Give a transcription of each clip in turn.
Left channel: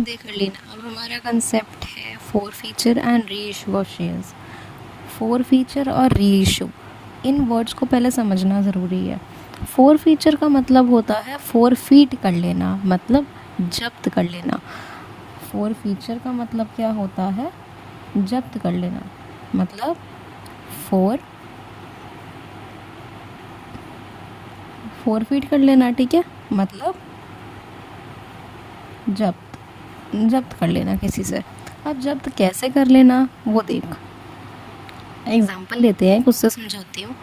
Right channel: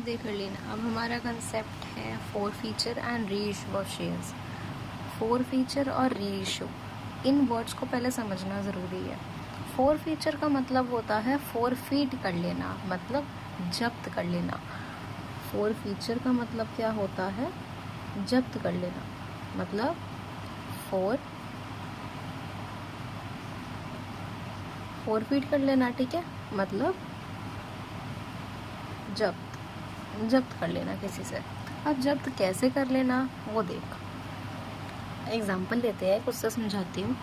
देख लेना। अब हमारा कंसेप्ट है four feature and re issue of shares. Four feature और री इशू, इन वर्ड्स को पहले समझना ज़रूरी है। फोर फीचर का मतलब होता है फोर फीट कर लेना, मतलब जब्त कर लेना। फोर फीचर का मतलब क्या होता है? जब्त कर लेना, मतलब फोर फीट कर लेना, ठीक है, मतलब जब्त कर लेना किसी से। अब जब्त कैसे कर लेना वो देख। एग्जाम्पल लेते हैं, कुछ से समझाती हूँ।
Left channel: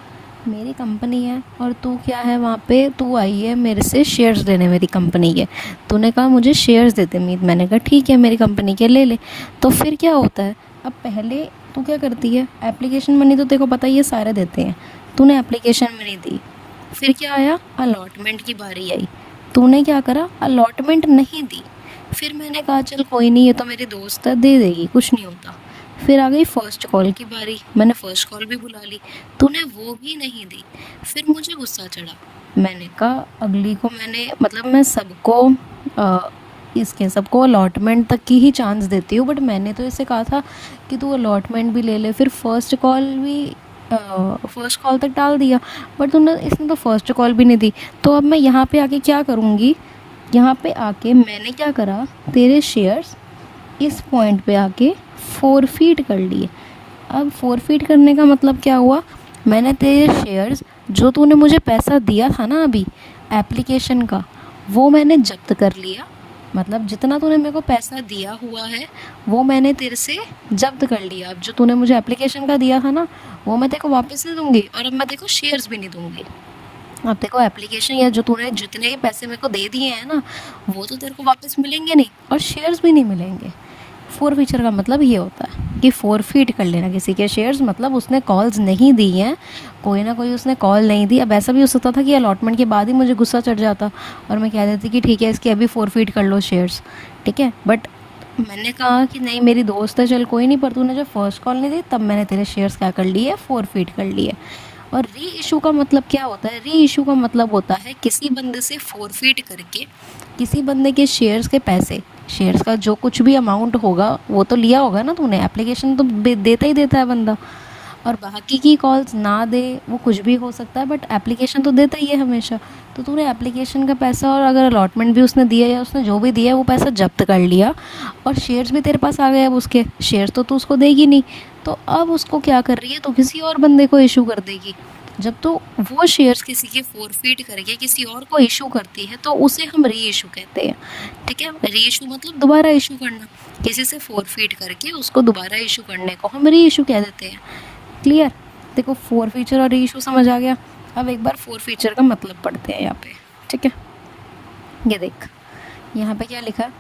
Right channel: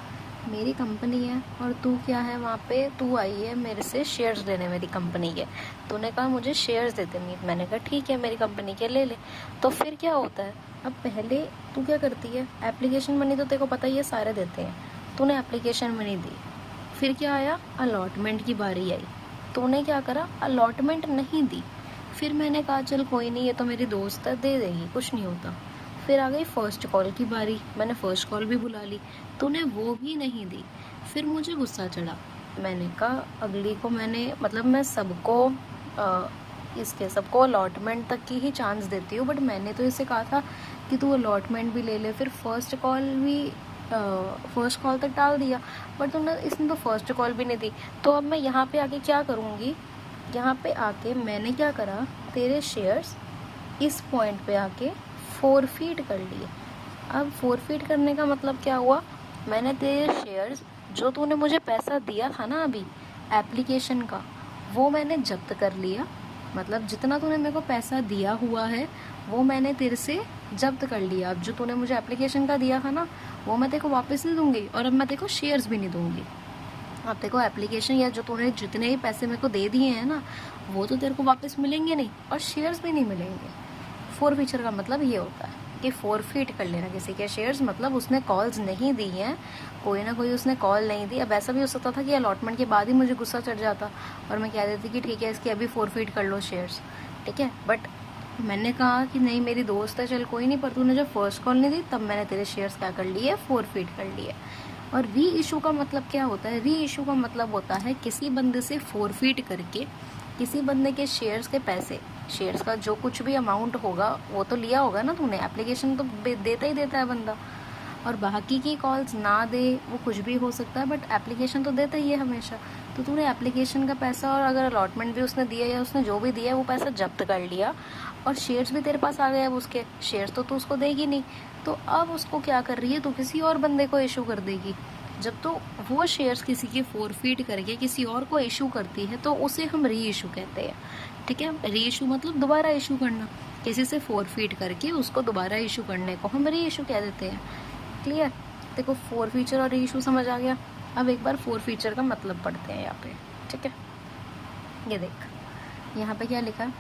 मेरी कंपनी है और तू क्या है, वहाँ पे तू आई है मेरे से शेयर्स लेने मेरी कंपनी के। तूने कहा मुझे शेयर्स देते मीत, मैंने कहा ठीक है मेरी कंपनी के ले ले। तो फिर क्या होता है, अब पहले तू क्या करती है, एप्लीकेशन मनी तो तेरे को पता ही है सारे देते हैं, तूने एप्लीकेशन मनी दी। फिर क्या आया, अलॉटमेंट की बारी आई। तूने क्या करा, अलॉटमेंट नहीं दी। फिर मैंने कहा चल कोई नहीं, ये तो मेरी दोस्त है, दे देगी, कुछ नहीं होता। फिर आ गई फर्स्ट कॉल की बारी, मैंने फर्स्ट कॉल भी बुला ली, तूने वो भी नहीं दी। फिर मुझे गुस्सा चढ़ा, मैंने कहा अगली को मैंने, मतलब मैं सबको इसके सबको अलॉटमेंट तक की ही चांस देती हूँ, बट मैंने तो इसे कहा था कि तू अलॉटमेंट भी ले ले। फिर फर्स्ट कॉल तक डाल दिया, बट इसने तो फर्स्ट कॉल भी नहीं दी। तो अब मैं यहाँ पे आके क्या करूँगी, यहाँ पे आके मैंने क्या करा, तेरे शेयर्स इस पॉइंट पे आके फोरफीट कर लिए। अब फोरफीट करने का मतलब क्या हुआ, मैंने तेरे शेयर्स, जो तूने मुझे पैसा दिया था ना अभी एप्लीकेशन का, वो मैंने जब्त कर लिया। मतलब जितना तूने मेरे को पैसा दिया हुआ है वो मैंने तेरे से जब्त कर लिया। अब जो तूने मुझे एप्लीकेशन का दिया था ना, वो मैं तेरे को वापस नहीं दूंगी, और अब मैं तेरे को शेयर्स भी नहीं दूंगी। अब देखो एप्लीकेशन या जो तूने जितने ही पैसे मेरे को दे दिए हैं ना, वो तो तेरे को वापस मिलेंगे नहीं, और शेयर्स भी नहीं मिलेंगे। फोर फीचर का मतलब ये होता है कि फोरफीट कर लेना किसी के शेयर्स, मतलब उसने कॉल्स नहीं दी हैं, कोई ना कोई उसने कॉल नहीं दी। अब ऐसा भी हो सकता था कि अलॉटमेंट के बाद ही मुझे गुस्सा चढ़ जाता और मैं कह देती कि ठीक है इसके अभी फोरफीट कर लो शेयर्स, ठीक है, बट मैंने कहा कि नहीं मेरी दोस्त है, चल कोई नहीं, पर तूने जब फर्स्ट कॉल नहीं दी तब मैंने तेरे शेयर्स क्या कर लिए, फोरफीट कर लिए। और री इशू का मतलब क्या होता है, री इशू का मतलब होता है किसी बंदे से फोरफीट करके किसी बंदे के शेयर्स के पैसे, शेयर्स का जो कुछ भी अमाउंट होगा वो तो लिया होगा ना तूने, एप्लीकेशन तो देता ही देता है बंदा, और बाकी की कॉल्स ना दे, वो कुछ भी हो सकता है, बट एप्लीकेशन तो देता ही है हमेशा। तो तूने एप्लीकेशन का पैसा, और अगर अलॉटमेंट भी उसने दिया या उसने जो भी दिया वो पैसा जब्त कर लिया, और शेयर्स भी तेरे पास आ गए। अब उसके शेयर्स तो तू उसको देगी नहीं, तो अब उसको क्या कर रही है, तो किसी और बंदे को इशू कर देगी। जब तो वो शेयर्स किसी के फोरफीट करके किसी और को इशू करती है तो उसे हम री इशू कहते हैं, ठीक है। री इशू मतलब दोबारा इशू करना, किसी से फोरफीट करके उसको दोबारा इशू करने को हम री इशू कह देते हैं। क्लियर? देखो फोर फीचर और री इशू समझ आ गया। अब एक बार फोर फीचर का मतलब पढ़ते हैं यहाँ पे, ठीक है। ये देख यहाँ पे क्या लिखा है,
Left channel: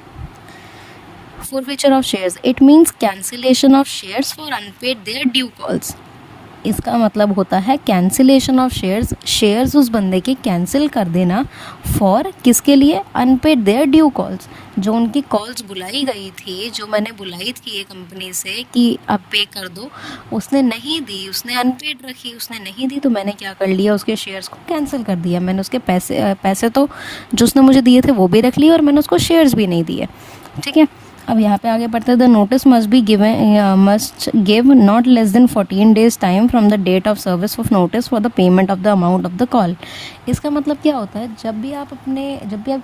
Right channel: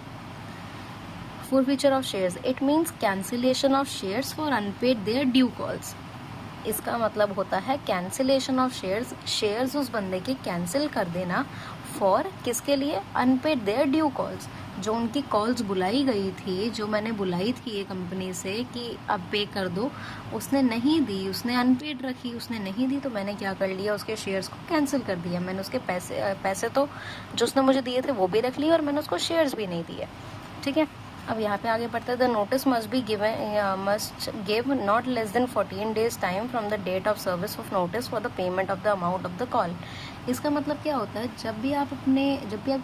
forfeiture of shares, it means cancellation of shares for unpaid their due calls. इसका मतलब होता है कैंसिलेशन ऑफ शेयर्स, शेयर्स उस बंदे के कैंसिल कर देना, फॉर किसके लिए, अनपेड देयर ड्यू कॉल्स, जो उनकी कॉल्स बुलाई गई थी, जो मैंने बुलाई थी ये कंपनी से कि अब पे कर दो, उसने नहीं दी, उसने अनपेड रखी, उसने नहीं दी, तो मैंने क्या कर लिया, उसके शेयर्स को कैंसिल कर दिया। मैंने उसके पैसे तो जो उसने मुझे दिए थे वो भी रख लिए, और मैंने उसको शेयर्स भी नहीं दिए, ठीक है। अब यहाँ पे आगे बढ़ते हैं, the notice must give not less than 14 days time from the date of service of notice for the payment of the amount of the call. इसका मतलब क्या होता है, जब भी आप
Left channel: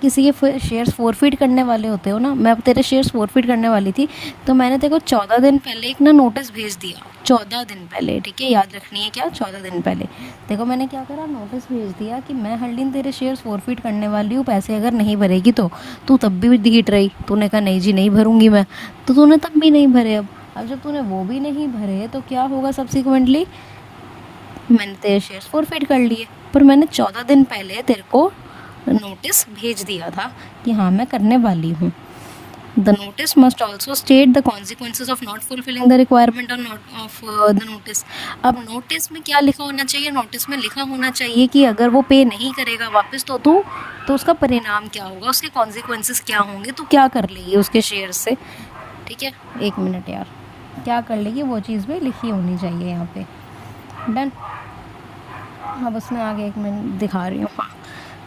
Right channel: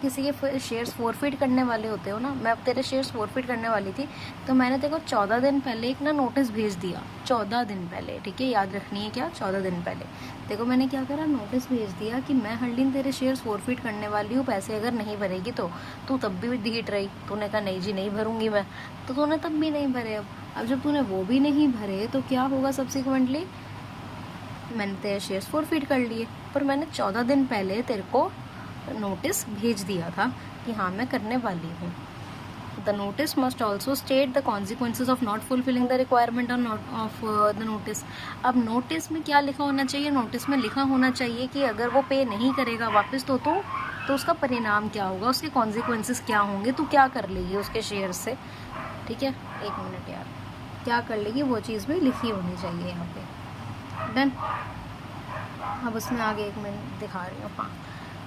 किसी के शेयर्स फोरफीट करने वाले होते हो ना, मैं अब तेरे शेयर्स फोरफीट करने वाली थी, तो मैंने तेरे को 14 दिन पहले एक ना नोटिस भेज दिया, 14 दिन पहले, ठीक है, याद रखनी है क्या, 14 दिन पहले। देखो मैंने क्या करा, नोटिस भेज दिया कि मैं हर दिन तेरे शेयर्स फोरफीट करने वाली हूँ, पैसे अगर नहीं भरेगी तो। तू तब भी ढीठ रही, तूने कहा नहीं जी नहीं भरूंगी मैं, तो तूने तब भी नहीं भरे। अब जब तूने वो भी नहीं भरे तो क्या होगा, सब्सिक्वेंटली मैंने तेरे शेयर्स फोरफीट कर लिए, पर मैंने 14 दिन पहले तेरे को नोटिस भेज दिया था कि हाँ मैं करने वाली हूँ। The notice must also state the consequences of not fulfilling the requirement of the notice. अब नोटिस में क्या लिखा होना चाहिए, नोटिस में लिखा होना चाहिए कि अगर वो पे नहीं करेगा वापस तो उसका परिणाम क्या होगा, उसके कॉन्सिक्वेंसेस क्या होंगे, तो क्या कर लेगी उसके शेयर से, ठीक है। एक मिनट यार, क्या कर लेगी वो चीज़ भी लिखी होनी चाहिए यहाँ पे, डन। अब उसमें आगे एक मिनट दिखा रही हूँ, हाँ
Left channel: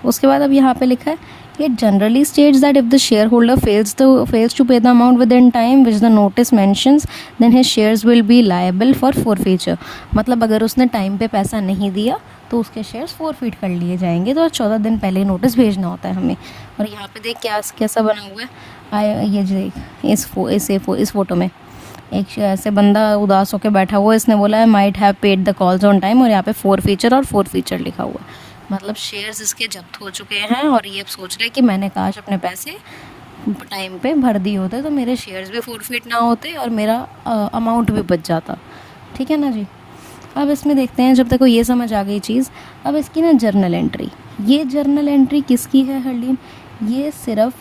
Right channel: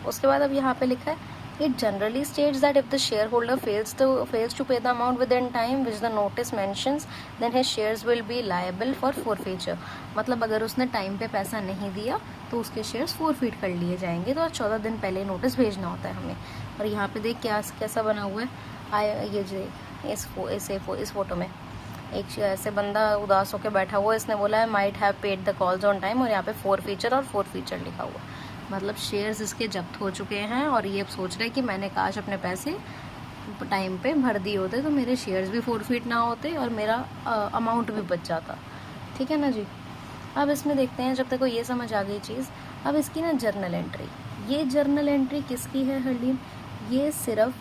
उसके बाद अब यहाँ पे लिखा है it generally states that if the shareholder fails to pay the amount within time which the notice mentions then his shares will be liable for forfeiture. मतलब अगर उसने टाइम पे पैसा नहीं दिया तो उसके शेयर्स फॉरफीट कर लिए जाएंगे। तो 14 दिन पहले नोटिस भेजना होता है हमें। और यहाँ पे देख कैसा बना हुआ है, ये जो इस फोटो में एक ऐसे बंदा उदास होकर बैठा हुआ है, इसने बोला है might have paid the calls on time, और यहाँ पे फॉरफीचर और फॉरफीचर लिखा हुआ है। मतलब शेयर्स इसके जब्त हो चुके हैं और ये अब सोच रहे हैं कि मैंने काश अपने पैसे टाइम पे भर दिए होते तो मेरे शेयर्स भी फॉरफीट ना होते और मेरा अमाउंट भी बच जाता। ठीक है ना जी। अब इसमें देखते हैं, जब तक को ये समझ आ गई चीज़, अब इसकी ना जर्नल एंट्री, ये जर्नल एंट्री किसकी है हरलीन? ये सिर्फ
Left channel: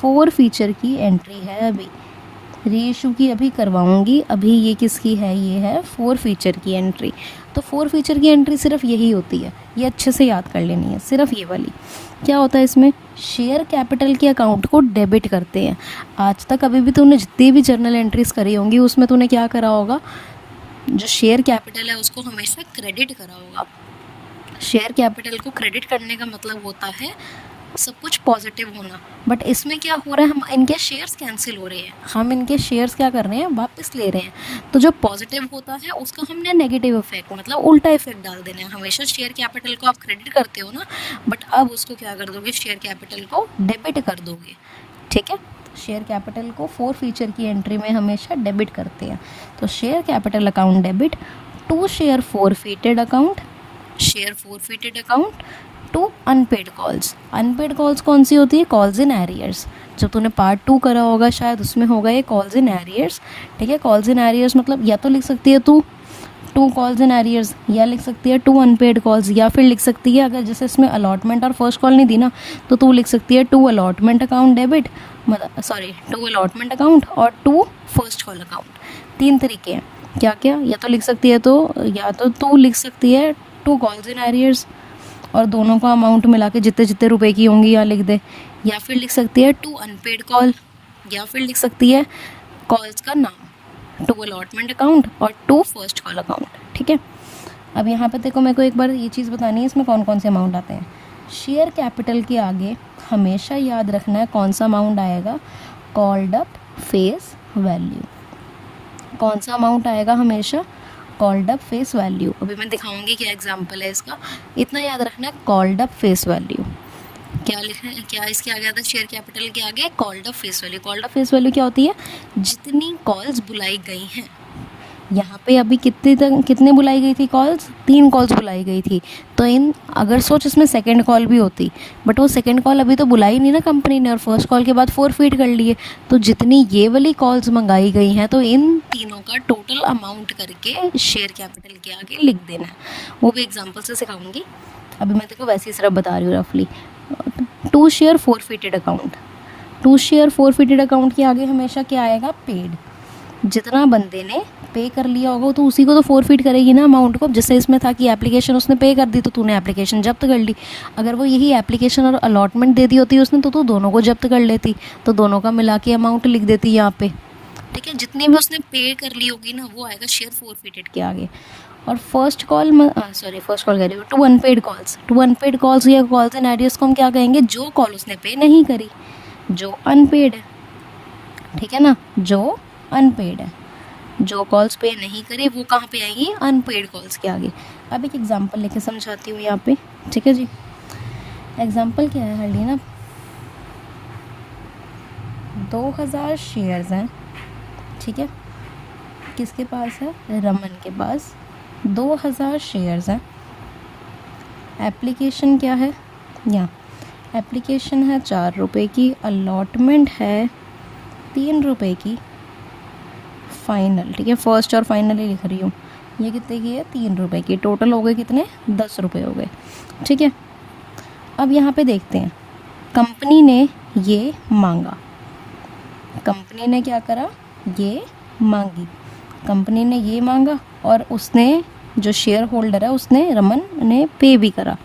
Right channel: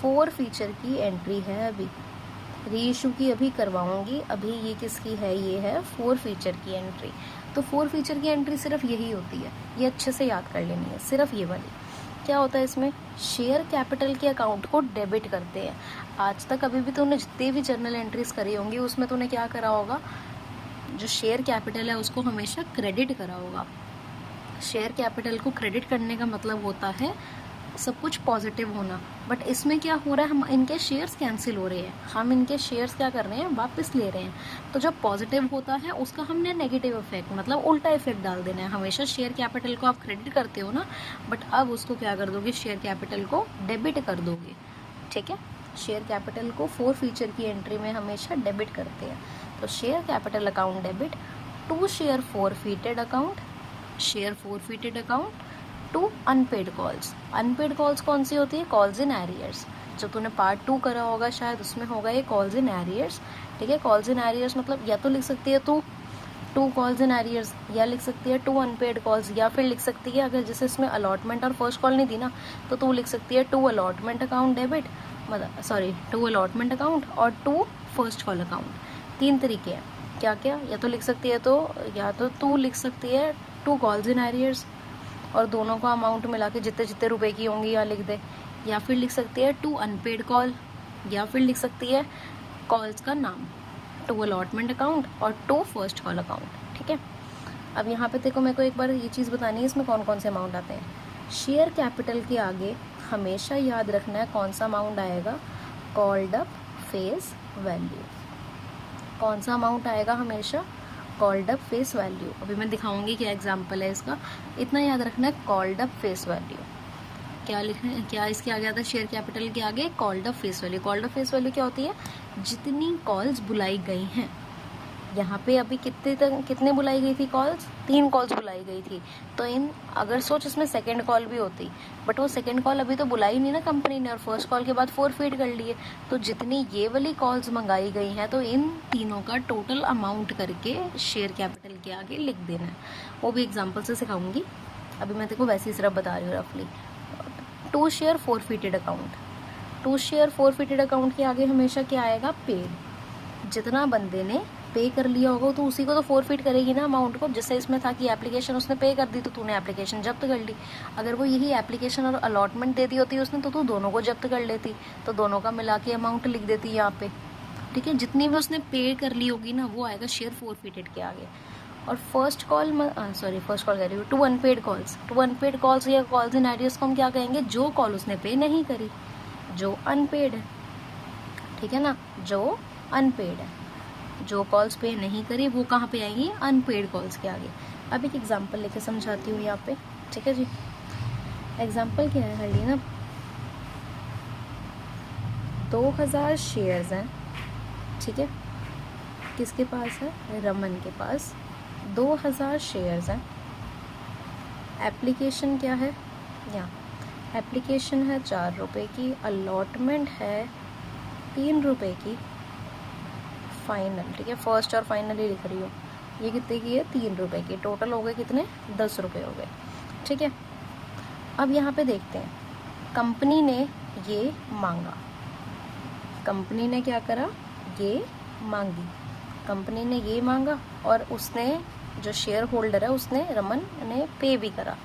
फॉरफीचर की एंट्री है। अभी रीइशू की अभी करवाऊंगी, अभी ये किसकी है? ये है फॉरफीचर की एंट्री। तो फॉरफीचर की एंट्री सिर्फ यही होती है, ये अच्छे से याद कर लेनी है, सिर्फ ये वाली। क्या होता है इसमें? शेयर कैपिटल के अकाउंट को डेबिट करते हैं। आज तक अभी भी तूने जितनी भी जर्नल एंट्रीज करी होंगी उसमें तूने क्या करा होगा? जो शेयर कैपिटल है उसको हमेशा क्रेडिट करा होगा। शेयर कैपिटल को क्रेडिट करने का मतलब होता है सब कुछ पॉजिटिव होना। बट इसमें क्या हो रहा है, हम इनके शेयर्स कैंसिल हो रहे हैं, हम इनके शेयर्स क्या कर रहे हैं? वापस ले रहे हैं। तो जो पॉजिटिव होता है उसका हमने नेगेटिव इफेक्ट, मतलब उल्टा इफेक्ट डाल देना है। हमेशा शेयर कैपिटल को आप क्रेडिट करते हो ना, बट अब उसको क्या कर दोगे? शेयर कैपिटल को डेबिट कर दोगे। ठीक है, शेयर कैपिटल को फॉरफीचर की एंट्री में हमेशा डेबिट करते हैं। तो share capital account debit to share forfeited account, share forfeited account to unpaid calls. Unpaid calls कौन सी होती है? Calls in arrears. जब तूने पार्ट 2 करा होगा शायद उसमें होगा ये कॉल्स इन एरियर्स। ठीक है, कॉल्स इन एरियर्स मतलब या तो लिख सकती है तू 2 कॉल्स इन एरियर्स, या लिख सकती है 2 अनपेड कॉल्स, या फिर लिख सकती है अगर जैसे इसमें अलॉटमेंट और फर्स्ट कॉल नहीं दी ना तो तू लिख सकती है 2 अलॉटमेंट अकाउंट डेबिट, मतलब 2 अलॉटमेंट अकाउंट और 2 फर्स्ट कॉल अकाउंट। 3 तरीके हैं। क्या क्या? या तो लिख सकती है या तो तू लिख सकती है 2 कॉल्स इन एरियर्स और दोनों का अमाउंट मिला के जितने जितने रुपए की होंगी यहाँ लिख दे, या फिर लिख सकती है 2 अनपेड कॉल, या फिर लिख सकती है कॉल्स का नाम 2 अलॉटमेंट अकाउंट और 2 फर्स्ट कॉल अकाउंट। ठीक है, अब यहाँ पे देखो मेरे को एक बार ये चीज़ बतानी है इसमें कौन कौन से अमाउंट आते हैं। शेयर कैपिटल के आगे हमेशा याद रखना है कौन सा अमाउंट आएगा? Called up face value. कौन सा अमाउंट आएगा हमेशा? Called up face value. अभी मैं दिखाऊंगी क्या एग्जांपल है इसका, इतना याद रखना है। कॉल्ड अप फेस वैल्यू क्या लिखना है? क्या इसके आगे आता है? शेयर कैपिटल के आगे called up face value. Called up face value क्या होती है? जितनी कॉल्स बुलाई गई हैं। यहाँ पे अभी कितने बुलाई गई थी कॉल्स? 3 कॉल्स बुलाई गई थी। तो अगर सोच इसमें सेकंड कॉल भी होती, बट वो सेकंड कॉल अभी तो बुलाई नहीं ना कंपनी ने, और फर्स्ट कॉल के बाद फॉरफीट कर लिए। तो जितनी ये वाली कॉल्स मंगाई गई हैं तो इन तीनों का टोटल अमाउंट करके शेयर कैपिटल के आगे लिख देना है। वो भी एग्जाम्पल से सिखाऊंगी, अभी मैं तेरे को वैसे ही सिर्फ बता रही हूँ रफली। 2 share forfeited account, 2 share forfeited account के आगे हमेशा क्या आएगा? पेड। जितना बंदे ने पे कर लिया होगा तो उसी को तो फॉरफीट करेगी ना अमाउंट को। जैसे इसमें था कि एप्लीकेशन उसने पे कर दी तो तूने एप्लीकेशन जब्त कर ली। अगर वो यही एप्लीकेशन और अलॉटमेंट दे दी होती उसने तो तू दोनों को जब्त कर लेती, तो दोनों का मिला के अमाउंट लिख देती यहाँ पे। ठीक है, जितनी भी उसने पे कर ली होगी ना वो आएगा शेयर फॉरफीटेड के आगे। और फर्स्ट कॉल कह रही हूँ 2 अनपेड कॉल्स। 2 अनपेड कॉल्स या कॉल्स इन एरियर्स को हम क्या कहेंगे? जो कॉल उसने पे नहीं करी, जो अनपेड है। ठीक है ना, जो अनपेड है, जो कॉल्स पे नहीं करी वो कहाँ पे आएंगी? अनपेड कॉल्स के आगे। अब एक एग्जांपल लेके समझाती हूँ यहाँ पे। ठीक है जी, एग्जांपल क्या है हल्दी ना, 2000 शेयर्स हैं। ठीक है, किसके पास है? रमन के पास 2000 शेयर्स हैं। एप्लीकेशन क्या है? यहाँ एप्लीकेशन है 4 रुपये की, अलॉटमेंट है 3 रुपये की, फाइनल। ठीक है, फर्स्ट और फाइनल ही लिख रही हूँ। ये कितने की है? 3 रुपये की। टोटल हो गए कितने? 10 रुपये हो गए। ठीक है, अब यहाँ पे देखते हैं, कंपनी ने ये मांगा। कंपनी ने क्या करा? ये मांगी। कंपनी ने ये मांगा और उसने जो शेयर होल्डर है उसने, रमन ने पे भी करा।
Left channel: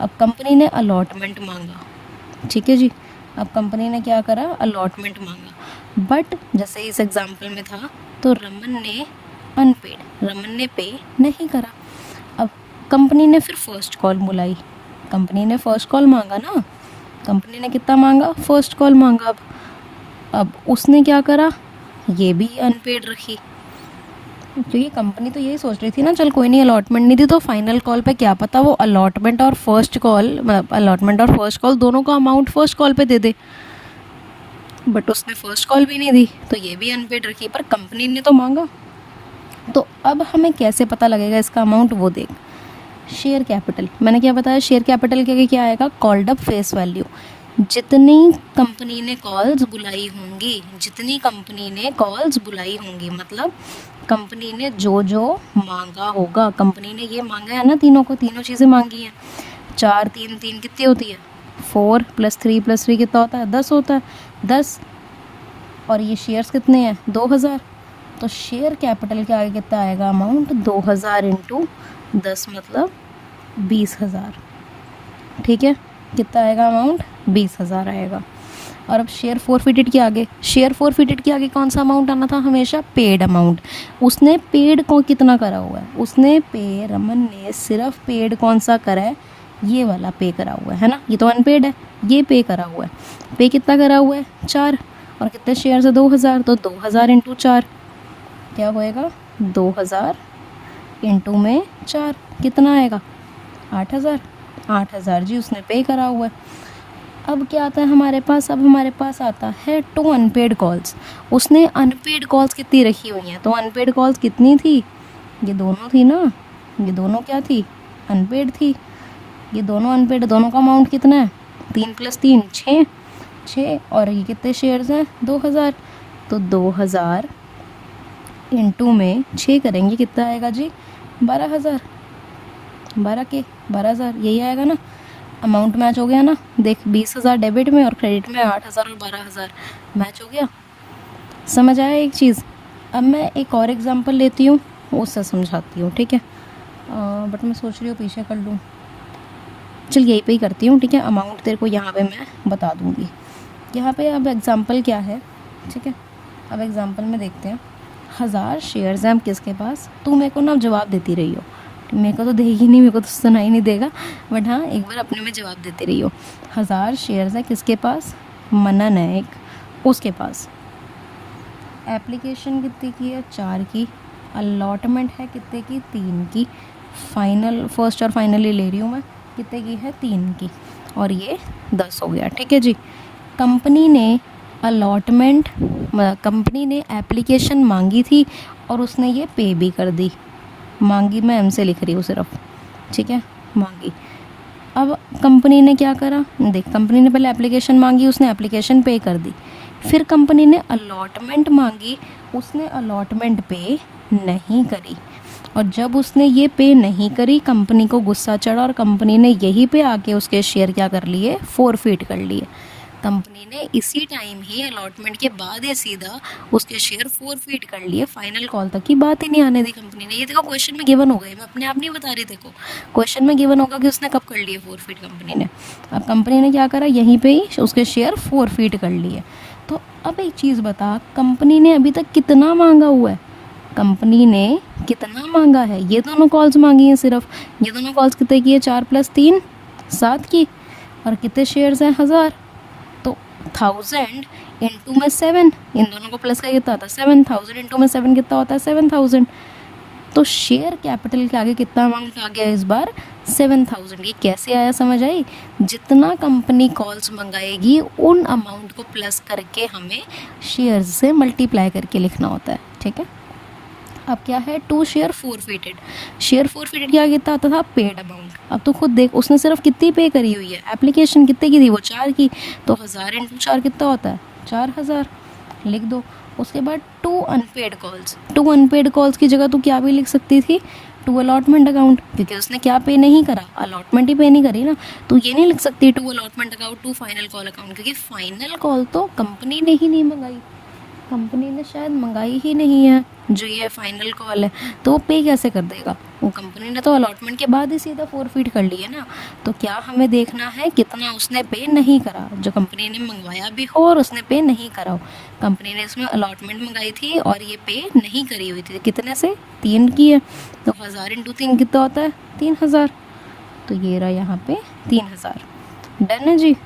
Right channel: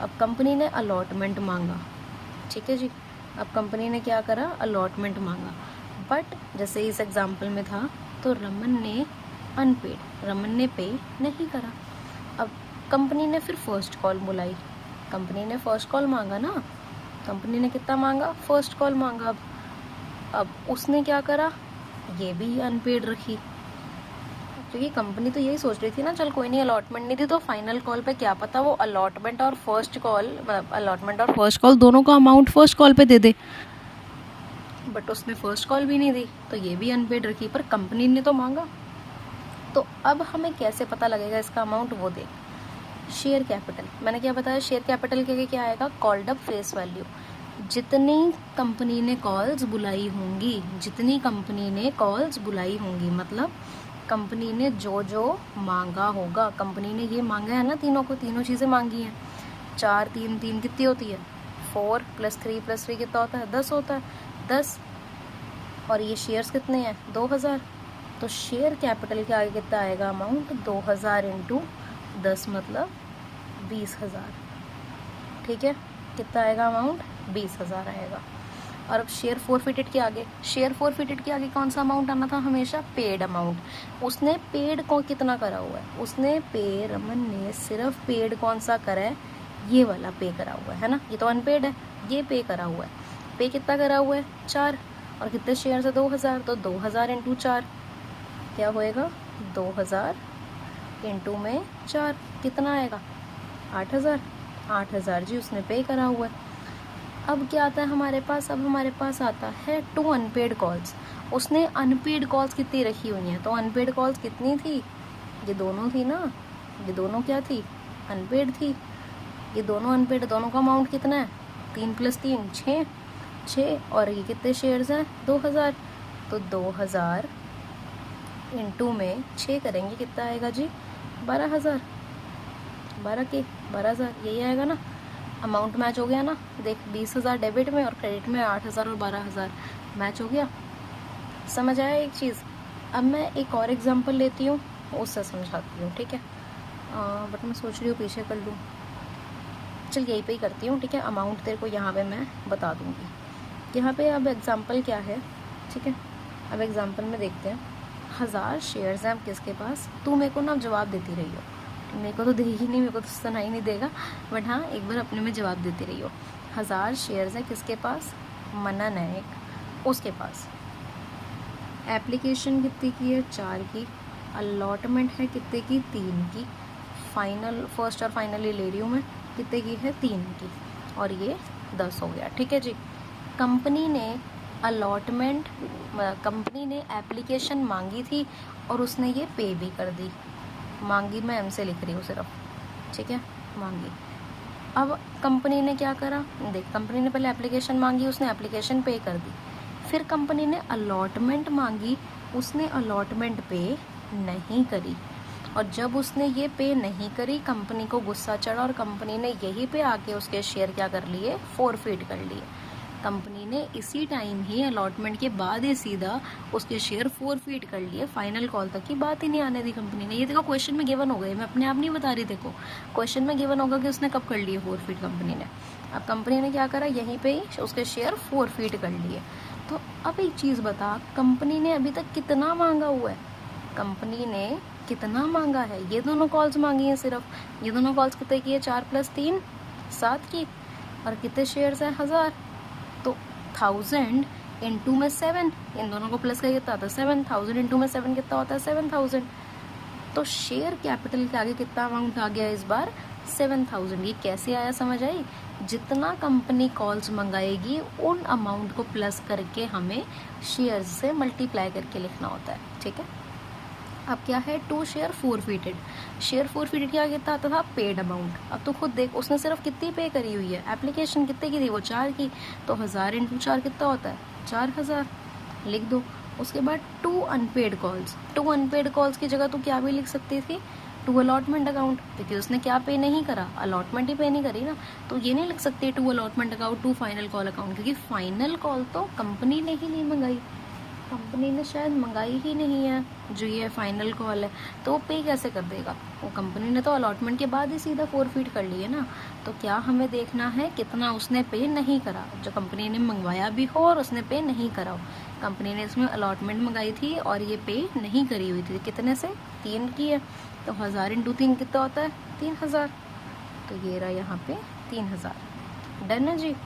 अब कंपनी ने अलॉटमेंट मांगा। ठीक है जी, अब कंपनी ने क्या करा? अलॉटमेंट मांगा। बट जैसे इस एग्जांपल में था तो रमन ने अनपेड, रमन ने पे नहीं करा। अब कंपनी ने फिर फर्स्ट कॉल बुलाई। कंपनी ने फर्स्ट कॉल मांगा ना, कंपनी ने कितना मांगा, फर्स्ट कॉल मांगा। अब उसने क्या करा, ये भी अनपेड रखी, क्योंकि कंपनी तो यही सोच रही थी ना, चल कोई नहीं अलॉटमेंट नहीं दी तो फाइनल कॉल पे क्या पता वो अलॉटमेंट और फर्स्ट कॉल, मतलब अलॉटमेंट और फर्स्ट कॉल दोनों का अमाउंट फर्स्ट कॉल पे दे दे। बट उसने फर्स्ट कॉल भी नहीं दी तो ये भी अनपेड रखी, पर कंपनी ने तो मांगा। तो अब हमें कैसे पता लगेगा इसका अमाउंट, वो देख। शेयर कैपिटल, मैंने क्या बताया, शेयर कैपिटल के क्या आएगा, कॉल्ड अप फेस वैल्यू। जितनी कंपनी ने कॉल्स बुलाई होंगी, जितनी कंपनी ने कॉल्स बुलाई होंगी, मतलब कंपनी ने जो जो मांगा होगा, कंपनी ने ये मांगा है ना, तीनों को, तीनों चीज़ें मांगी हैं। 4 3 3 कितनी होती है, 4 + 3 + 3 कितना होता है, 10 होता है, 10। और ये शेयर्स कितने हैं, 2000। तो शेयर कैपिटल के आगे कितना आएगा अमाउंट, 2000 × 10 मतलब 20,000। ठीक है, कितना आएगा अमाउंट, 20,000 आएगा। और अब शेयर फोरफिटेड के आगे, शेयर फोरफिटेड के आगे कौन सा अमाउंट आना था हमेशा, पेड अमाउंट। उसने पेड को कितना करा हुआ है, उसने पे, रमन ने सिर्फ पेड कौन सा करा है, ये वाला पे करा हुआ है ना, ये तो अनपेड है, ये पे करा हुआ है। पे कितना करा हुआ है, 4। और कितने शेयर है, 2000। तो 2000 × 4 क्या होएगा, 2000 × 4 कितना आएगा, 8000। 8000 जी उसने पे करा हुआ है। अब क्या आता है हमारे पास, अब हमारे पास आता है 2 अनपेड कॉल्स। उसने अनपेड कॉल्स कितनी रखी हुई हैं, तो अनपेड कॉल्स कितनी थी, ये दोनों थी ना, ये दोनों क्या थी, अनपेड थी। ये दोनों अनपेड, दोनों का अमाउंट कितना है, 3 + 3 6। और ये कितने शेयर्स हैं, 2000। तो 2000 × 6 करेंगे कितना आएगा जी, 12,000। 12,000 यही आएगा ना, अमाउंट मैच हो गया ना। देख 20,000 डेबिट में और क्रेडिट में 8,000 और 12,000 मैच हो गया। समझ आया एक चीज़। अब मैं एक और एग्जांपल लेती हूँ, उससे समझाती हूँ, ठीक है। बट मैं सोच रही हूँ पीछे कर लूँ, चल यहीं पे ही करती हूँ, ठीक है। अमाउंट तेरे को यहाँ पे मैं बता दूँगी। यहाँ पे अब एग्जांपल क्या है, ठीक है। अब एग्जांपल में देखते हैं, 1000 शेयर्स हैं किसके पास, तू मेरे को ना जवाब देती रही हो, मेरे को तो देगी नहीं, मेरे को तो सुनाई नहीं देगा, बट हाँ एक बार अपने में जवाब देते रही हो। 1000 शेयर्स है किसके पास, मनन है एक, उसके पास। एप्लीकेशन कितनी की है, 4 की। अलॉटमेंट है कितने की, 3 की। फाइनल, फर्स्ट और फाइनली ले रही हूँ मैं, कितने की है, 3 की। और ये 10 हो गया, ठीक है जी। कंपनी ने अलॉटमेंट, कंपनी ने एप्लीकेशन मांगी थी और उसने ये पे भी कर दी। मांगी मैं एम से लिख रही हूँ सिर्फ, ठीक है, मांगी। अब कंपनी ने क्या करा, देख कंपनी ने पहले एप्लीकेशन मांगी, उसने एप्लीकेशन पे कर दी। फिर कंपनी ने अलॉटमेंट मांगी, उसने अलॉटमेंट पे नहीं करी। और जब उसने ये पे नहीं करी, कंपनी को गुस्सा चढ़ा और कंपनी ने यहीं पे आके उसके शेयर क्या कर लिए, फोरफिट कर लिए। कंपनी ने इसी टाइम ही, अलॉटमेंट के बाद ही सीधा उसके शेयर फोरफिट कर लिए, फाइनल कॉल तक की बात ही नहीं आने दी कंपनी ने। ये देखो क्वेश्चन में गिवन हो गई, मैं अपने आप नहीं बता रही, देखो क्वेश्चन में गिवन होगा कि उसने कब कर लिए फोरफिट कंपनी ने। अब कंपनी ने क्या करा, यहीं पे ही उसके शेयर फोरफिट कर लिए। तो अब एक चीज़ बता, कंपनी ने अभी तक कितना मांगा हुआ है, कंपनी ने कितना मांगा है, ये दोनों कॉल्स मांगी हैं सिर्फ। ये दोनों कॉल्स कितने की है, 4 + 3 7 की। और कितने शेयर्स हैं, 1000। तो 1000 × 7, इन दोनों को प्लस का कितना होता है, 7,000 × 7 कितना होता है, 7,000। तो शेयर कैपिटल के आगे कितना अमाउंट आ गया इस बार, 7,000। ये कैसे आया, समझ आई। जितना कंपनी कॉल्स मंगाएगी उन अमाउंट को प्लस करके हमें शेयर से मल्टीप्लाई करके लिखना होता है, ठीक है। अब क्या है, 2 शेयर फोरफिटेड। शेयर फोरफिटेड क्या कितना आता था, पेड अमाउंट। अब तो खुद देख उसने सिर्फ कितनी पे करी हुई है, एप्लीकेशन कितने की थी, वो 4 की। तो 1000 × 4 कितना होता है, 4000, लिख दो। उसके बाद 2 अनपेड कॉल्स। 2 अनपेड कॉल्स की जगह तो क्या भी लिख सकती थी, 2 अलॉटमेंट अकाउंट, क्योंकि उसने क्या पे नहीं करा, अलॉटमेंट ही पे नहीं करी ना। तो ये नहीं लिख सकती 2 allotment account 2 final call account, क्योंकि फाइनल कॉल तो कंपनी ने ही नहीं मंगाई, कंपनी ने शायद मंगाई ही नहीं है जो ये फाइनल कॉल है। तो वो पे कैसे कर देगा, वो कंपनी ने तो अलॉटमेंट के बाद ही सीधा फोरफिट कर ली है ना। तो क्या हमें देखना है कितना उसने पे नहीं करा, जो कंपनी ने मंगवाया भी हो और उसने पे नहीं करा हो। कंपनी ने इसमें अलॉटमेंट मंगाई थी और ये पे नहीं करी हुई थी, कितने से, 3 की है। तो 1000 × 3 कितना होता है, 3000। तो ये रहा यहाँ पे 3000। डन है जी,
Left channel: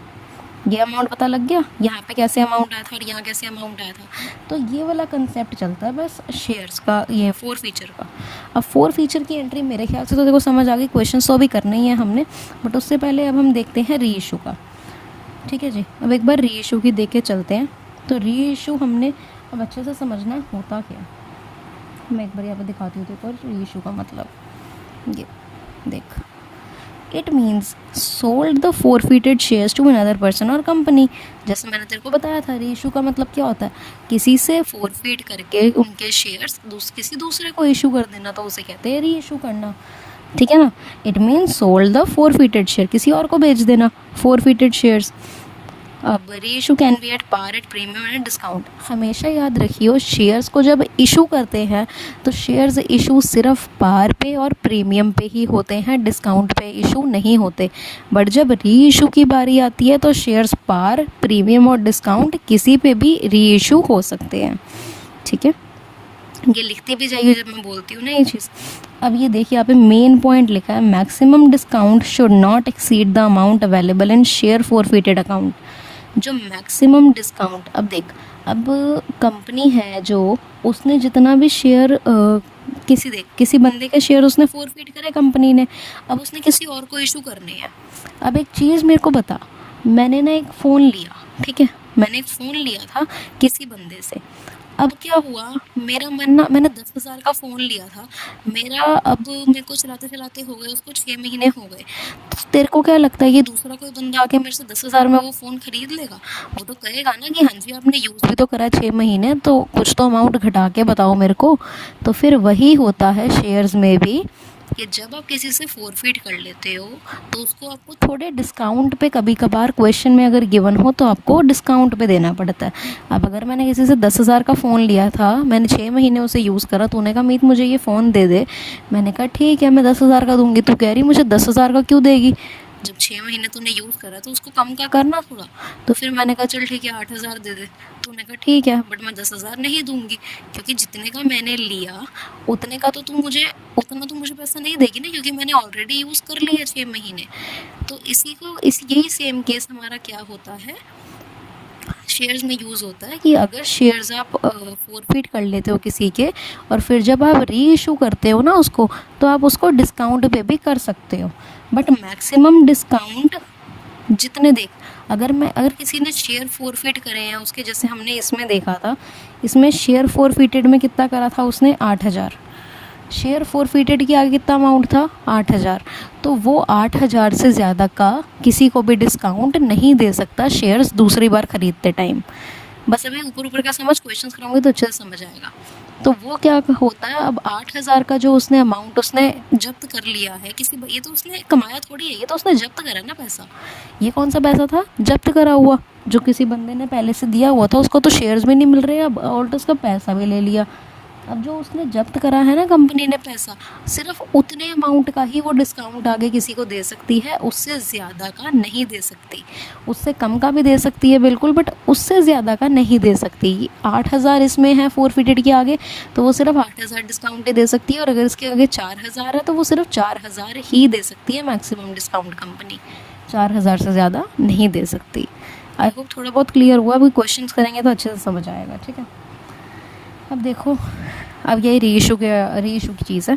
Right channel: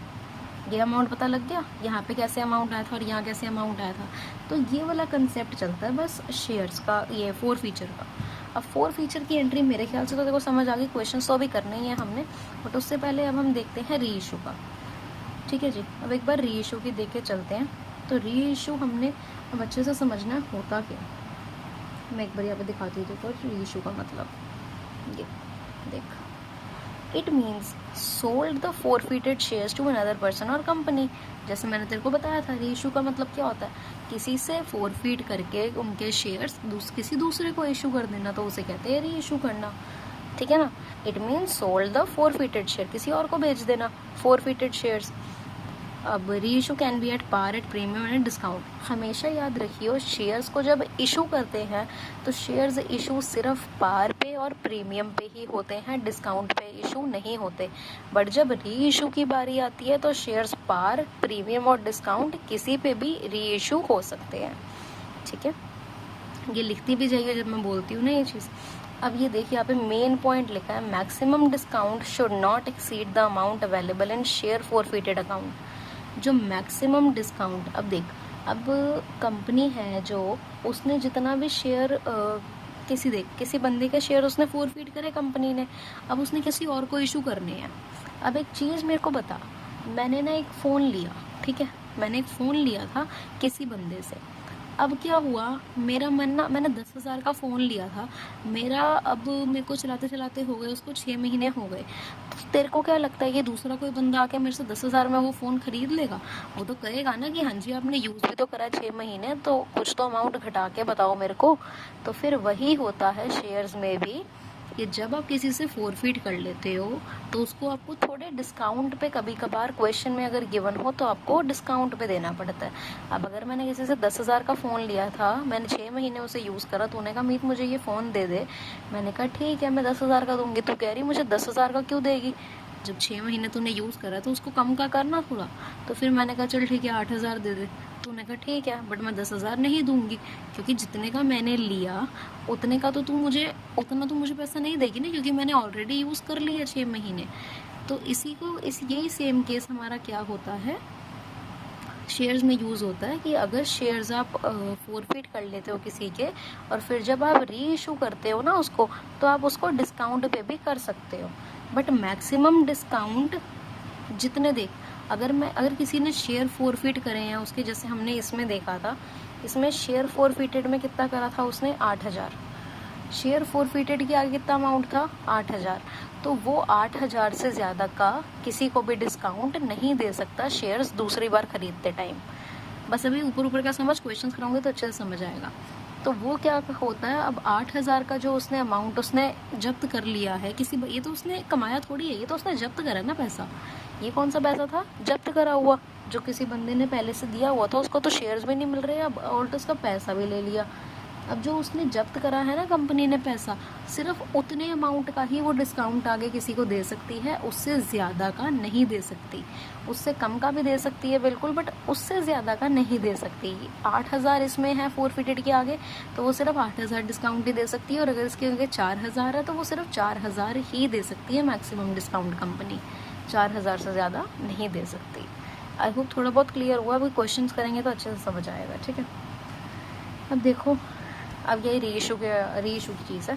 ये अमाउंट पता लग गया, यहाँ पे कैसे अमाउंट आया था और यहाँ कैसे अमाउंट आया था। तो ये वाला कंसेप्ट चलता है बस शेयर्स का, ये फोर फीचर का। अब फोर फीचर की एंट्री मेरे ख्याल से तो देखो समझ आ गई, क्वेश्चन तो भी करना ही है हमने, बट उससे पहले अब हम देखते हैं री इशू का। ठीक है जी, अब एक बार री इशू की देख के चलते हैं। तो री इशू हमने अब अच्छे से समझना है होता क्या। मैं एक बार यहाँ पे दिखाती हूँ तो री इशू का मतलब ये देख, it means sold the forfeited shares to another person और कंपनी। जैसे मैंने तेरे को बताया था, री इशू का मतलब क्या होता है, किसी से फोरफिट करके उनके शेयर्स किसी दूसरे को इशू कर देना, तो उसे कहते हैं री इशू करना। ठीक है ना, it means sold the forfeited share, किसी और को बेच देना फोरफिटेड शेयर्स। अब reissue can be at par, at premium and discount. हमेशा याद रखियो, शेयर्स को जब इशू करते हैं तो शेयर्स इशू सिर्फ पार पे और प्रीमियम पे ही होते हैं, डिस्काउंट पे इशू नहीं होते। बट जब री इशू की बारी आती है तो शेयर्स पार, प्रीमियम और डिस्काउंट किसी पे भी री इशू हो सकते हैं। ठीक है, ये लिखती भी जाइए जब मैं बोलती हूँ ना ये चीज़। अब ये देखिए यहाँ पे मेन पॉइंट लिखा है, maximum discount should not exceed the amount available in share forfeited account. जो मैक्सिमम डिस्काउंट, अब देख, अब कंपनी है जो, उसने जितना भी शेयर किसी बंदे के शेयर उसने फोरफिट करे कंपनी ने, अब उसने किसी और को इशू करने हैं। अब एक चीज़ मेरे को बता, मैंने ना एक फ़ोन लिया, ठीक है, मैंने एक फ़ोन लिया था किसी बंदे से। अब क्या हुआ, मेरा मन ना, मैंने 10,000 का फ़ोन लिया था मेरा, अब मेरे को चलाते चलाते हो गए उसको 6 महीने हो गए। तो तेरे को क्या लगता है ये दूसरा कोई बंदा आके मेरे से 10,000 में वो फ़ोन ख़रीद लेगा? वो तो कहेगा ना कि हाँ जी आपने यूज़ भी तो करा 6 महीने, तो कुछ तो अमाउंट घटा के बताओ मेरे को। तो फिर वही होता है शेयर्स में भी, कि जब आप किसी से फोरफिट कर लेते हो तो उसको आपको थोड़े डिस्काउंट पे, कभी कभार क्वेश्चन में अगर गिवन हो तो आपको डिस्काउंट पे देना पड़ता है। अब अगर मैंने किसी से 10,000 का फ़ोन लिया था, मैंने 6 महीने उसे यूज़ करा, तो उन्होंने कहा मीत मुझे ये फ़ोन दे दे। मैंने कहा ठीक है मैं 10,000 का दूंगी। तू कह रही मुझे 10,000 का क्यों देगी, जब 6 महीने तूने यूज़ करा तो उसको कम का करना थोड़ा। तो फिर मैंने कहा चल ठीक है 8,000 दे दे। तो उन्होंने कहा ठीक है, बट मैं 10,000 नहीं दूंगी, क्योंकि जितने का मैंने लिया उतने का तो उतना तो मुझे पैसा नहीं देगी ना, क्योंकि मैंने ऑलरेडी यूज़ कर लिया 6 महीने। तो यही सेम केस हमारा क्या होता है, शेयर्स में यूज़ होता है कि अगर शेयर्स आप फोरफिट कर लेते हो किसी के, और फिर जब आप री इशू करते हो ना उसको, तो आप उसको डिस्काउंट पे भी कर सकते हो। बट मैक्सिमम डिस्काउंट जितने देख, अगर किसी ने शेयर फोरफिट करे हैं उसके, जैसे हमने इसमें देखा था, इसमें शेयर फोरफिटेड में कितना करा था उसने 8,000, शेयर फोरफिटेड के आगे कितना अमाउंट था 8,000। तो वो 8,000 से ज़्यादा का किसी को भी डिस्काउंट नहीं दे सकता शेयर्स दूसरी बार ख़रीदते टाइम। बस अभी ऊपर ऊपर का समझ, क्वेश्चन कराऊंगी तो अच्छे से समझ आएगा। तो वो क्या होता है, अब 8,000 का जो उसने अमाउंट उसने जब्त कर लिया है ये तो उसने कमाया थोड़ी है, ये तो उसने जब्त करा ना पैसा। ये कौन सा पैसा था, जब्त करा हुआ, जो किसी बंदे ने पहले से दिया हुआ था, उसको तो शेयर्स भी नहीं मिल रहे अब, और तो उसका पैसा भी ले लिया। अब जो उसने जब्त करा है ना कंपनी ने पैसा, सिर्फ उतने अमाउंट का ही वो डिस्काउंट आगे किसी को दे सकती है, उससे ज़्यादा का नहीं दे सकती। उससे कम का भी दे सकती है बिल्कुल, बट उससे ज़्यादा का नहीं दे सकती। 8,000 इसमें है फोरफिटेड के आगे, तो वो सिर्फ 8,000 डिस्काउंट दे सकती है, और अगर इसके आगे 4,000 है तो वो सिर्फ 4,000 ही दे सकती है मैक्सिमम डिस्काउंट कंपनी, 4,000 से ज़्यादा नहीं दे सकती। आई होप थोड़ा बहुत क्लियर हुआ, अभी क्वेश्चन करेंगे तो अच्छे से समझ आएगा। ठीक है, अब देखो, अब ये री इशू की चीज़ है।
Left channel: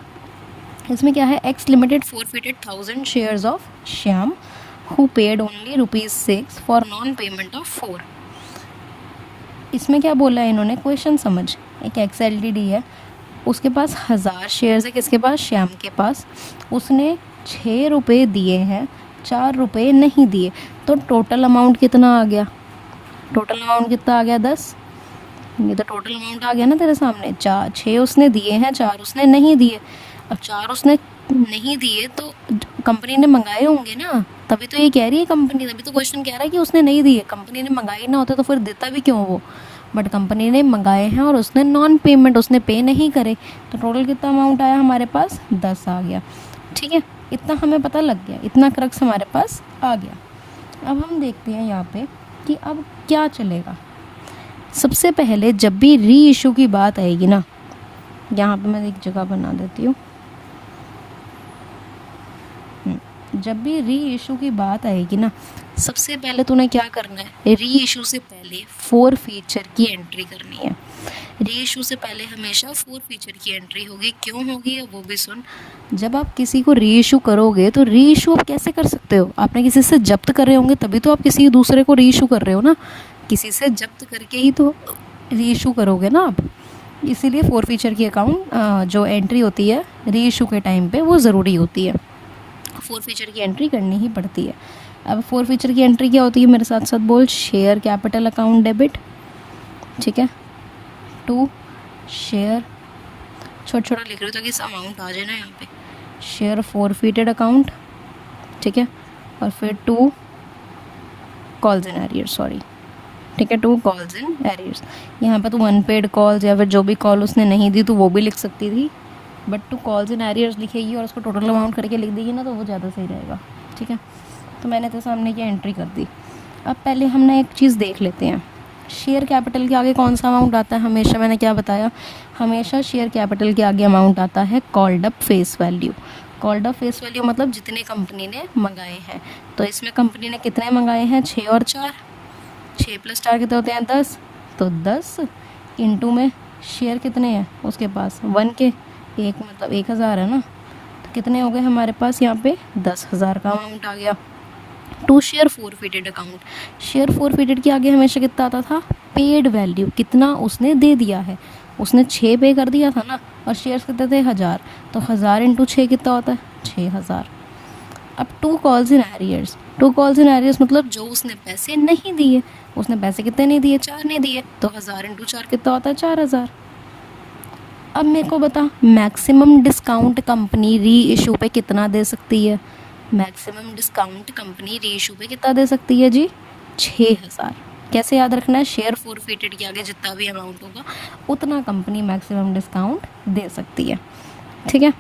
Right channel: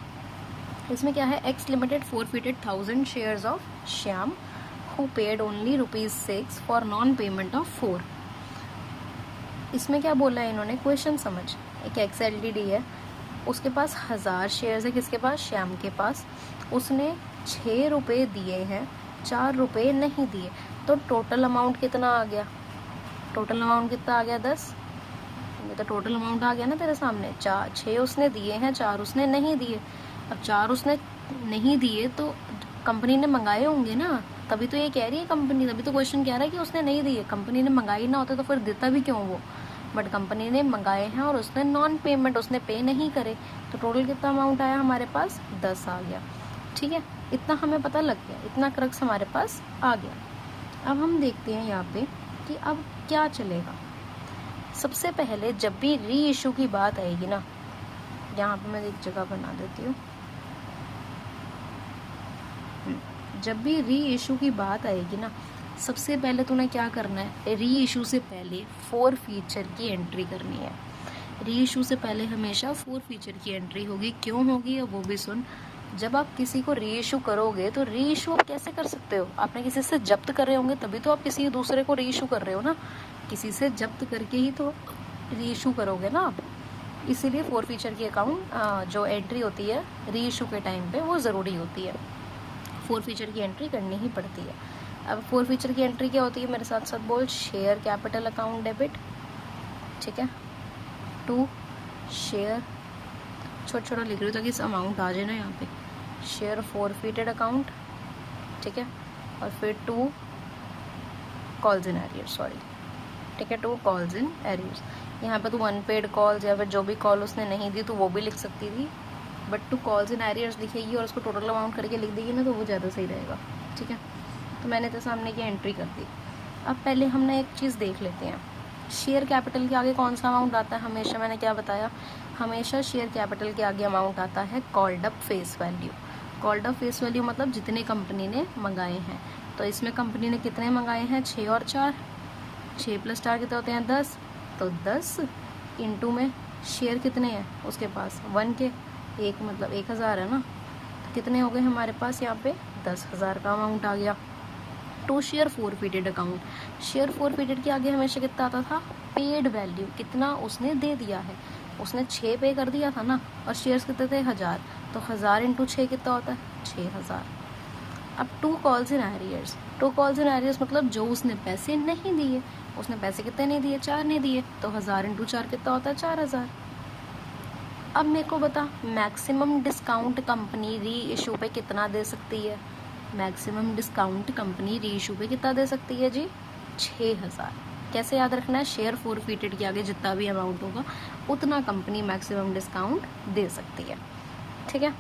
इसमें क्या है, x limited forfeited 1,000 shares of Shyam who paid only ₹6 for non payment of 4। इसमें क्या बोला है इन्होंने, क्वेश्चन समझ, एक एक्स एलटीडी है, उसके पास 1,000 शेयर्स है, किसके पास, श्याम के पास। उसने 6 रुपये दिए हैं, 4 रुपये नहीं दिए, तो टोटल अमाउंट कितना आ गया, टोटल अमाउंट कितना आ गया 10। ये तो टोटल अमाउंट आ गया ना तेरे सामने, 6 उसने दिए हैं, 4 उसने नहीं दिए। अब 4 उसने नहीं दिए तो कंपनी ने मंगाए होंगे ना, तभी तो ये कह रही है कंपनी, तभी तो क्वेश्चन कह रहा है कि उसने नहीं दिए। कंपनी ने मंगाई ना होते तो फिर देता भी क्यों वो, बट कंपनी ने मंगाए हैं और उसने नॉन पेमेंट, उसने पे नहीं करे, तो टोटल कितना अमाउंट आया हमारे पास, 10 आ गया। ठीक है, इतना हमें पता लग गया, इतना क्रक्स हमारे पास आ गया। अब हम देखते हैं यहाँ पे कि अब क्या चलेगा। सबसे पहले जब भी री इशू की बात आएगी ना, यहाँ पे मैं एक जगह बना देती हूँ, जब भी री इशू की बात आएगी ना, सबसे पहले तूने क्या करना है, री इशू से पहले 4 फीचर की एंट्री करनी है। री इशू से पहले हमेशा 4 फीचर की एंट्री होगी। क्यों होगी वो भी सुन। जब आप किसी को री इशू करोगे तो री इशू आप कैसे कर सकते हो, आपने किसी से जब्त कर रहे होंगे तभी तो आप किसी दूसरे को री इशू कर रहे हो ना, किसी से जब्त करके ही तो री इशू करोगे ना आप। इसीलिए 4 फीचर की अकाउंट जो एंट्री होती है री इशू के टाइम पे वो ज़रूरी होती है। 4 फीचर की एंट्री करनी ही पड़ती है। अब 4 फीचर की एंट्री क्या होती है, मेरे साथ साथ बोल। शेयर कैपिटल अकाउंट डेबिट, ठीक है। 2 शेयर, छोटा छोटा लिख रही हूँ ताकि इस अमाउंट आ जाए ना यहाँ पे। शेयर फॉरफिटेड अकाउंट, ठीक है। और फिर 2 कॉल्स इन एरियर्स, सॉरी, ठीक है, 2 कॉल्स इन एरियर्स। यहाँ पे तो अनपेड कॉल्स या फिर जो भी कॉल उसने नहीं दी तो वो भी लिख सकती थी, बट 2 कॉल्स इन एरियर्स लिखेगी और उसको टोटल अमाउंट करके लिख देगी ना तो वो ज़्यादा सही रहेगा, ठीक है। तो मैंने तो सामने की एंट्री कर दी। अब पहले हमने एक चीज़ देख लेते हैं, शेयर कैपिटल के आगे कौन सा अमाउंट आता है। हमेशा मैंने क्या बताया, हमेशा शेयर कैपिटल के आगे अमाउंट आता है called up face value. Called up face value मतलब जितने कंपनी ने मंगाए हैं। तो इसमें कंपनी ने कितने मंगाए हैं, 6 और 4, 6 + 4 कितने होते हैं, 10। तो 10 इंटू में शेयर कितने हैं उसके पास, 1 के, एक मतलब 1000 है ना, तो कितने हो गए हमारे पास यहाँ पे 10,000 का अमाउंट आ गया। 2 share forfeited account, share forfeited के आगे हमेशा कितना आता था, पेड वैल्यू, कितना उसने दे दिया है। उसने 6 पे कर दिया था ना, और शेयर्स कितने थे 1000, तो 1000 × 6 कितना होता है, 6000। अब 2 calls in arrears, 2 calls in arrears मतलब जो उसने पैसे नहीं दिए। उसने पैसे कितने नहीं दिए, 4 नहीं दिए, तो 1000 × 4 कितना होता है, 4000। अब मेरे को बता, मैक्सिमम डिस्काउंट कंपनी री इशू पे कितना दे सकती है। मैक्सिमम डिस्काउंट कंपनी री इशू पे कितना दे सकती है जी, 6000। कैसे याद रखना है, शेयर फॉरफिटेड के आगे जितना भी अमाउंट होगा उतना कंपनी मैक्सिमम डिस्काउंट दे सकती है, ठीक है।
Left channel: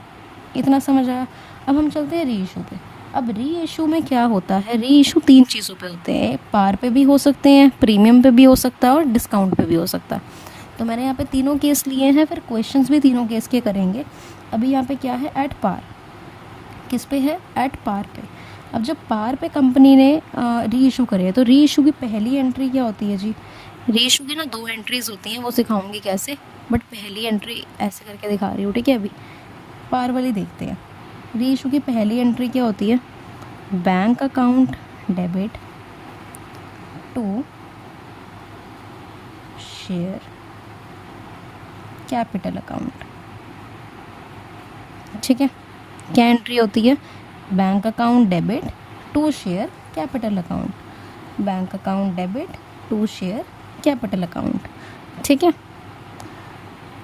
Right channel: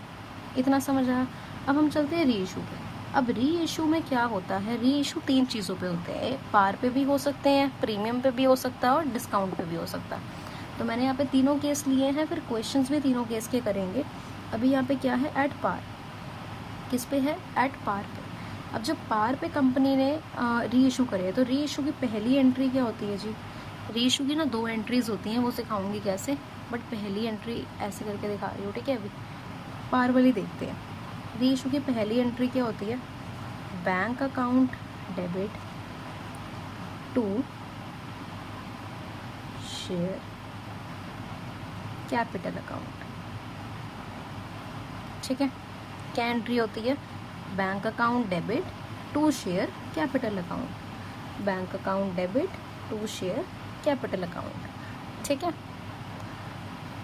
इतना समझ आया। अब हम चलते हैं री इशू पे। अब री इशू में क्या होता है, री इशू 3 चीज़ों पे होते हैं, पार पे भी हो सकते हैं, प्रीमियम पे भी हो सकता है और डिस्काउंट पे भी हो सकता है। तो मैंने यहाँ पे तीनों केस लिए हैं, फिर क्वेश्चंस भी तीनों केस के करेंगे। अभी यहाँ पे क्या है, एट पार, किस पे है, एट पार पे। अब जब पार पे कंपनी ने री इशू करे तो री इशू की पहली एंट्री क्या होती है जी, री इशू की ना 2 एंट्रीज होती हैं, वो सिखाऊंगी कैसे, बट पहली एंट्री ऐसे करके दिखा रही हूँ, ठीक है। अभी पार वाली देखते हैं। री इशू की पहली एंट्री क्या होती है, bank account debit to share capital account, ठीक है। क्या एंट्री होती है, bank account debit to share capital account, bank account debit to share capital account, ठीक है।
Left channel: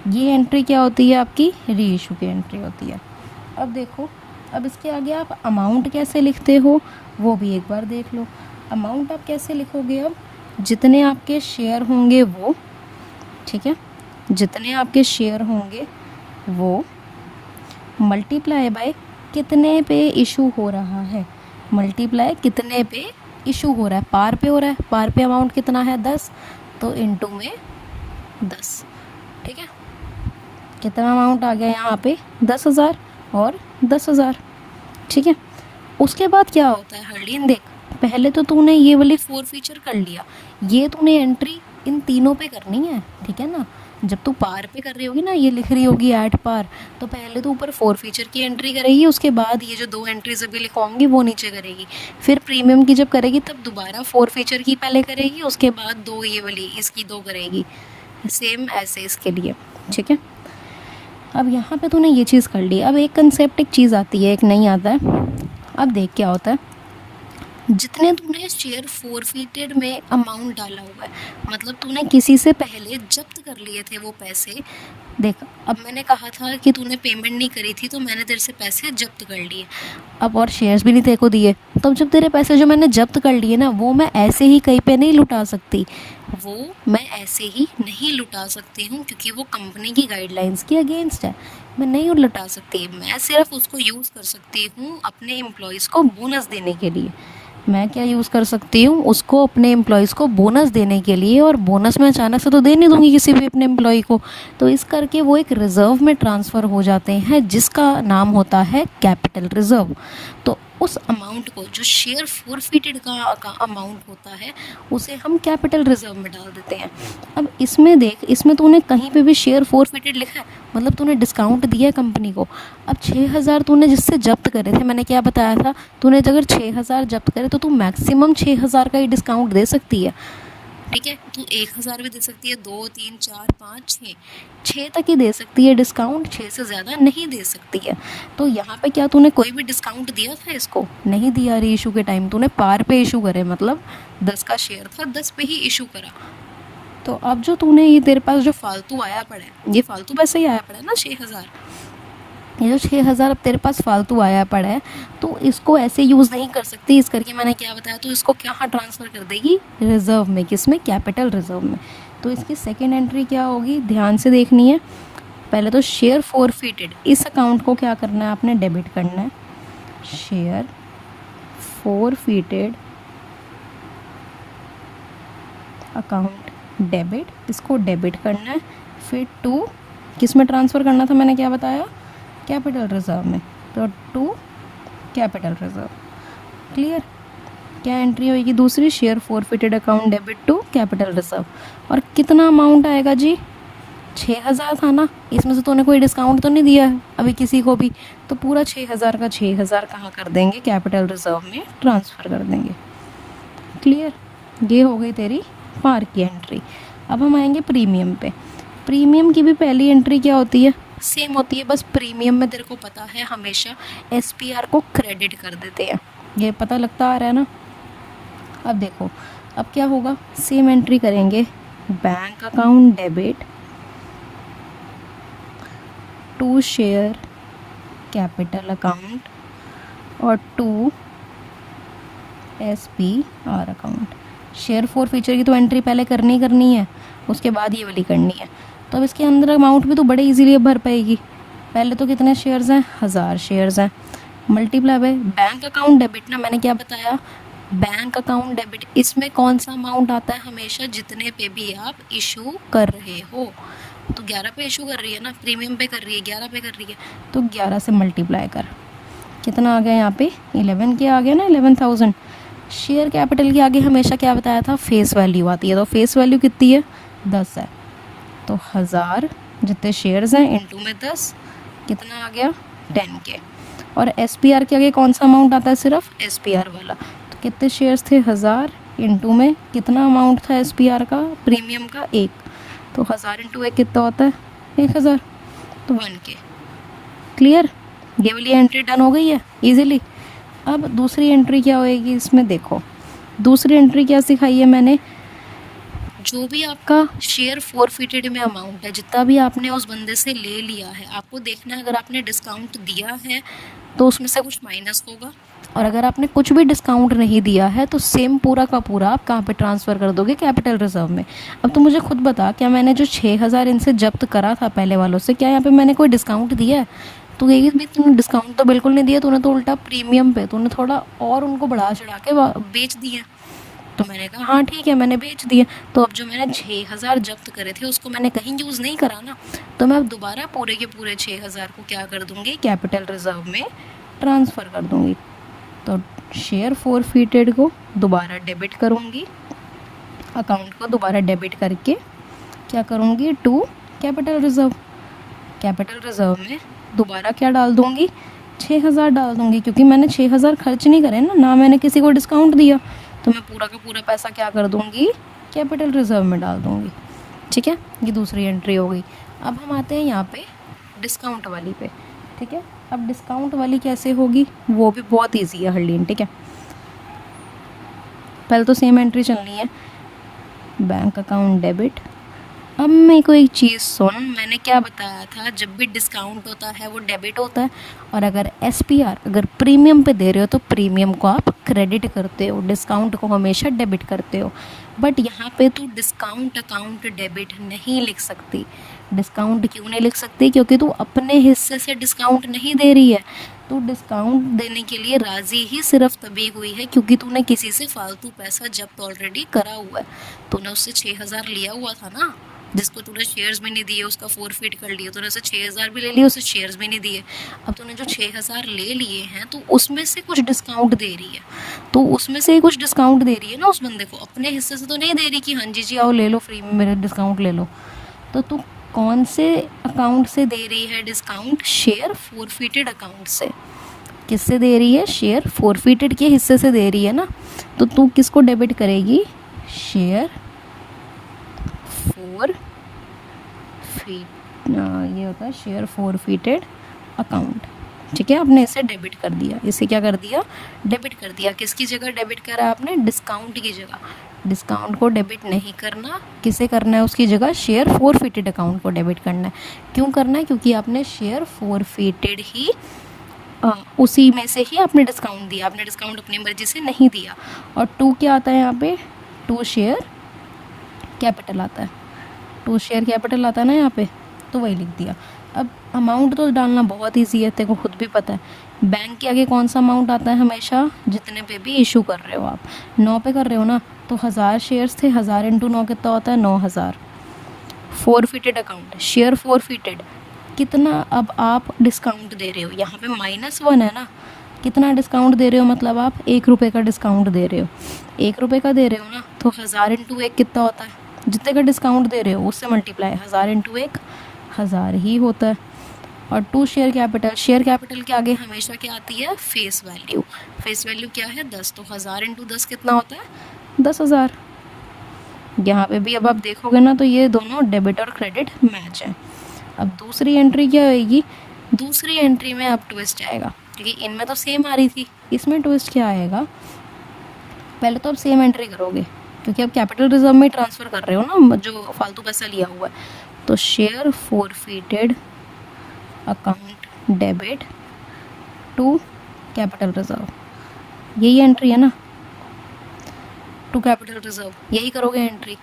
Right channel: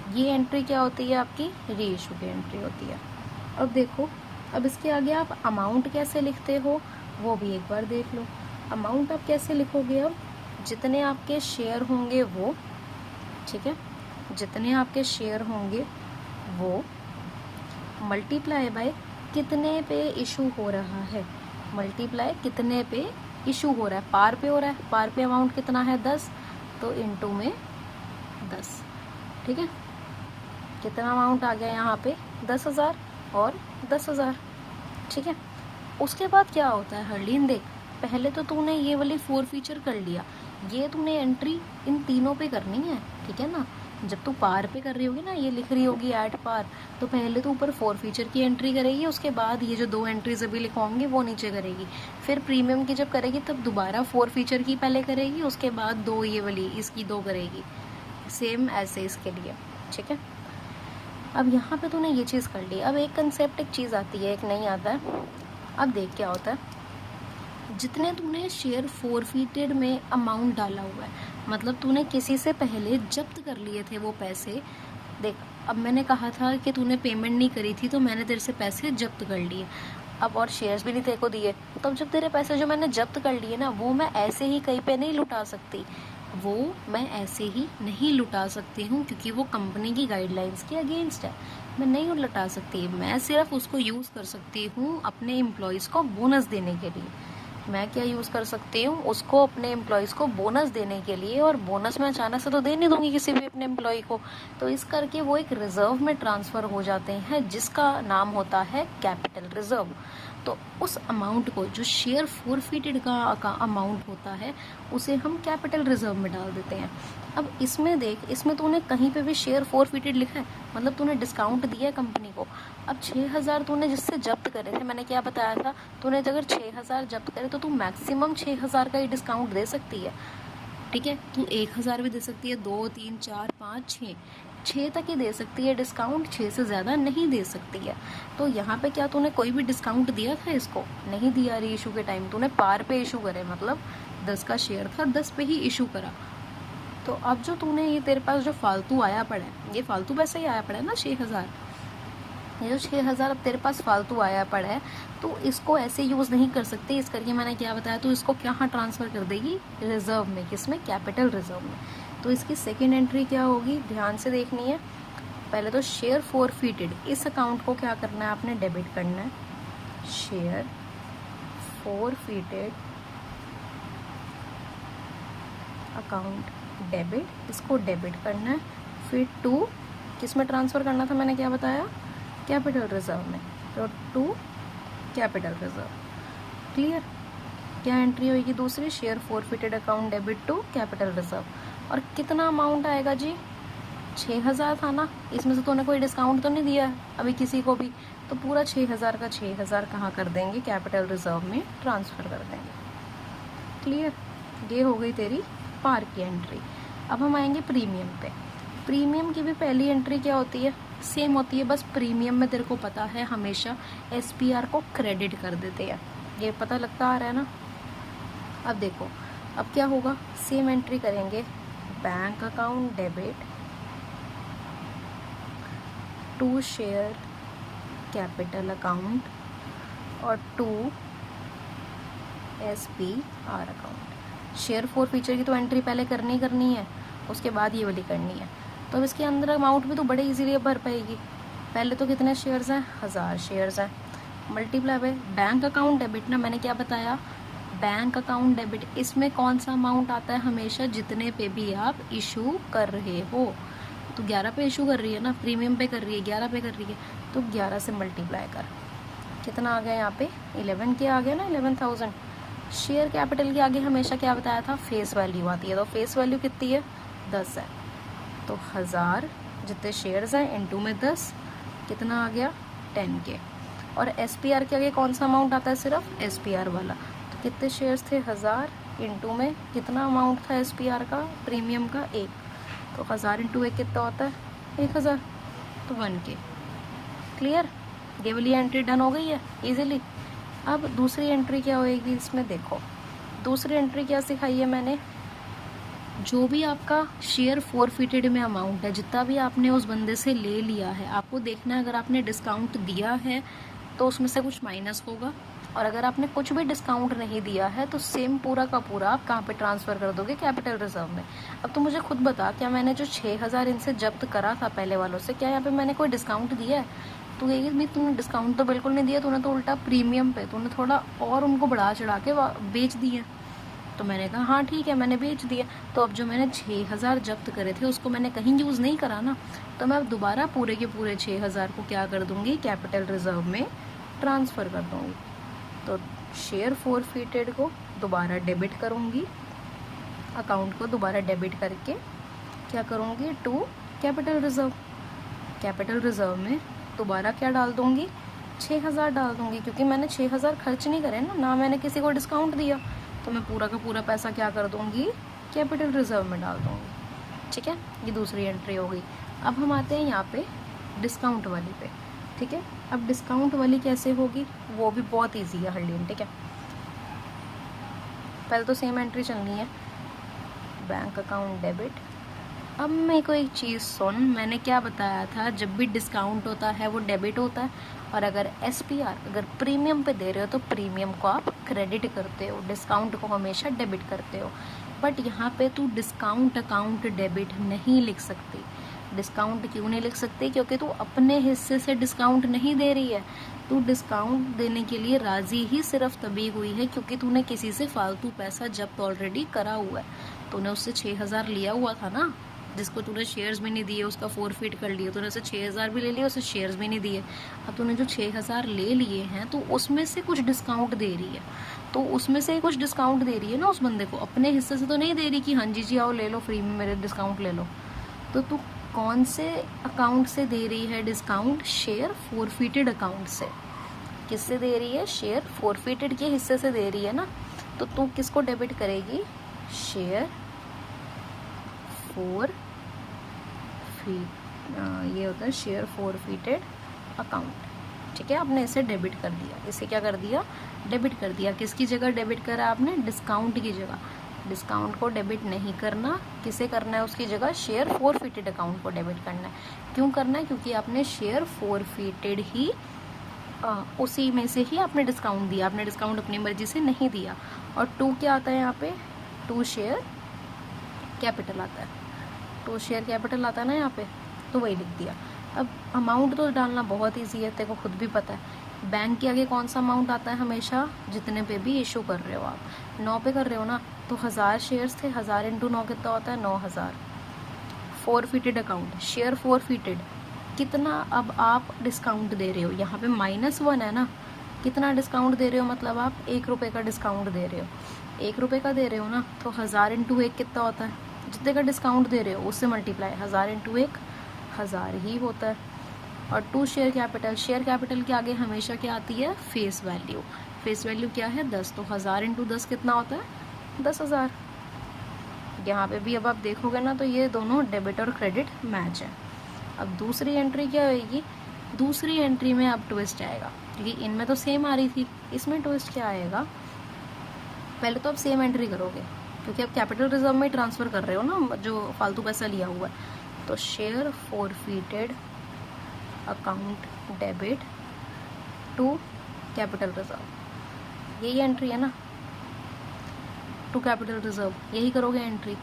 ये एंट्री क्या होती है आपकी, री इशू की एंट्री होती है। अब देखो, अब इसके आगे आप अमाउंट कैसे लिखते हो वो भी एक बार देख लो। अमाउंट आप कैसे लिखोगे, अब जितने आपके शेयर होंगे वो, ठीक है, जितने आपके शेयर होंगे वो मल्टीप्लाई बाय कितने पे इशू हो रहा है, मल्टीप्लाई कितने पे इशू हो रहा है, पार पे हो रहा है, पार पे अमाउंट कितना है 10, तो इनटू में 10, ठीक है। कितना अमाउंट आ गया यहाँ पे 10,000 और 10,000, ठीक है। उसके बाद क्या होता है हरलीन, देख पहले तो तूने ये वाली 4 फीचर कर लिया, ये तूने एंट्री इन तीनों पे करनी है, ठीक है ना। जब तू पार पे कर रही होगी ना, ये लिख रही होगी एट पार, तो पहले तो ऊपर 4 फीचर की एंट्री करेगी, उसके बाद ये जो 2 एंट्रीज अभी लिखवाऊंगी वो नीचे करेगी। फिर प्रीमियम की जब करेगी तब दोबारा 4 फीचर की पहले करेगी, उसके बाद 2 ये वाली इसकी 2 करेगी, सेम ऐसे इसके लिए, ठीक है। अब यहाँ पे तूने ये चीज़ कर ली। अब एक कंसेप्ट, एक चीज़ आती है, एक नहीं आता है। अब देख क्या होता है, जितने तूने शेयर फॉरफिटेड में अमाउंट डाला हुआ है, मतलब तूने किसी से पहले जब्त कर लिए थे वो पैसे। देख, अब मैंने कहा था कि तूने पेमेंट नहीं करी थी तो मैंने तेरे से पैसे जब्त कर लिए, अब और शेयर्स भी नहीं तेरे को दिए, तो अब जब तेरे पैसे जो मैंने जब्त कर लिए ना, वो मैं ऐसे ही कहीं पे नहीं लुटा सकती, वो मैं ऐसे ही नहीं लुटा सकती हूँ, क्योंकि वो कंपनी की गाइडलाइंस के अगेंस्ट है, मैं नहीं लुटा सकती। मैं सिर्फ उसको यूज़ कर सकती हूँ अपने एम्प्लॉयज़ को बोनस देने के लिए। मैं क्या यूज़ कर सकती हूँ, उसको अपने एम्प्लॉयज़ को बोनस देने के लिए, और बोनस मैं अचानक से तो दे नहीं दूँगी किसी भी अपने एम्प्लॉय को, तो इस करके वो एक रिज़र्व में ट्रांसफ़र हो जाते हैं जिसका नाम होता है कैपिटल रिज़र्व। तो उस अमाउंट को, जो शेयर फोरफिटेड का अमाउंट होता है, उसे हम कैपिटल रिजर्व में डाल देते हैं। अब इसमें देख, इसमें तूने कहीं पे भी शेयर फोरफिटेड लिखा है, मतलब तूने डिस्काउंट दिया है कंपनी को। अब 6,000 तूने जिससे जब्त करे थे, मैंने क्या बताया था, तूने अगर 6,000 जब्त करे तो तू मैक्सिमम 6,000 का ही डिस्काउंट दे सकती है, ठीक है। तू 1,000 भी दे सकती है, 2, 3, 4, 5, 6 तक ही दे सकती है डिस्काउंट, 6 से ज़्यादा नहीं दे सकती है। तो यहाँ पे क्या तूने कोई भी डिस्काउंट दिया था इसको? नहीं दिया। री इशू के टाइम तूने पार पे इशू करे, मतलब 10 का शेयर था, 10 पे ही इशू करा। तो अब जो तूने ये तेरे पास जो फालतू आया पड़ा है, ये फालतू पैसे ही आया पड़ा है ना 6,000, ये जो 6,000 अब तेरे पास फालतू आया पड़ा है, तो इसको ऐसे यूज़ नहीं कर सकती। इस करके मैंने क्या बताया, तो इसको कहाँ ट्रांसफ़र कर देगी? रिज़र्व में। किस में? कैपिटल रिज़र्व में। तो इसकी सेकेंड एंट्री क्या होगी, ध्यान से देखनी है। पहले तो शेयर फोरफिटेड, इस अकाउंट को क्या करना है आपने? डेबिट करना है। शेयर फोरफिटेड अकाउंट डेबिट, इसको डेबिट करना है। फिर टू किस में ट्रांसफ़र करना था, मैंने क्या बताया? कैपिटल रिजर्व में। तो टू कैपिटल रिजर्व। क्लियर? क्या एंट्री होगी दूसरी? Share forfeited account debit to capital reserve. और कितना अमाउंट आएगा जी? 6,000 था ना, इसमें से तूने कोई डिस्काउंट तो नहीं दिया है अभी किसी को भी, तो पूरा 6,000 का 6,000 कहाँ कर देंगे? कैपिटल रिजर्व में ट्रांसफ़र कर देंगे। क्लियर? ये हो गई तेरी पार की एंट्री। अब हम आएंगे प्रीमियम पे। प्रीमियम की भी पहली एंट्री क्या होती है? सेम होती है, बस प्रीमियम में तेरे को पता है हमेशा SPR को क्रेडिट कर देते हैं, ये पता लगता आ रहा है ना। अब देखो, अब क्या होगा, सेम एंट्री करेंगे। Bank account debit to share capital account और to SPR account. Share forfeiture की तो एंट्री पहले करनी है, उसके बाद ये वाली करनी है। तो अब इसके अंदर अमाउंट भी तो बड़े इजीली भर पाएगी। पहले तो कितने शेयर्स हैं? 1,000 शेयर्स हैं, multiply by bank account debit ना, मैंने क्या बताया? बैंक अकाउंट डेबिट, इसमें कौन सा अमाउंट आता है? हमेशा जितने पे भी आप इशू कर रहे हो। तो 11 पे इशू कर रही है ना, प्रीमियम पे कर रही है, 11 पे कर रही है, तो 11 से मल्टीप्लाई कर। कितना आ गया यहाँ पे? 11 के आ गया ना, 11,000। शेयर कैपिटल के आगे हमेशा क्या बताया था? फेस वैल्यू आती है। तो फेस वैल्यू कितनी है? 10 है। तो 1,000 जितने शेयर्स हैं इंटू में 10, कितना आ गया? 10 के। और SPR के आगे कौन सा अमाउंट आता है? सिर्फ SPR वाला। तो कितने शेयर्स थे? 1,000 इंटू में कितना अमाउंट था SPR का, प्रीमियम का? 1। तो 1,000 इंटू 1 कितना होता है? 1,000। तो 1 के। क्लियर? ये वाली एंट्री डन हो गई है इजीली। अब दूसरी एंट्री क्या होएगी इसमें? देखो, दूसरी एंट्री क्या सिखाई है मैंने? जो भी आपका शेयर फोरफिटेड में अमाउंट है, जितना भी आपने उस बंदे से ले लिया है, आपको देखना है अगर आपने डिस्काउंट दिया है तो उसमें से कुछ माइनस होगा, और अगर आपने कुछ भी डिस्काउंट नहीं दिया है तो सेम पूरा का पूरा आप कहाँ पे ट्रांसफ़र कर दोगे? कैपिटल रिजर्व में। अब तो मुझे खुद बता, क्या मैंने जो 6,000 इनसे जब्त करा था पहले वालों से, क्या यहाँ पे मैंने कोई डिस्काउंट दिया है? तो ये भी तूने डिस्काउंट तो बिल्कुल नहीं दिया, तूने तो उल्टा प्रीमियम पे तूने थोड़ा और उनको बढ़ा चढ़ा के बेच दिए। तो मैंने कहा हाँ ठीक है, मैंने बेच दिए। तो अब जो मैंने 6,000 जब्त करे थे उसको मैंने कहीं यूज़ नहीं करा ना, तो मैं अब दोबारा पूरे के पूरे 6,000 को क्या कर दूँगी? कैपिटल रिजर्व में ट्रांसफ़र कर दूँगी। तो शेयर फोरफिटेड को दोबारा डेबिट करूँगी, अकाउंट को दोबारा डेबिट करके क्या करूँगी? To capital reserve. Capital reserve में दोबारा क्या डाल दूँगी? 6,000 डाल दूँगी, क्योंकि मैंने 6,000 खर्च नहीं करे ना मैंने किसी को डिस्काउंट दिया, तो मैं पूरा का पूरा पैसा क्या कर दूँगी? कैपिटल रिजर्व में डाल दूँगी। ठीक है, ये दूसरी एंट्री हो गई। अब हम आते हैं यहाँ पे डिस्काउंट वाली पे। ठीक है, अब डिस्काउंट वाली कैसे होगी वो भी बहुत ईजी है हरलीन। ठीक है, पहले तो सेम एंट्री चलनी है, बैंक अकाउंट डेबिट। अब मेरे को एक चीज़ सुन, मैंने क्या बताया था? जब भी डिस्काउंट होता है वो डेबिट होता है, और अगर SPR अगर प्रीमियम पे दे रहे हो तो प्रीमियम को आप क्रेडिट करते हो, डिस्काउंट को हमेशा डेबिट करते हो। बट यहाँ पे तू डिस्काउंट अकाउंट डेबिट नहीं लिख सकती। डिस्काउंट क्यों नहीं लिख सकती? क्योंकि तू अपने हिस्से से डिस्काउंट नहीं दे रही है। तू डिस्काउंट देने के लिए राज़ी ही सिर्फ तभी हुई है क्योंकि तूने किसी से फालतू पैसा जब्त ऑलरेडी करा हुआ है। तूने उससे 6,000 लिया हुआ था ना, जिसको तूने शेयर्स भी नहीं दिए उसका फोरफिट कर लिया, तूने उसे 6,000 भी ले लिए, उसे शेयर्स भी नहीं दिए। अब तूने जो 6,000 ले लिए हैं तो उसमें से कुछ डिस्काउंट दे रही है, तो उसमें से ही कुछ डिस्काउंट दे रही है ना उस बंदे को, अपने हिस्से से तो नहीं दे रही कि हाँ जी आओ ले लो फ्री में, मेरे डिस्काउंट ले लो। तो तू कौन से अकाउंट से दे रही है डिस्काउंट? शेयर फोरफिटेड अकाउंट से। किससे दे रही है? शेयर फोरफिटेड के हिस्से से दे रही है ना। तो तू किसको डेबिट करेगी? शेयर फोर फीट, ये होता है शेयर फोरफिटेड अकाउंट। ठीक है, आपने इसे डेबिट कर दिया, इसे क्या कर दिया? डेबिट कर दिया। किसकी जगह डेबिट करा आपने? डिस्काउंट की जगह। डिस्काउंट को डेबिट नहीं करना, किसे करना है उसकी जगह? शेयर फोरफिटेड अकाउंट को डेबिट करना है। क्यों करना है? क्योंकि आपने शेयर फोरफिटेड ही उसी में से ही आपने डिस्काउंट दिया, आपने डिस्काउंट अपनी मर्जी से नहीं दिया। और टू क्या आता है यहाँ पे? टू शेयर कैपिटल आता है, टू शेयर कैपिटल आता है ना यहाँ पे, तो वही लिख दिया। अब अमाउंट तो डालना बहुत ईजी है, तेरे को खुद भी पता है। बैंक के आगे कौन सा अमाउंट आता है हमेशा? जितने पे भी इशू कर रहे हो आप। 9 पे कर रहे हो ना, तो 1000 शेयर्स थे, 1000 इंटू 9 कितना होता है? 9000। फोरफिटेड अकाउंट, शेयर फोरफिटेड, कितना अब आप डिस्काउंट दे रहे हो? यहाँ पे -1 है ना, कितना डिस्काउंट दे रहे हो? मतलब आप 1 रुपये का डिस्काउंट दे रहे हो। 1 रुपये का दे रहे हो ना, तो 1000 इंटू 1 कितना होता है? जितने का डिस्काउंट दे रहे हो उससे मल्टीप्लाई, 1000 इंटू 1 1000 ही होता है। और to share capital, share capital के आगे हमेशा क्या आती है? Face value. फेस वैल्यू क्या है? 10, तो 1000 इंटू 10 कितना होता है? 10,000। यहाँ पे भी अब आप देखोगे ना तो ये दोनों डेबिट और क्रेडिट मैच है। अब दूसरी एंट्री क्या होएगी? दूसरी एंट्री में अब ट्विस्ट आएगा, क्योंकि इनमें तो सेम आ रही थी, इसमें ट्विस्ट क्या आएगा? पहले तो आप सेम एंट्री करोगे, क्योंकि आप कैपिटल रिजर्व में ट्रांसफ़र कर रहे हो ना जो फालतू पैसा लिया हुआ है। तो share forfeited account debit to capital reserve, यही एंट्री है ना, टू कैपिटल रिजर्व, यही करोगे एंट्री।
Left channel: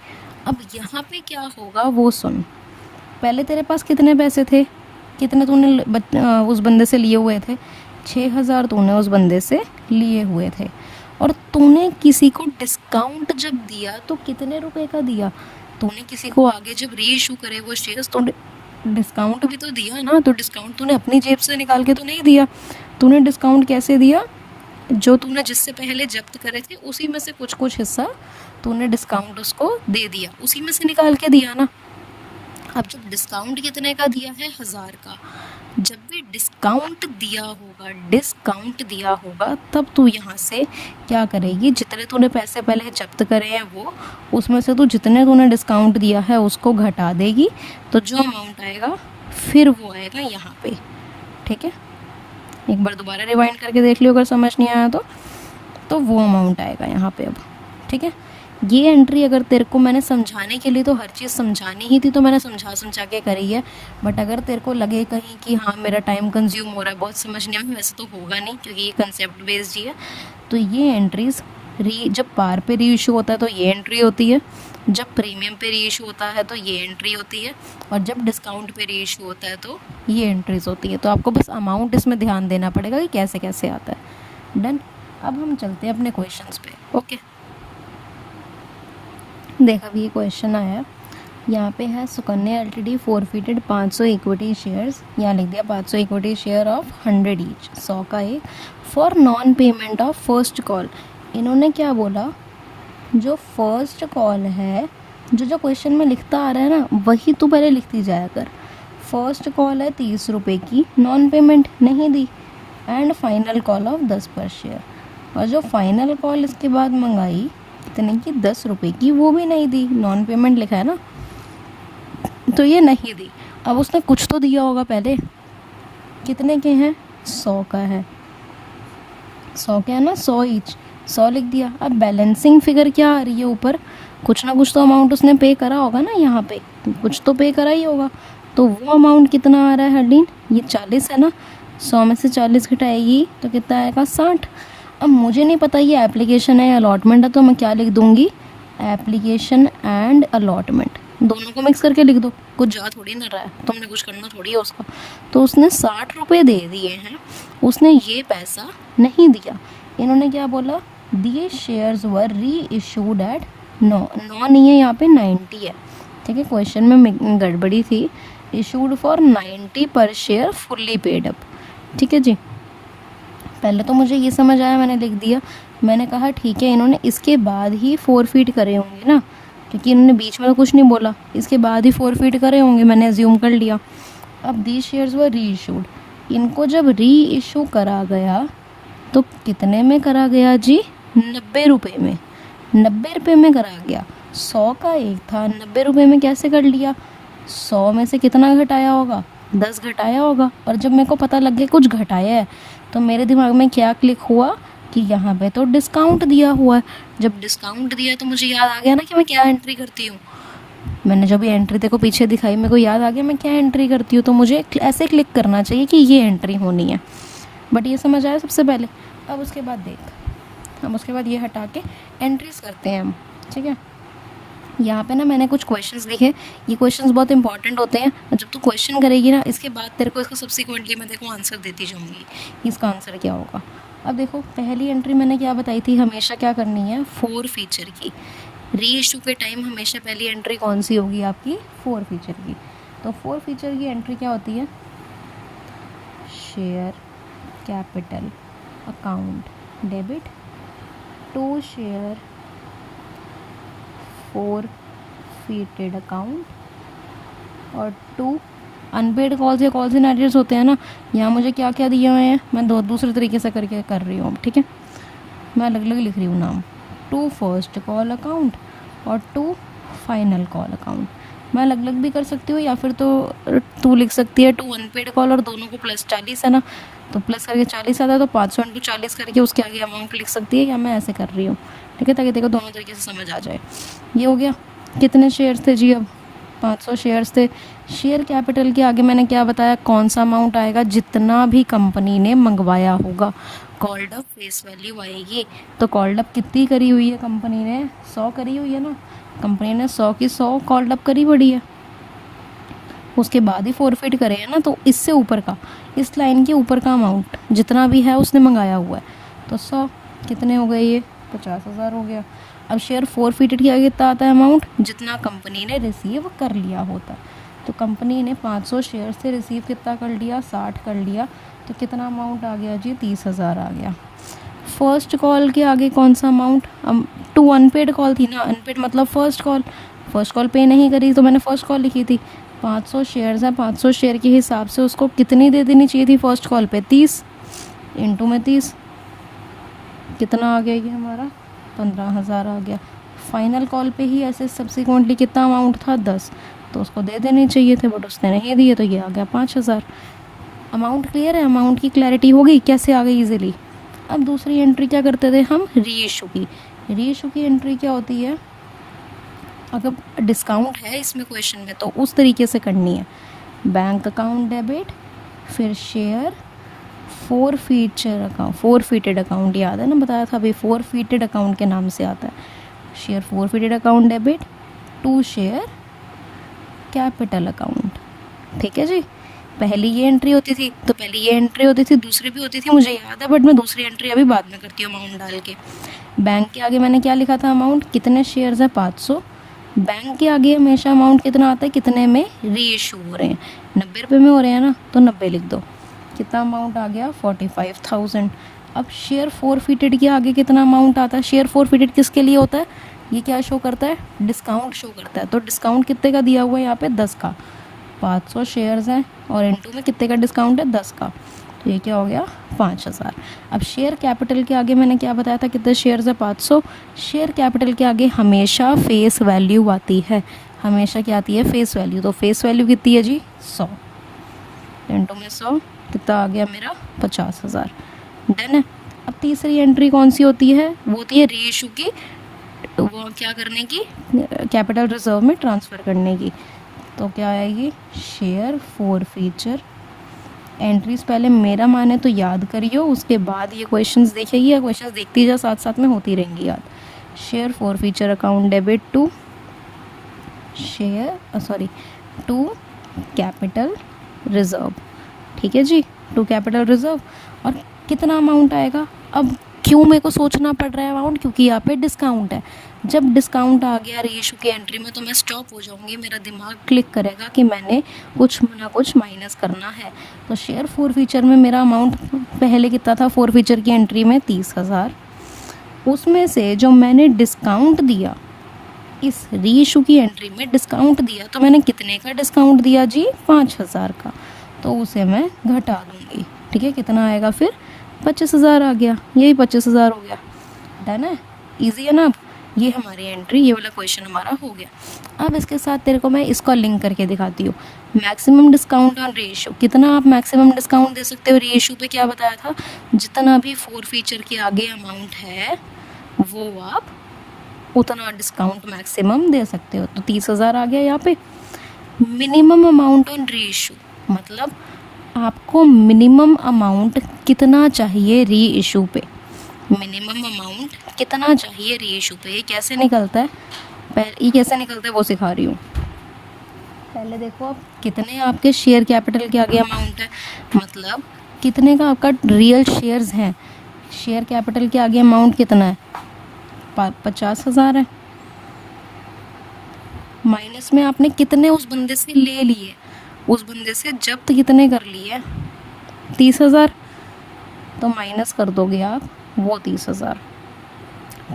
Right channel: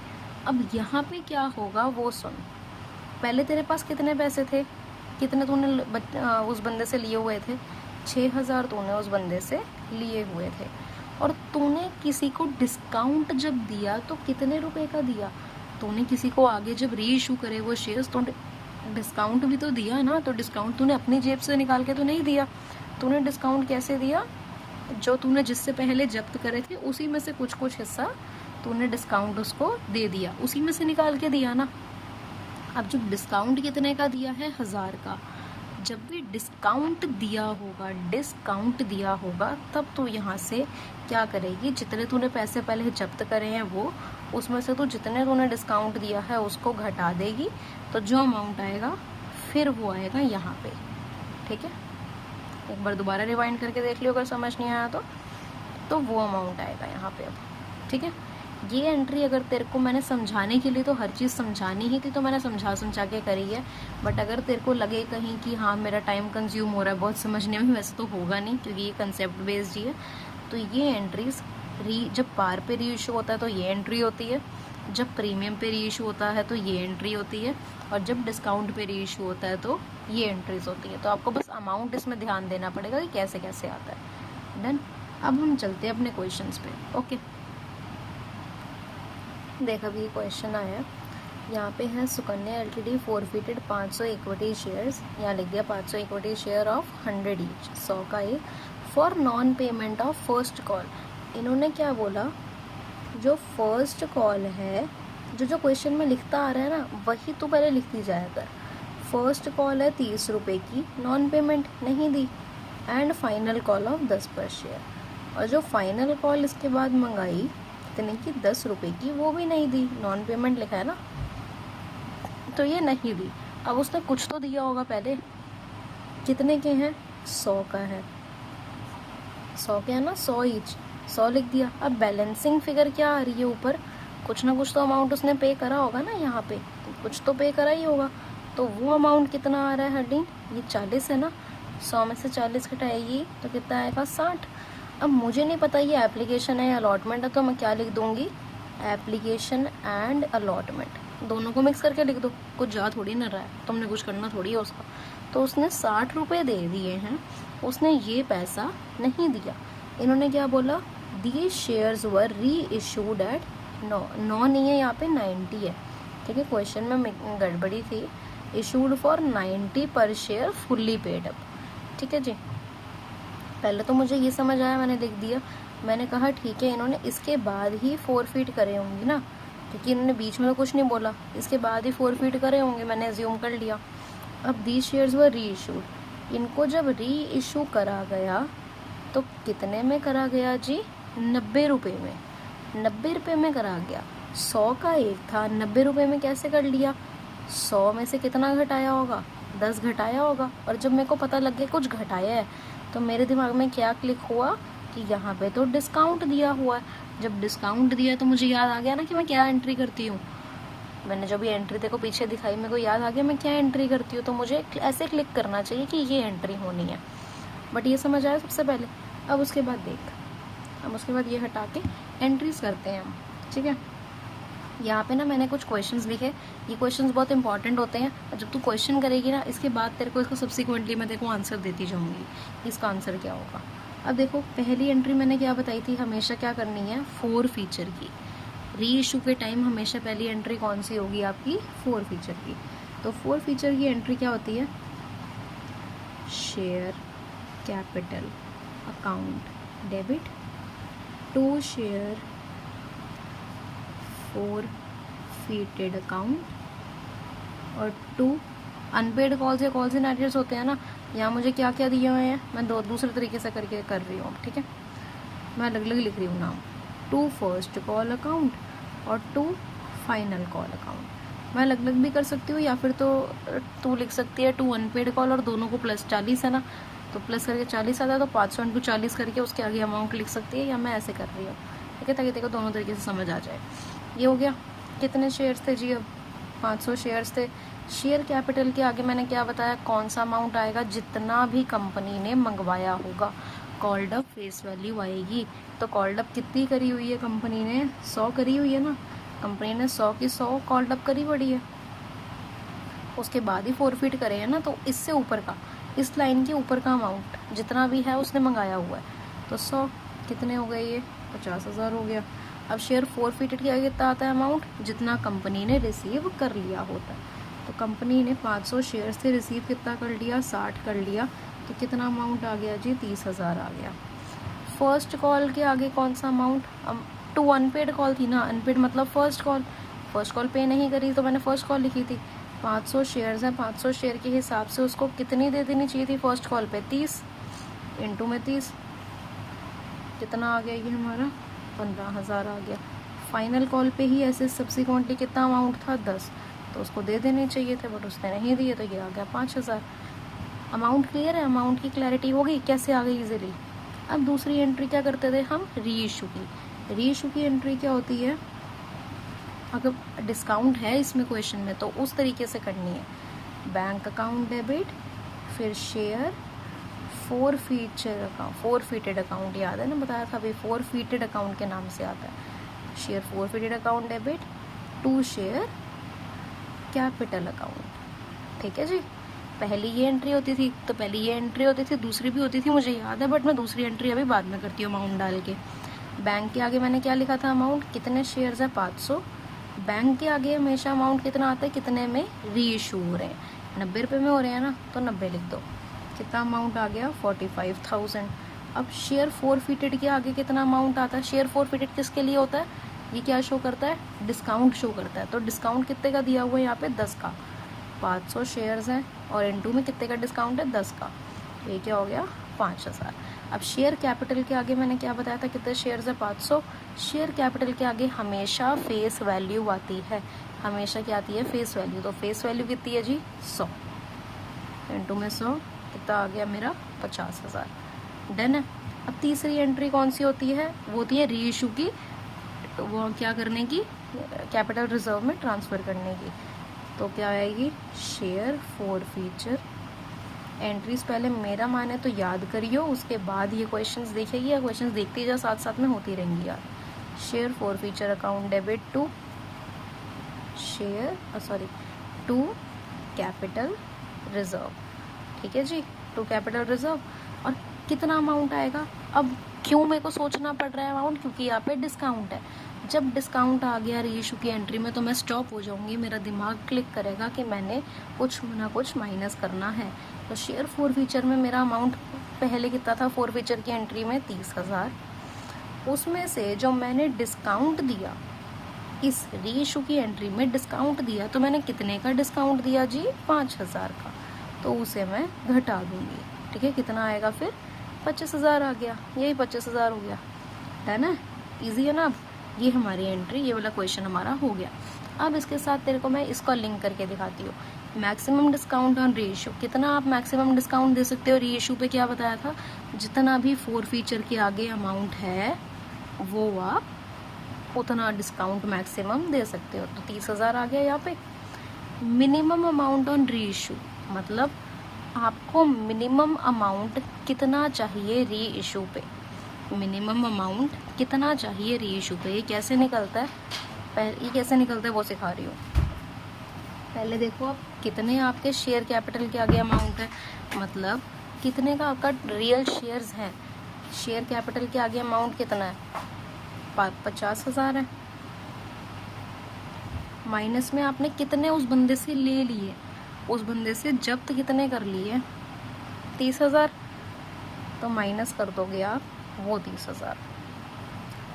अब यहाँ पे क्या होगा वो सुन। पहले तेरे पास कितने पैसे थे? कितने तूने उस बंदे से लिए हुए थे? 6,000 तूने उस बंदे से लिए हुए थे। और तूने किसी को डिस्काउंट जब दिया तो कितने रुपए का दिया? तूने किसी को आगे जब री इशू करे वो शेयर्स, तो डिस्काउंट भी तो दिया ना। तो डिस्काउंट तूने अपनी जेब से निकाल के तो नहीं दिया। तूने डिस्काउंट कैसे दिया? जो तूने जिससे पहले जब्त करे थे उसी में से कुछ कुछ हिस्सा तूने डिस्काउंट उसको दे दिया, उसी में से निकाल के दिया ना। अब जब डिस्काउंट कितने का दिया है? 1000 का। जब भी डिस्काउंट दिया होगा तब तू यहाँ से क्या करेगी? जितने तूने पैसे पहले जब्त करे हैं वो, उसमें से तू जितने तूने डिस्काउंट दिया है उसको घटा देगी, तो जो अमाउंट आएगा फिर वो आएगा यहाँ पे। ठीक है, एक बार दोबारा रिवाइंड करके देख लियो अगर समझ नहीं आया तो वो अमाउंट आएगा यहाँ पे अब। ठीक है, ये एंट्री अगर तेरे को मैंने समझाने के लिए तो हर चीज़ समझानी ही थी, तो मैंने समझा के करी है। बट अगर तेरे को लगे कहीं कि हाँ मेरा टाइम कंज्यूम हो रहा है बहुत समझने में, वैसे तो होगा नहीं क्योंकि ये कंसेप्ट बेस्ड ही है। तो ये एंट्रीज जब पार पे री इशू होता है तो ये एंट्री होती है, जब प्रीमियम पे री इशू होता है तो ये एंट्री होती है, और जब डिस्काउंट पे री इशू होता है तो ये एंट्रीज होती है। तो आपको बस अमाउंट इसमें ध्यान देना पड़ेगा कि कैसे कैसे आता है। डन। अब हम चलते हैं अपने क्वेश्चंस पे। ओके, देख अभी ये क्वेश्चन आया, यहाँ पे है Sukanya LTD forfeited 500 equity shares, यहाँ लिख दिया 500 इक्विटी शेयर ऑफ 100 ईच, 100 का एक, for non payment of first call. इन्होंने क्या बोला? जो फर्स्ट कॉल है, जो क्वेश्चन में लिखता आ रहा है ना वही तो पहले लिखती जाया कर। फर्स्ट कॉल है 30 रुपये की, नॉन पेमेंट नहीं दी, एंड फाइनल कॉल ऑफ 10 पर शेयर। और जो फाइनल कॉल इसके बाद मंगाई कितने की? 10 रुपये की, वो भी नहीं दी, नॉन पेमेंट लिखा है ना, तो ये नहीं दी। अब उसने कुछ तो दिया होगा पहले, कितने के हैं? 100 का है, 100 के है ना, 100 ईच, 100 लिख दिया। अब बैलेंसिंग फिगर क्या आ रही है ऊपर? कुछ ना कुछ तो अमाउंट उसने पे करा होगा ना, यहाँ पे कुछ तो पे करा ही होगा। तो वो अमाउंट कितना आ रहा है हरडीन? ये 40 है ना, 100 में से 40 घटाएगी तो कितना आएगा? 60। अब मुझे नहीं पता ये एप्लीकेशन है या अलॉटमेंट है, तो मैं क्या लिख दूँगी? एप्लीकेशन एंड अलॉटमेंट, दोनों को मिक्स करके लिख दो, कुछ जा थोड़ी ना रहा है, तुमने कुछ करना थोड़ी है उसका। तो उसने 60 रुपये दे दिए हैं, उसने ये पैसा नहीं दिया। इन्होंने क्या बोला? दिए शेयर्स वर री इशूड एट 9 नहीं है यहाँ पे, 90 है। ठीक है, क्वेश्चन में गड़बड़ी थी। Issued for 90 per share fully paid up. ठीक है जी, पहले तो मुझे ये समझ आया, मैंने लिख दिया। मैंने कहा ठीक है, इन्होंने इसके बाद ही फोरफीट करे होंगे ना, क्योंकि इन्होंने बीच में तो कुछ नहीं बोला, इसके बाद ही फोरफीट करे होंगे, मैंने अज्यूम कर लिया। अब दीज शेयर्स वर री इशूड, इनको जब री इशू करा गया तो कितने में करा गया जी? 90 रुपये में। 90 रुपये में करा गया। 100 का एक था, 90 रुपये में कैसे कर लिया? 100 में से कितना घटाया होगा? 10 घटाया होगा। और जब मेरे को पता लग गया कुछ घटाया है, तो मेरे दिमाग में क्या क्लिक हुआ कि यहाँ पे तो डिस्काउंट दिया हुआ है। जब डिस्काउंट दिया तो मुझे याद आ गया ना कि मैं क्या एंट्री करती हूँ। मैंने जब ये एंट्री देखो पीछे दिखाई, मेरे को याद आ गया मैं क्या एंट्री करती हूँ, तो मुझे ऐसे क्लिक करना चाहिए कि ये एंट्री होनी है। बट ये समझ आया सबसे पहले। अब उसके बाद देख, अब उसके बाद ये हटा के एंट्रीज करते हैं हम। ठीक है, यहाँ पे ना मैंने कुछ क्वेश्चंस लिखे, ये क्वेश्चंस बहुत इंपॉर्टेंट होते हैं। जब तू क्वेश्चन करेगी ना, इसके बाद तेरे को इसको सब्सिक्वेंटली मैं देखो आंसर देती जाऊँगी, इसका आंसर क्या होगा। अब देखो पहली एंट्री मैंने क्या बताई थी, हमेशा क्या करनी है? 4 फीचर की। री इशू के टाइम हमेशा पहली एंट्री कौन सी होगी आपकी? 4 फीचर की। तो 4 फीचर की एंट्री क्या होती है? Share capital account debit to share forfeited account और 2 अनपेड कॉल्स या कॉल्स इन एरियर्स होते हैं ना। यहाँ मुझे क्या क्या दिए हुए हैं, मैं दूसरे तरीके से करके कर रही हूँ। ठीक है, मैं अलग अलग लिख रही हूँ नाम। 2 फर्स्ट कॉल अकाउंट और 2 फाइनल कॉल अकाउंट। मैं अलग अलग भी कर सकती हूँ, या फिर तो तू लिख सकती है 2 अनपेड कॉल और दोनों को प्लस 40 है ना, तो प्लस करके 40 आता है, तो 500 इंटू 40 करके उसके आगे अमाउंट लिख सकती है, या मैं ऐसे कर रही हूँ। ठीक है, ताकि देखो दोनों तरीके से समझ आ जाए। ये हो गया। कितने शेयर्स थे जी? अब 500 शेयर्स थे। शेयर कैपिटल के आगे मैंने क्या बताया? कौन सा अमाउंट आएगा? जितना भी कंपनी ने मंगवाया होगा। कॉल्ड अप फेस वैल्यू आएगी। तो कॉल्ड अप कितनी करी हुई है कंपनी ने? 100 करी हुई है ना। कंपनी ने 100 की 100 कॉल्ड अप करी पड़ी है, उसके बाद ही फोरफिट करे है ना। तो इससे ऊपर का, इस लाइन के ऊपर का अमाउंट जितना भी है उसने मंगाया हुआ है, तो 100 कितने हो गए? ये 50,000 हो गया। अब शेयर फोरफिटेड किया कितना आता है अमाउंट? जितना कंपनी ने रिसीव कर लिया होता है। तो कंपनी ने 500 शेयर से रिसीव कितना कर लिया? 60 कर लिया। तो कितना अमाउंट आ गया जी? 30,000 आ गया। फर्स्ट कॉल के आगे कौन सा अमाउंट? 2 अनपेड कॉल थी ना, अनपेड मतलब फर्स्ट कॉल। फर्स्ट कॉल पे नहीं करी तो मैंने फर्स्ट कॉल लिखी थी। 500 शेयर्स हैं, 500 शेयर के हिसाब से उसको कितनी दे देनी चाहिए थी फर्स्ट कॉल पे? 30 इंटू में 30, कितना आ गया ये हमारा? 15,000 आ गया। फाइनल कॉल पे ही ऐसे सब्सिक्वेंटली कितना अमाउंट था? 10, तो उसको दे देने चाहिए थे, बट उसने नहीं दिए, तो ये आ गया 5,000। अमाउंट क्लियर है? अमाउंट की क्लैरिटी हो गई कैसे आ गई इजीली। अब दूसरी एंट्री क्या करते थे हम? री इशू की। री इशू की एंट्री क्या होती है? अगर डिस्काउंट है इसमें क्वेश्चन में, तो उस तरीके से करनी है। बैंक अकाउंट डेबिट, फिर शेयर फोरफीटेड अकाउंट, याद है ना, बताया था अभी, फोरफीटेड अकाउंट के नाम से आता है। Share forfeited account debit to share capital account. ठीक है जी, पहली ये एंट्री होती थी, तो पहली ये एंट्री होती थी, दूसरी भी होती थी मुझे याद है, बट मैं दूसरी एंट्री अभी बाद में करती हूँ अमाउंट डाल के। बैंक के आगे मैंने क्या लिखा था? अमाउंट। कितने शेयर्स है? 500। बैंक के आगे हमेशा अमाउंट कितना आता है? कितने में री इशू हो रहे हैं? 90 रुपये में हो रहे हैं ना, तो 90 लिख दो। कितना अमाउंट आ गया? 45,000। अब शेयर फोरफीटेड के आगे कितना अमाउंट आता है? शेयर फोरफीटेड किसके लिए होता है? ये क्या शो करता है? डिस्काउंट शो करता है। तो डिस्काउंट कितने का दिया हुआ है यहाँ पे? 10 का। 500 शेयर्स हैं और इनटू में कितने का डिस्काउंट है? 10 का। तो ये क्या हो गया? 5,000। अब शेयर कैपिटल के आगे मैंने क्या बताया था? कितने शेयर्स है? 500। शेयर कैपिटल के आगे हमेशा फेस वैल्यू आती है। हमेशा क्या आती है? Face value. तो फेस वैल्यू कितनी है जी? 100 इनटू में 100, कितना आ गया मेरा? 50,000। डन है। अब तीसरी एंट्री कौन सी होती है? वो होती है री इशू की, वो क्या करने की? कैपिटल रिजर्व में ट्रांसफ़र करने की। तो क्या आएगी? Share forfeiture. एंट्रीज पहले मेरा माने तो याद करियो, उसके बाद ये क्वेश्चंस देखिए, या क्वेश्चंस देखती जा, साथ साथ में होती रहेंगी याद। Share forfeiture account debit to to capital reserve. ठीक है जी, टू कैपिटल रिजर्व। और कितना अमाउंट आएगा? अब क्यों मेरे को सोचना पड़ रहा है अमाउंट? क्योंकि यहाँ पे डिस्काउंट है। जब डिस्काउंट आ गया रीइशू की एंट्री में तो मैं स्टॉप हो जाऊंगी, मेरा दिमाग क्लिक करेगा कि मैंने कुछ ना कुछ माइनस करना है। तो शेयर फोर फीचर में मेरा अमाउंट पहले कितना था फोर फीचर की एंट्री में? 30,000। उसमें से जो मैंने डिस्काउंट दिया, इस रीइशू की एंट्री में डिस्काउंट दिया, तो मैंने कितने का डिस्काउंट दिया जी? 5,000 का। तो उसे मैं घटा दूंगी। ठीक है, कितना आएगा फिर? 25,000 आ गया। यही 25,000 हो गया। डन है, ईजी है ना। अब ये हमारी एंट्री, ये वाला क्वेश्चन हमारा हो गया। अब इसके साथ तेरे को मैं इसका लिंक करके दिखाती हूँ। मैक्सिमम डिस्काउंट ऑन रीइशू, कितना आप मैक्सिमम डिस्काउंट दे सकते हो रीइशू पे? क्या बताया था? जितना भी फोर फीचर के आगे अमाउंट है वो आप उतना डिस्काउंट मैक्सिमम दे सकते हो। तो 30,000 आ गया यहाँ पे। मिनिमम अमाउंट ऑन रीइशू, मतलब आपको मिनिमम अमाउंट कितना चाहिए री इशू पे? मिनिमम अमाउंट कितना चाहिए री इशू पे? ये कैसे निकलता है? ये कैसे निकलता है वो सिखा रही हूँ। पहले देखो कितने आपके शेयर कैपिटल के आगे अमाउंट है, मतलब कितने का आपका रियल शेयर्स हैं। शेयर कैपिटल के आगे अमाउंट कितना है? 50,000 है। माइनस में आपने कितने उस बंदे से ले लिए, उस बंदे से जब्त कितने कर लिए? 30,000। तो माइनस कर दोगे आप वो 30,000।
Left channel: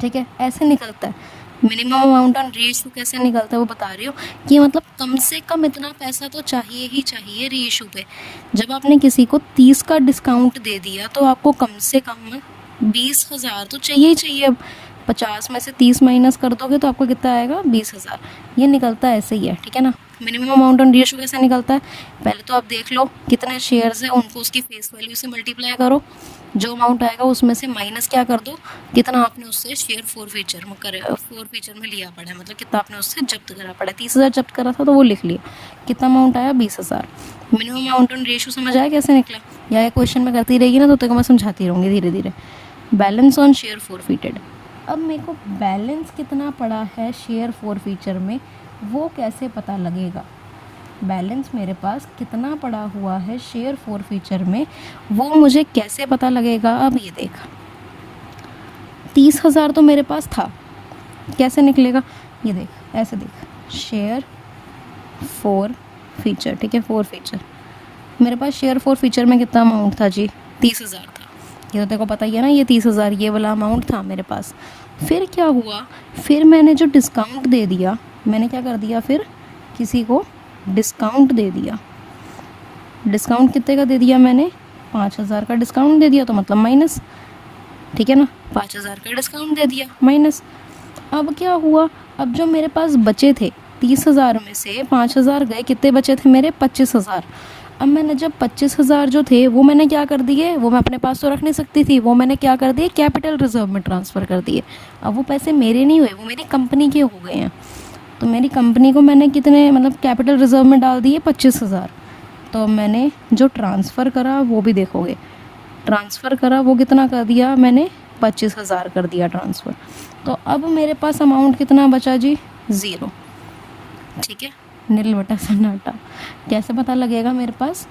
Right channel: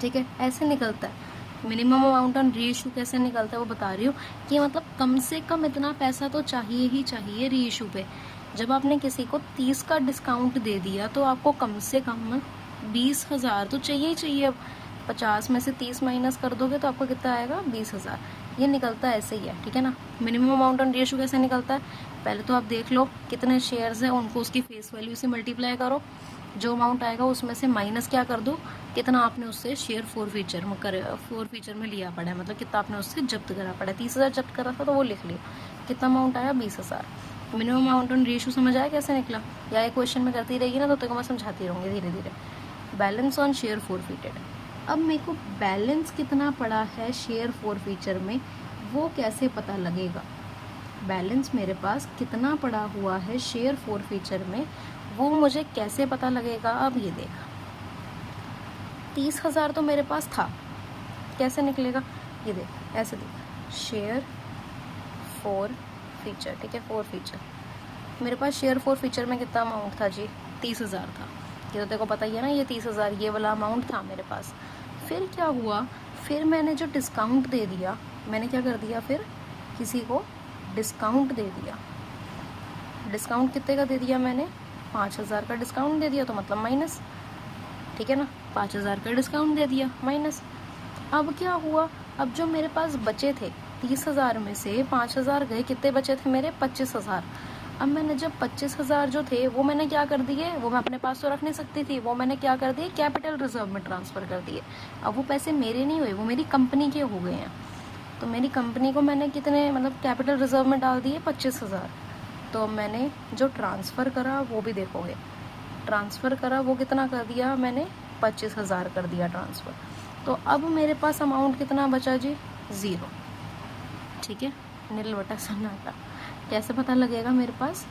ठीक है, ऐसे निकलता है। मिनिमम अमाउंट ऑन रीइशू कैसे निकलता है वो बता रही हूँ कि मतलब कम से कम इतना पैसा तो चाहिए ही चाहिए रीइशू पे। जब आपने किसी को 30 का डिस्काउंट दे दिया तो आपको कम से कम 20,000 तो चाहिए ही चाहिए। अब 50 में से 30 माइनस कर दोगे तो आपको कितना आएगा? 20,000। ये निकलता है ऐसे ही है। ठीक है ना। मिनिमम अमाउंट ऑन रीइशू कैसे निकलता है? पहले तो आप देख लो कितने शेयर्स हैं, उनको उसकी फेस वैल्यू से मल्टीप्लाई करो, जो अमाउंट आएगा उसमें से माइनस क्या कर दो, कितना आपने उससे शेयर फोर फीचर में लिया पड़ा है, मतलब कितना आपने उससे जब्त करा पड़ा है। 30,000 जब्त करा था तो वो लिख लिया। कितना अमाउंट आया? 20,000। मिनिमम अमाउंट ऑन रीइशू समझ आया कैसे निकला? या ये क्वेश्चन में करती रहेगी ना तो तेरे को मैं समझाती रहूँगी धीरे धीरे। बैलेंस ऑन शेयर फोरफीटेड, अब मेरे को बैलेंस कितना पड़ा है शेयर फोर फीचर में वो कैसे पता लगेगा? बैलेंस मेरे पास कितना पड़ा हुआ है शेयर फोर फीचर में वो मुझे कैसे पता लगेगा? अब ये देख, 30,000 तो मेरे पास था, कैसे निकलेगा? ये देख, ऐसे देख, शेयर फोर फीचर। ठीक है, फोर फीचर मेरे पास शेयर फोर फीचर में कितना अमाउंट था जी? 30,000 था। ये तो तेरे को पता ही है ना, ये 30,000 ये वाला अमाउंट था मेरे पास। फिर क्या हुआ? फिर मैंने जो डिस्काउंट दे दिया, मैंने क्या कर दिया? फिर किसी को डिस्काउंट दे दिया। डिस्काउंट कितने का दे दिया मैंने? 5,000 का डिस्काउंट दे दिया, तो मतलब माइनस। ठीक है ना, 5,000 का डिस्काउंट दे दिया माइनस। अब क्या हुआ? अब जो मेरे पास बचे थे 30,000 में से 5,000 गए, कितने बचे थे मेरे? 25,000। अब मैंने जब 25,000 जो थे वो मैंने क्या कर दिए? वो मैं अपने पास तो रख नहीं सकती थी, वो मैंने क्या कर दिए? कैपिटल रिजर्व में ट्रांसफ़र कर दिए। अब वो पैसे मेरे नहीं हुए, वो मेरी कंपनी के हो गए हैं। तो मेरी कंपनी को मैंने कितने मतलब कैपिटल रिजर्व में डाल दिए? 25,000। तो मैंने जो ट्रांसफ़र करा वो भी देखोगे, ट्रांसफ़र करा वो कितना कर दिया मैंने? 25,000 कर दिया ट्रांसफ़र। तो अब मेरे पास अमाउंट कितना बचा जी? 0। ठीक है, नील बटा सन्नाटा। कैसे पता लगेगा मेरे पास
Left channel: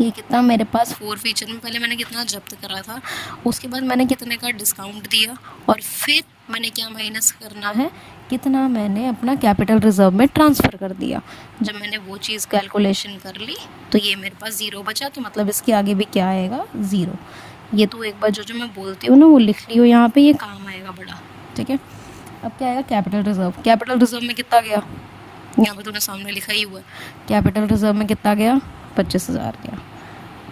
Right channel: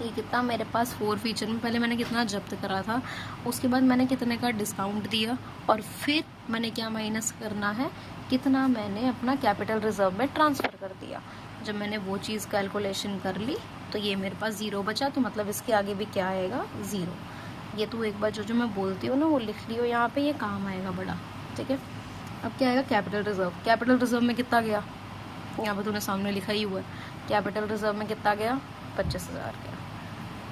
ये कितना मेरे पास फोर फीचर में पहले मैंने कितना जब्त करा था, उसके बाद मैंने कितने का डिस्काउंट दिया, और फिर मैंने क्या माइनस करना है, कितना मैंने अपना कैपिटल रिजर्व में ट्रांसफ़र कर दिया। जब मैंने वो चीज़ कैलकुलेशन कर ली तो ये मेरे पास 0 बचा, तो मतलब इसके आगे भी क्या आएगा? 0। ये तो एक बार जो मैं बोलती हूँ ना वो लिख ली हो यहाँ पे, ये काम आएगा बड़ा। ठीक है, अब क्या आएगा? Capital reserve. कैपिटल रिजर्व में कितना गया? यहाँ पर तूने सामने लिखा ही हुआ है, कैपिटल रिजर्व में कितना गया? 25,000 गया।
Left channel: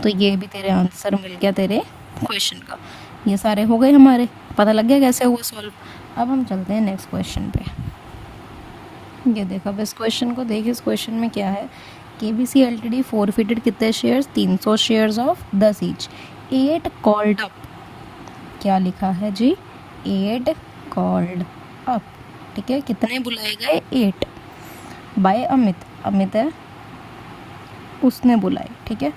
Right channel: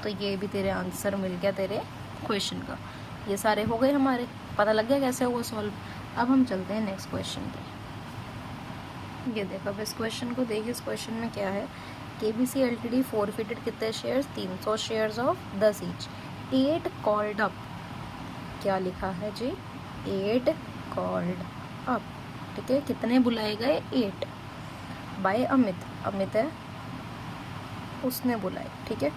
तो ये भी तेरे आंसर मिल गया तेरे क्वेश्चन का। ये सारे हो गए हमारे, पता लग गया कैसे हुआ सॉल्व। अब हम चलते हैं नेक्स्ट क्वेश्चन पे। ये देखो, अब इस क्वेश्चन को देखिए, इस क्वेश्चन में क्या है? KBC Ltd फोरफिटेड कितने shares? 300 shares of 10 each. 8 called up. क्या लिखा है जी? 8 कॉल्ड अप। ठीक है, कितने बुलाए गए? 8 बाय अमित। अमित है, उसने बुलाई। ठीक है,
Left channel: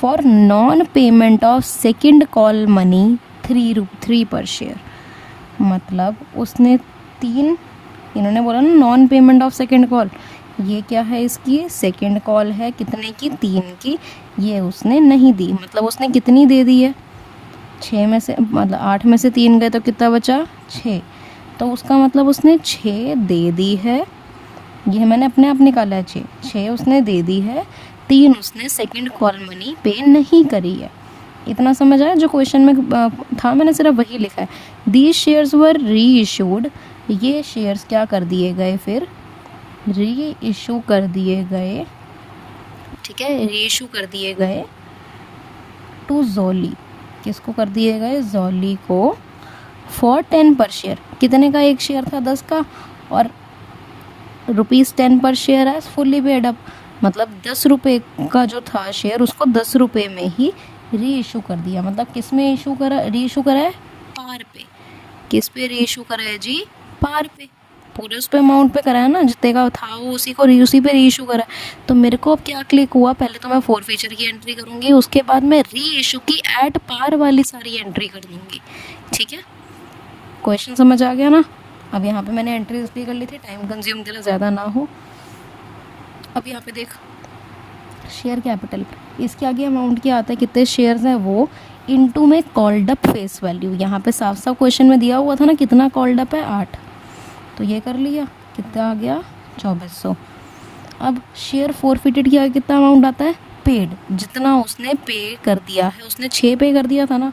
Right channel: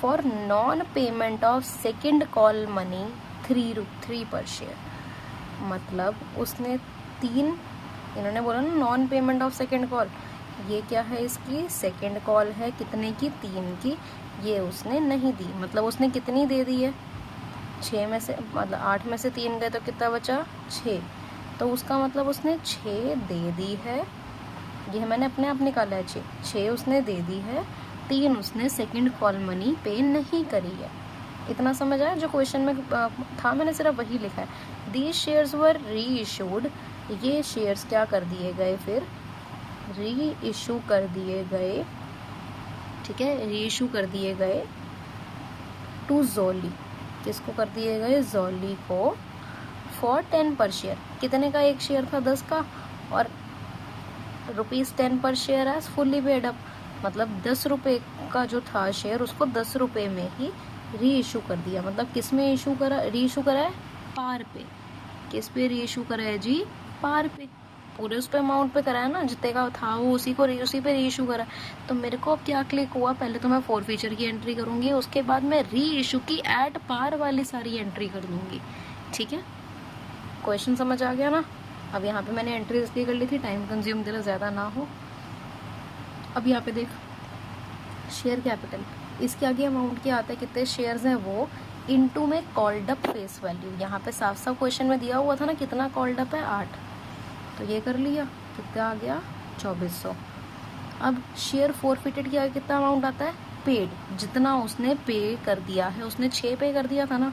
for non payment of second call money 3 पर शेयर। मतलब उसने 3, इन्होंने बोला ना non payment of second call, ये क्या है? इसकी सेकेंड कॉल है। कितने की? 3 की। ये उसने नहीं दी, मतलब उसने कितनी दे दी है? 6 में से मतलब 8 में से 3 गए तो कितना बचा 6, तो उसका मतलब उसने 6 दे दी है, ये मैंने अपने आप निकाला है 6 उसने दे दी है, 3 उसने सेकंड कॉल मनी पे नहीं करी है। इतना समझ आया? जो क्वेश्चन में था मैंने सिर्फ वही लिखा है। दीज शेयर्स वर री इशूड, ये शेयर्स क्या कर दिए गए, फिर री इशू कर दिए गए, ठीक है, री इशू कर दिए गए टू जोली, किसको कर दिए गए, जोली को, फॉर 10 पर शेयर, कितने का एक शेयर था 10 का, और ₹10 पर शेयर है फुल्ली पेड अप, मतलब 10 रुपये का जो था शेयर उसको 10 रुपये में ही री इशू कर दिया। मतलब किस में इशू करा, री इशू करा है, पार पे। किस पे री इशू करा है जी, पार पे, पूरे उस पे अमाउंट पे करा है ना, जितने का था वो उसी पे री इशू करा है। तो मेरे को अब क्या क्लिक हुआ, पहले तो मैं फोर फीचर की एंट्री करूँगी, उसके बाद मैं री इशू की एट पार वाली सारी एंट्री कर दूँगी। ठीक है, क्वेश्चन समझ आ गया ना? अब यहाँ पे मैंने एंट्री इसलिए कर ली थी टाइम कंज्यूम तेरा ज़्यादा ना हो। अब यहाँ पे देख शेयर कैपिटल, इसके आगे अमाउंट क्या आता है, कितने शेयर्स हैं वो, इनटू में कॉल्ड अप फेस वैल्यू। यहाँ पे साफ साफ क्वेश्चन में दिया हुआ था ना कितना कॉल्ड अप है, 8, तो ये कर लिया, कितना आ गया 2400। अब शेयर फॉरफिटेड किया कितना अमाउंट आता है, पेड, जितना उसने पे कर दिया है, उसने 6 पे कर दिया था ना,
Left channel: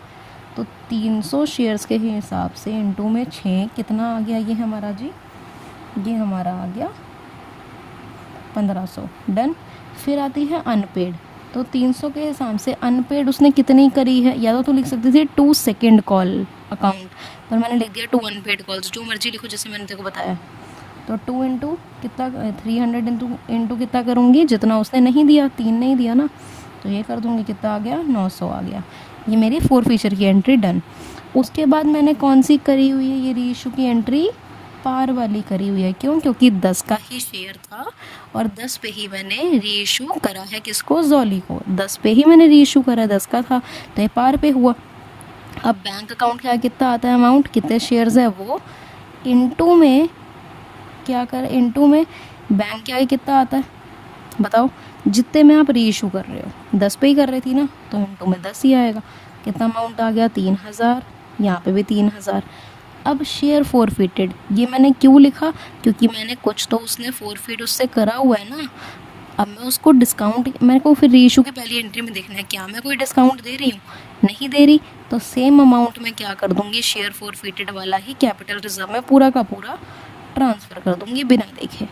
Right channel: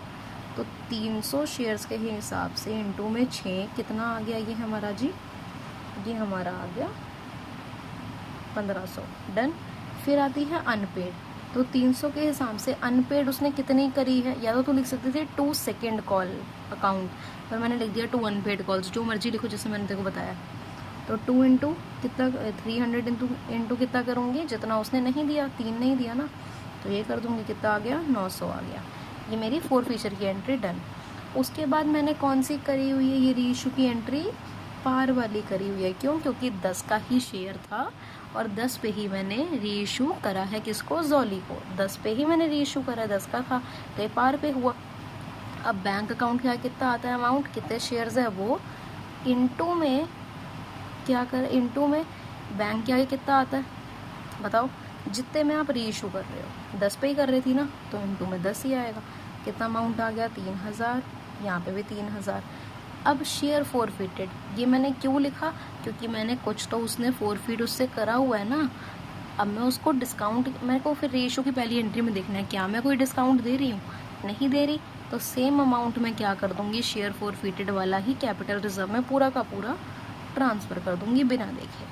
तो 300 शेयर्स के हिसाब से इनटू में 6 कितना आ गया, ये हमारा जी, ये हमारा आ गया 1500। डन। फिर आती है अनपेड, तो 300 के हिसाब से अनपेड उसने कितनी करी है, या तो लिख सकती थी 2 सेकेंड कॉल अकाउंट, पर मैंने लिख दिया 2 अनपेड कॉल्स, जो मर्जी लिखो जैसे मैंने तेरे को बताया। तो 2 इंटू कितना, 300 इंटू कितना करूँगी, जितना उसने नहीं दिया, 3 नहीं दिया ना, तो ये कर दूँगी, कितना आ गया 900 आ गया। ये मेरी 4 फीचर की एंट्री डन। उसके बाद मैंने कौन सी करी हुई है, ये री इशू की एंट्री पार वाली करी हुई है। क्यों? क्योंकि 10 का ही शेयर था और 10 पे ही मैंने री इशू करा है, किसको, जोली को, 10 पे ही मैंने री इशू करा, 10 का था तो ये पार पे हुआ। अब बैंक अकाउंट क्या कितना आता है अमाउंट, कितने शेयर्स है वो, इनटू में क्या कर, इनटू में बैंक क्या है कितना आता है बताओ, जितने में आप री इशू कर रहे हो, 10 पे ही कर रही थी ना, तो इनटू में 10 ही आएगा। कितना अमाउंट आ गया 3000, यहाँ पे भी 3000। अब शेयर फॉरफिटेड, ये मैंने क्यों लिखा, क्योंकि मैंने कुछ तो उसने फॉरफिट उससे करा हुआ है ना, अब मैं उसको डिस्काउंट, मेरे को फिर री इशू की पहली एंट्री में देखना है क्या मैं कोई डिस्काउंट दे रही हूँ, नहीं दे रही, तो सेम अमाउंट मैं क्या कर दूँगी, शेयर फॉरफिटेड वाला ही कैपिटल रिजर्व में पूरा का पूरा ट्रांसफ़र कर दूँगी बिना देखे।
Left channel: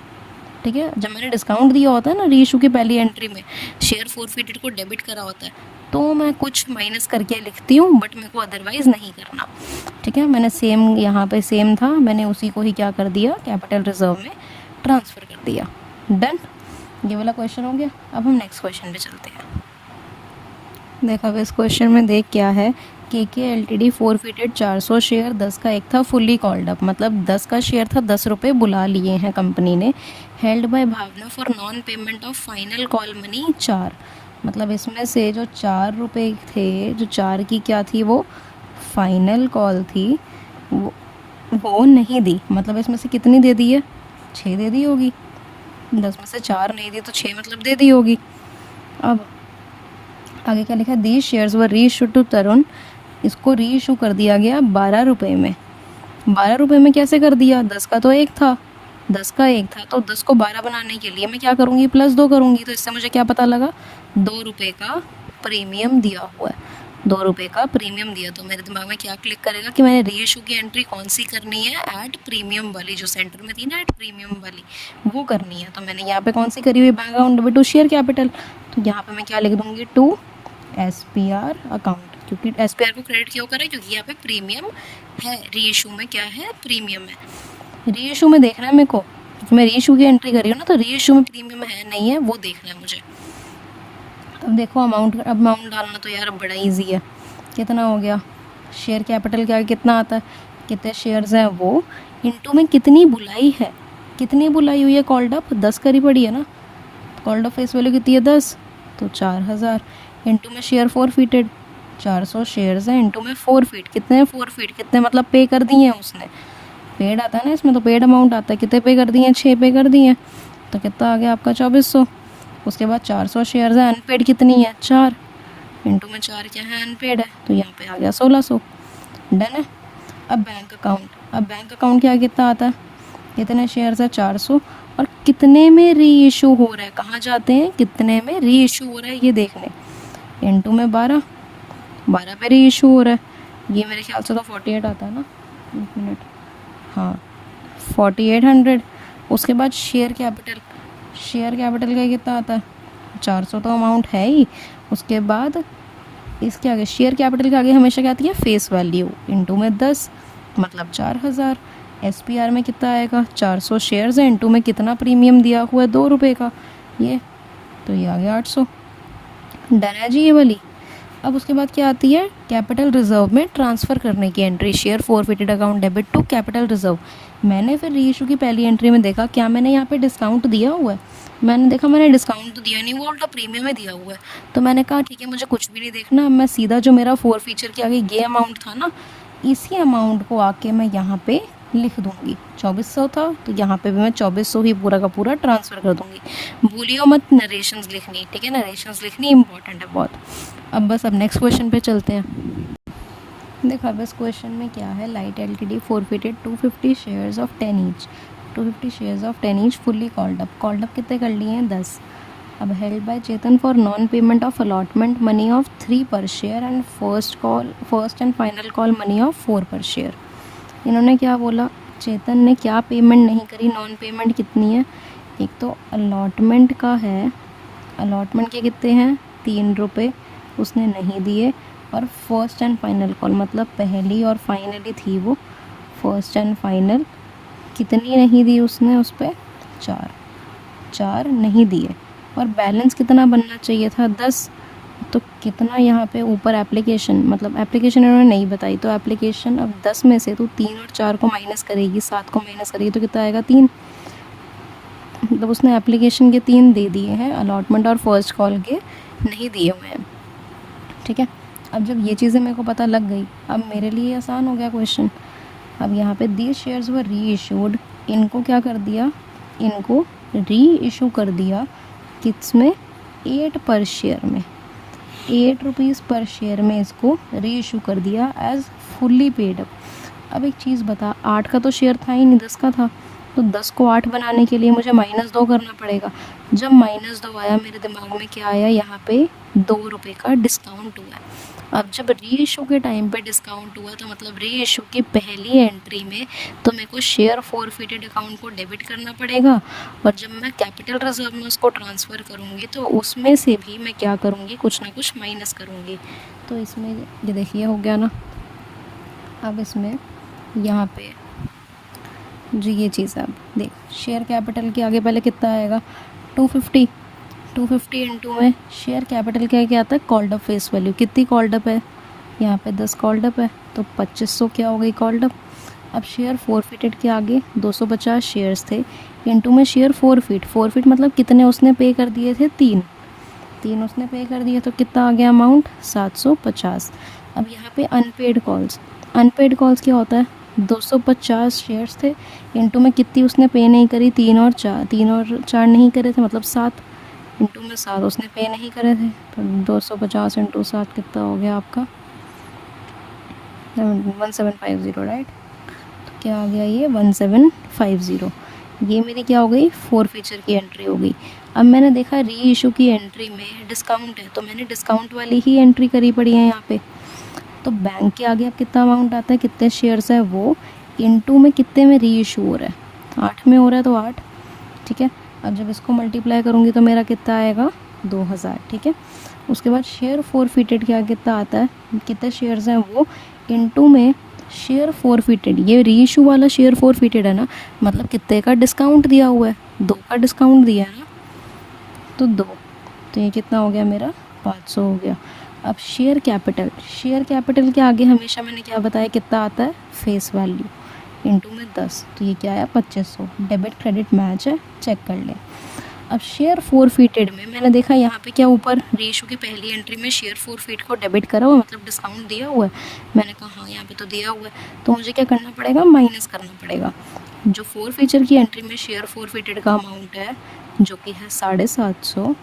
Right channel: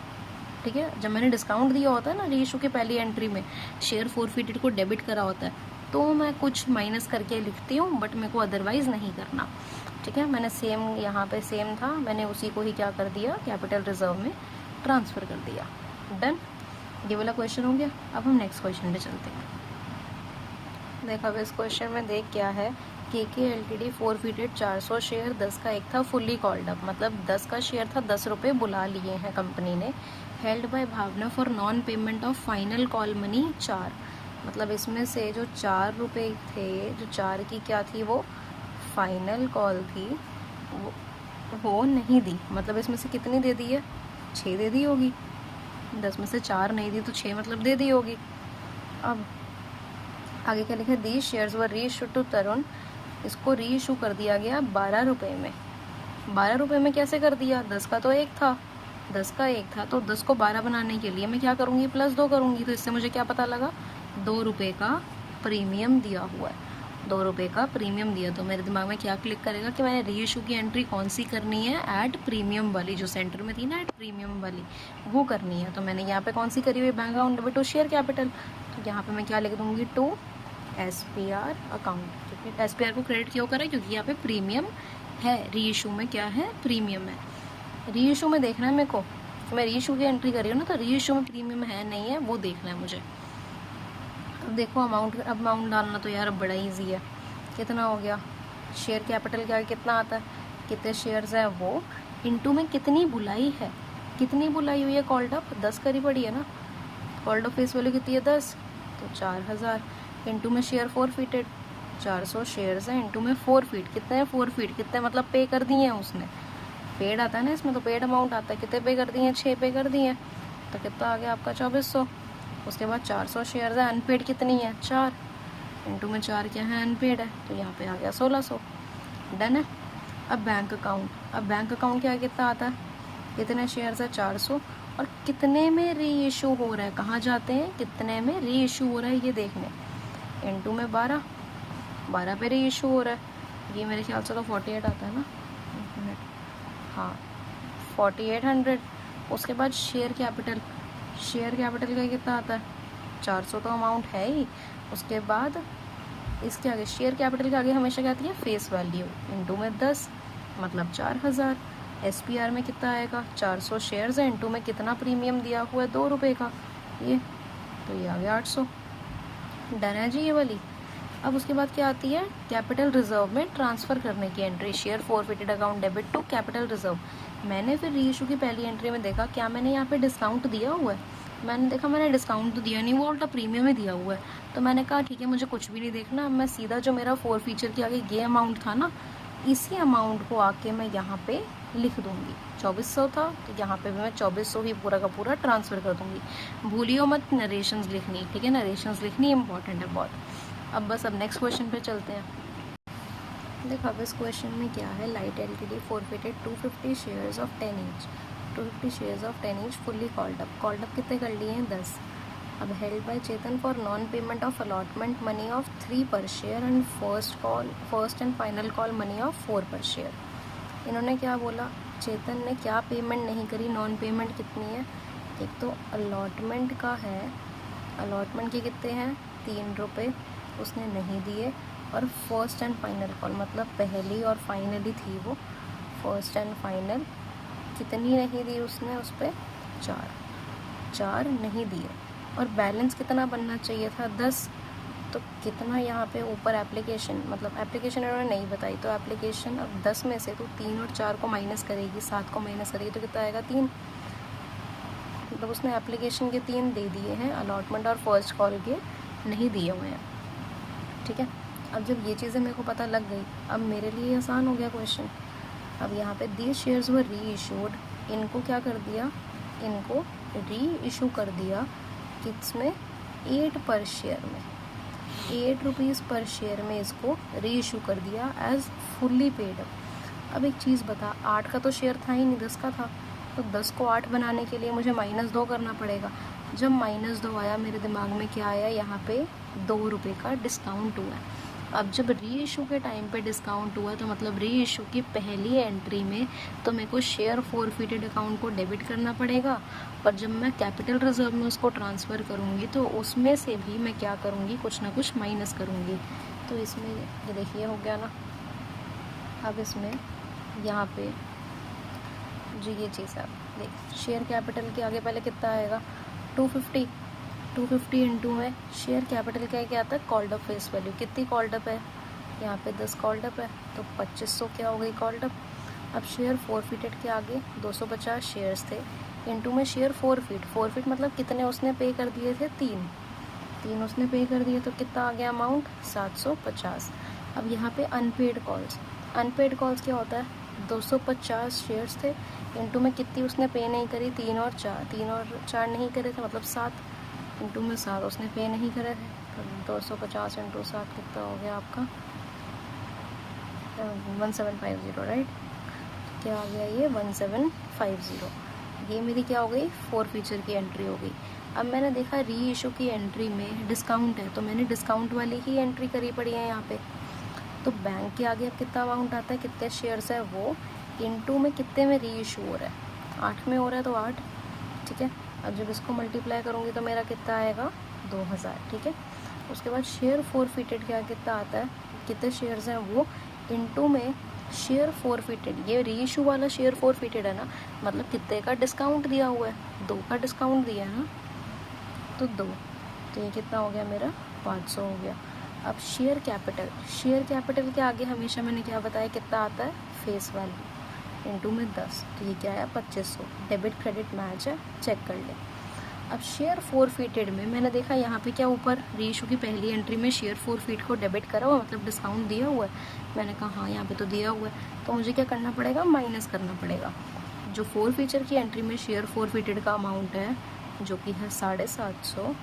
ठीक है, जब मैंने डिस्काउंट दिया होता है ना री इशू की पहली एंट्री में, शेयर फॉरफिटेड को डेबिट करा होता है, तो मैं कुछ माइनस करके लिखती हूँ, बट मेरे को अदरवाइज़ नहीं करना। ठीक है, मैंने सेम यहाँ पे सेम था, मैंने उसी को ही क्या कर दिया, कैपिटल रिजर्व में ट्रांसफ़र कर दिया। डन, ये वाला क्वेश्चन हो गया। अब हम नेक्स्ट क्वेश्चन पे चलते हैं। देखा, अब इस क्वेश्चन में देख क्या है, के एलटीडी फॉरफिटेड 400 शेयर, 10 का एक था फुल्ली कॉल्ड अप, मतलब 10 का शेयर था, 10 रुपये बुला लिए हैं कंपनी ने, held by Bhavana for non payment of final call money 4, मतलब इसमें से जो 4 रुपये थे, जो 4 की क्या थी वो फाइनल कॉल थी, वो नहीं दी, मतलब इसमें से कितनी दे दी है, 6 दे दी होगी, 10 में से 4 नहीं दी तो 6 मतलब दे दी होगी। अब आगे क्या लिखा, दी शेयर्स वर री इशू टू तरुण, इसको री इशू कर दिया गया 12 रुपये में। 12 रुपये में कैसे कर दिया, 10 का तो एक था, 10 का एक था, तो 10 को 12 बनाने के लिए मैं क्या करूँगी, +2 करूँगी, तो इससे मुझे क्या पता लगा, 2 रुपये का प्रीमियम दिया हुआ है, 2 रुपये का प्रीमियम दिया। तो मेरे दिमाग में क्या क्लिक करेगा कि मैंने री इशू की एंट्री कौन सी करनी है, ऐड प्रीमियम वाली, जो सेंटर में थी ना ऐड प्रीमियम वाली, वो करनी है। तो मैंने यहाँ पे कौन सी करी हुई, bank account debit to share capital, तो यहाँ पे मैं क्या लिख दूँगी, टू SPR अकाउंट, क्योंकि SPR को क्रेडिट क्यों करा है, क्योंकि यहाँ पे प्रीमियम है, री इशू में क्या है, प्रीमियम है। री इशू में देखना है मेरे को, मैं री इशू की एंट्री कर रही हूँ ना, तो री इशू में प्रीमियम है नहीं है वो देखना है मुझे। अब देखो अमाउंट डालना तो यार बड़ा ईजी है, कितना हो गया, शेयर कैपिटल क्या कितना आता है, कितने शेयर्स हैं वो, इनटू में कितनी बुलाई है, कितनी बुलाई हुई है कॉल्ड अप, 10 करी पड़ी है ना, कॉल्ड अप फेस वैल्यू कितनी है 10, तो 4000, इनटू में शेयर फॉरफिटेड 400 शेयर्स हैं, इनटू में फॉरफिट, कितने फॉरफिट, कितने मतलब पे कर दिए हैं उसने, पेड आता है ना इसमें, तो पेड अमाउंट आता है, कितने पे कर दिए हैं, 6 पे कर दिए हैं, तो कितना आ गया आपका 2400। उसके बाद 400 शेयर्स हैं, अनपेड कितनी है 4, इंटू में 4 क्या है, अनपेड है, तो यहाँ पे आ गया 1600। डन है। अब बैंक अकाउंट क्या कितना आता है, कितने शेयर्स है, 400, और कितने में री इशू हो रहा है, कहाँ जाते हैं, कितने में री इशू हो रहा है ये देखने, इंटू में 12 पे री इशू हो रहा है, ये मेरे ख्याल से तो 48 आता है ना, एक मिनट, हाँ 4800। उसके बाद शेयर कैपिटल का कितना आता है, 400 तो अमाउंट है ही। उसके बाद इसके आगे शेयर कैपिटल के आगे हमेशा क्या आती है, फेस वैल्यू, इंटू में 10 मतलब 4000। SPR में कितना आएगा, 400 शेयर्स हैं, इंटू में कितना प्रीमियम दिया हुआ है, 2 रुपये का, ये तो ये आ गया 800। डन है जी ये वाली। अब उसके बाद क्या आती है, कैपिटल रिजर्व में ट्रांसफ़र करने की entry, share forfeited account debit to capital reserve. मैंने फिर रीइशू की पहली एंट्री में देखा क्या मैंने यहाँ पे डिस्काउंट दिया हुआ है, मैंने देखा मैंने डिस्काउंट तो दिया नहीं, वो उल्टा प्रीमियम में दिया हुआ है। तो मैंने कहा ठीक है मुझे कुछ भी नहीं देखना, मैं सीधा जो मेरा फोर फीचर के आगे ये अमाउंट था ना, इसी अमाउंट को आके मैं यहाँ पे लिख दूँगी। 2400 था तो यहाँ पे भी मैं 2400 ही पूरा का पूरा ट्रांसफ़र कर दूँगी। भूलियो मत नरेशंस लिखनी, ठीक है, नरेशंस लिखनी इंपॉर्टेंट है बहुत। अब नेक्स्ट क्वेश्चन पे चलते हैं। देखो अब इस क्वेश्चन में क्या है, light LTD forfeited 250 shares of 10 each, 250 shares of 10 each fully called up कितने कर लिए हैं, 10। अब held by Chetan for non payment of allotment money of 3 पर share and first and final call money of 4 पर शेयर। इन्होंने क्या बोला, चेतन ने क्या पेमेंट नहीं करी, नॉन पेमेंट कितनी है, एक तो अलॉटमेंट का है, अलॉटमेंट के कितने हैं 3 रुपये उसने नहीं दिए, और फर्स्ट एंड फाइनल कॉल मतलब पहली और फाइनली थी वो, फर्स्ट एंड फाइनल कितनी नहीं दी उसने, उस पर 4 नहीं दिए, और बैलेंस कितना बनना चाहिए था 10। तो कितना यहाँ पे ऊपर एप्लीकेशन, मतलब एप्लीकेशन इन्होंने नहीं बताई, तो एप्लीकेशन अब 10 में से तो 3 और 4 को माइनस करेगी, 7 को माइनस करेगी तो कितना आएगा 3। मतलब उसने एप्लीकेशन के 3 दे दिए हैं, अलॉटमेंट और फर्स्ट कॉल के नहीं दिए हुए हैं, ठीक है। अब जब ये चीज़ें मेरे को पता लग गई, अब मेरे लिए आसान हो गया क्वेश्चन। अब यहाँ पे दीज शेयर्स वर री इशूड, इनको क्या कर दिया, इनको री इशू कर दिया किस में, 8 पर शेयर में, 8 रुपीज़ पर शेयर में इसको री इशू कर दिया एज फुल्ली पेड अप। अब एक चीज़ बता, 8 का तो शेयर था ही नहीं, 10 का था, तो 10 को 8 बनाने के लिए मुझे -2 करना पड़ेगा। जब -2 आया मेरे दिमाग में क्या आया, यहाँ पे 2 रुपये का डिस्काउंट हुआ है। अब जब री इशू के टाइम पे डिस्काउंट हुआ तो मतलब री इशू की पहली एंट्री में तो मेरे को शेयर फॉरफिटेड अकाउंट को डेबिट करना पड़ेगा, और जब मैं कैपिटल रिजर्व में उसको ट्रांसफ़र करूँगी तो उसमें से भी मैं क्या करूँगी, कुछ ना कुछ माइनस करूँगी। तो इसमें ये देखिए हो गया ना। अब इसमें यहाँ पे जो ये चीज़ है, अब देख शेयर कैपिटल के आगे पहले कितना आएगा, 250 इंटू में शेयर कैपिटल क्या आता है, कॉल्ड अप फेस वैल्यू, कितनी कॉल्ड अप है, यहाँ पे 10 कॉल्ड अप है, तो 2500 क्या हो गई कॉल्ड अप। अब शेयर फॉरफिटेड के आगे 250 शेयर्स थे, इंटू में शेयर फॉरफिट मतलब कितने उसने पे कर दिए थे, 3 उसने पे कर दिए, तो कितना आ गया अमाउंट, 750। अब यहाँ पे अनपेड कॉल्स क्या होता है, 250 शेयर्स थे, इंटू में कितनी उसने पे नहीं करी, 3 और 4 नहीं करे थे, मतलब 7, इंटू में 7 उसने पे नहीं करे थे, तो 250 इंटू 7 कितना हो गया आपका 1750, राइट। तो क्या आ गया ये 1750, ये मेरी क्या हो गई, फोर फीचर की एंट्री हो गई। अब मैंने देखा री इशू की एंट्री में डिस्काउंट है, तो मैंने डिस्काउंट वाली ही एंट्री करी पड़ी है यहाँ पे। तो बैंक के आगे अब कितना अमाउंट आता है, कितने शेयर्स है वो, इंटू में कितने में री इशू हो रहा है, 8 में हो रहा है तो 8, ठीक है। अब जब इसको मल्टीप्लाई करूँगी तो मेरा कितना आएगा 2000, ठीक है। उसके बाद शेयर फॉरफिटेड क्या कितना आता है, कितने शेयर्स हैं वो, इंटू में शेयर फॉरफिटेड, ये री इशू वाला शेयर फॉरफिटेड है ना, मतलब कितने का डिस्काउंट दिया हुआ है, 2 का डिस्काउंट दिया है ना, तो 2, तो ये कितना हो गया मेरा 500 हो गया। अब शेयर कैपिटल के आगे हमेशा मैंने क्या बताया कितना आता है, फेस वैल्यू इंटू में 10, तो ये क्या है 2500, डेबिट क्रेडिट मैच है, चेक कर लें। अब शेयर फॉरफिटेड में मैंने देखा यहाँ पे क्या ऊपर री इशू की पहली एंट्री में शेयर फॉरफिट को डेबिट करा हुआ, मतलब डिस्काउंट दिया हुआ है। मैंने कहा हाँ यहाँ पे तो दिया हुआ है, तो मुझे क्या करना पड़ेगा, माइनस करना पड़ेगा। जो फोर फीचर की एंट्री में शेयर फॉरफिटेड का अमाउंट है जो कि है 750,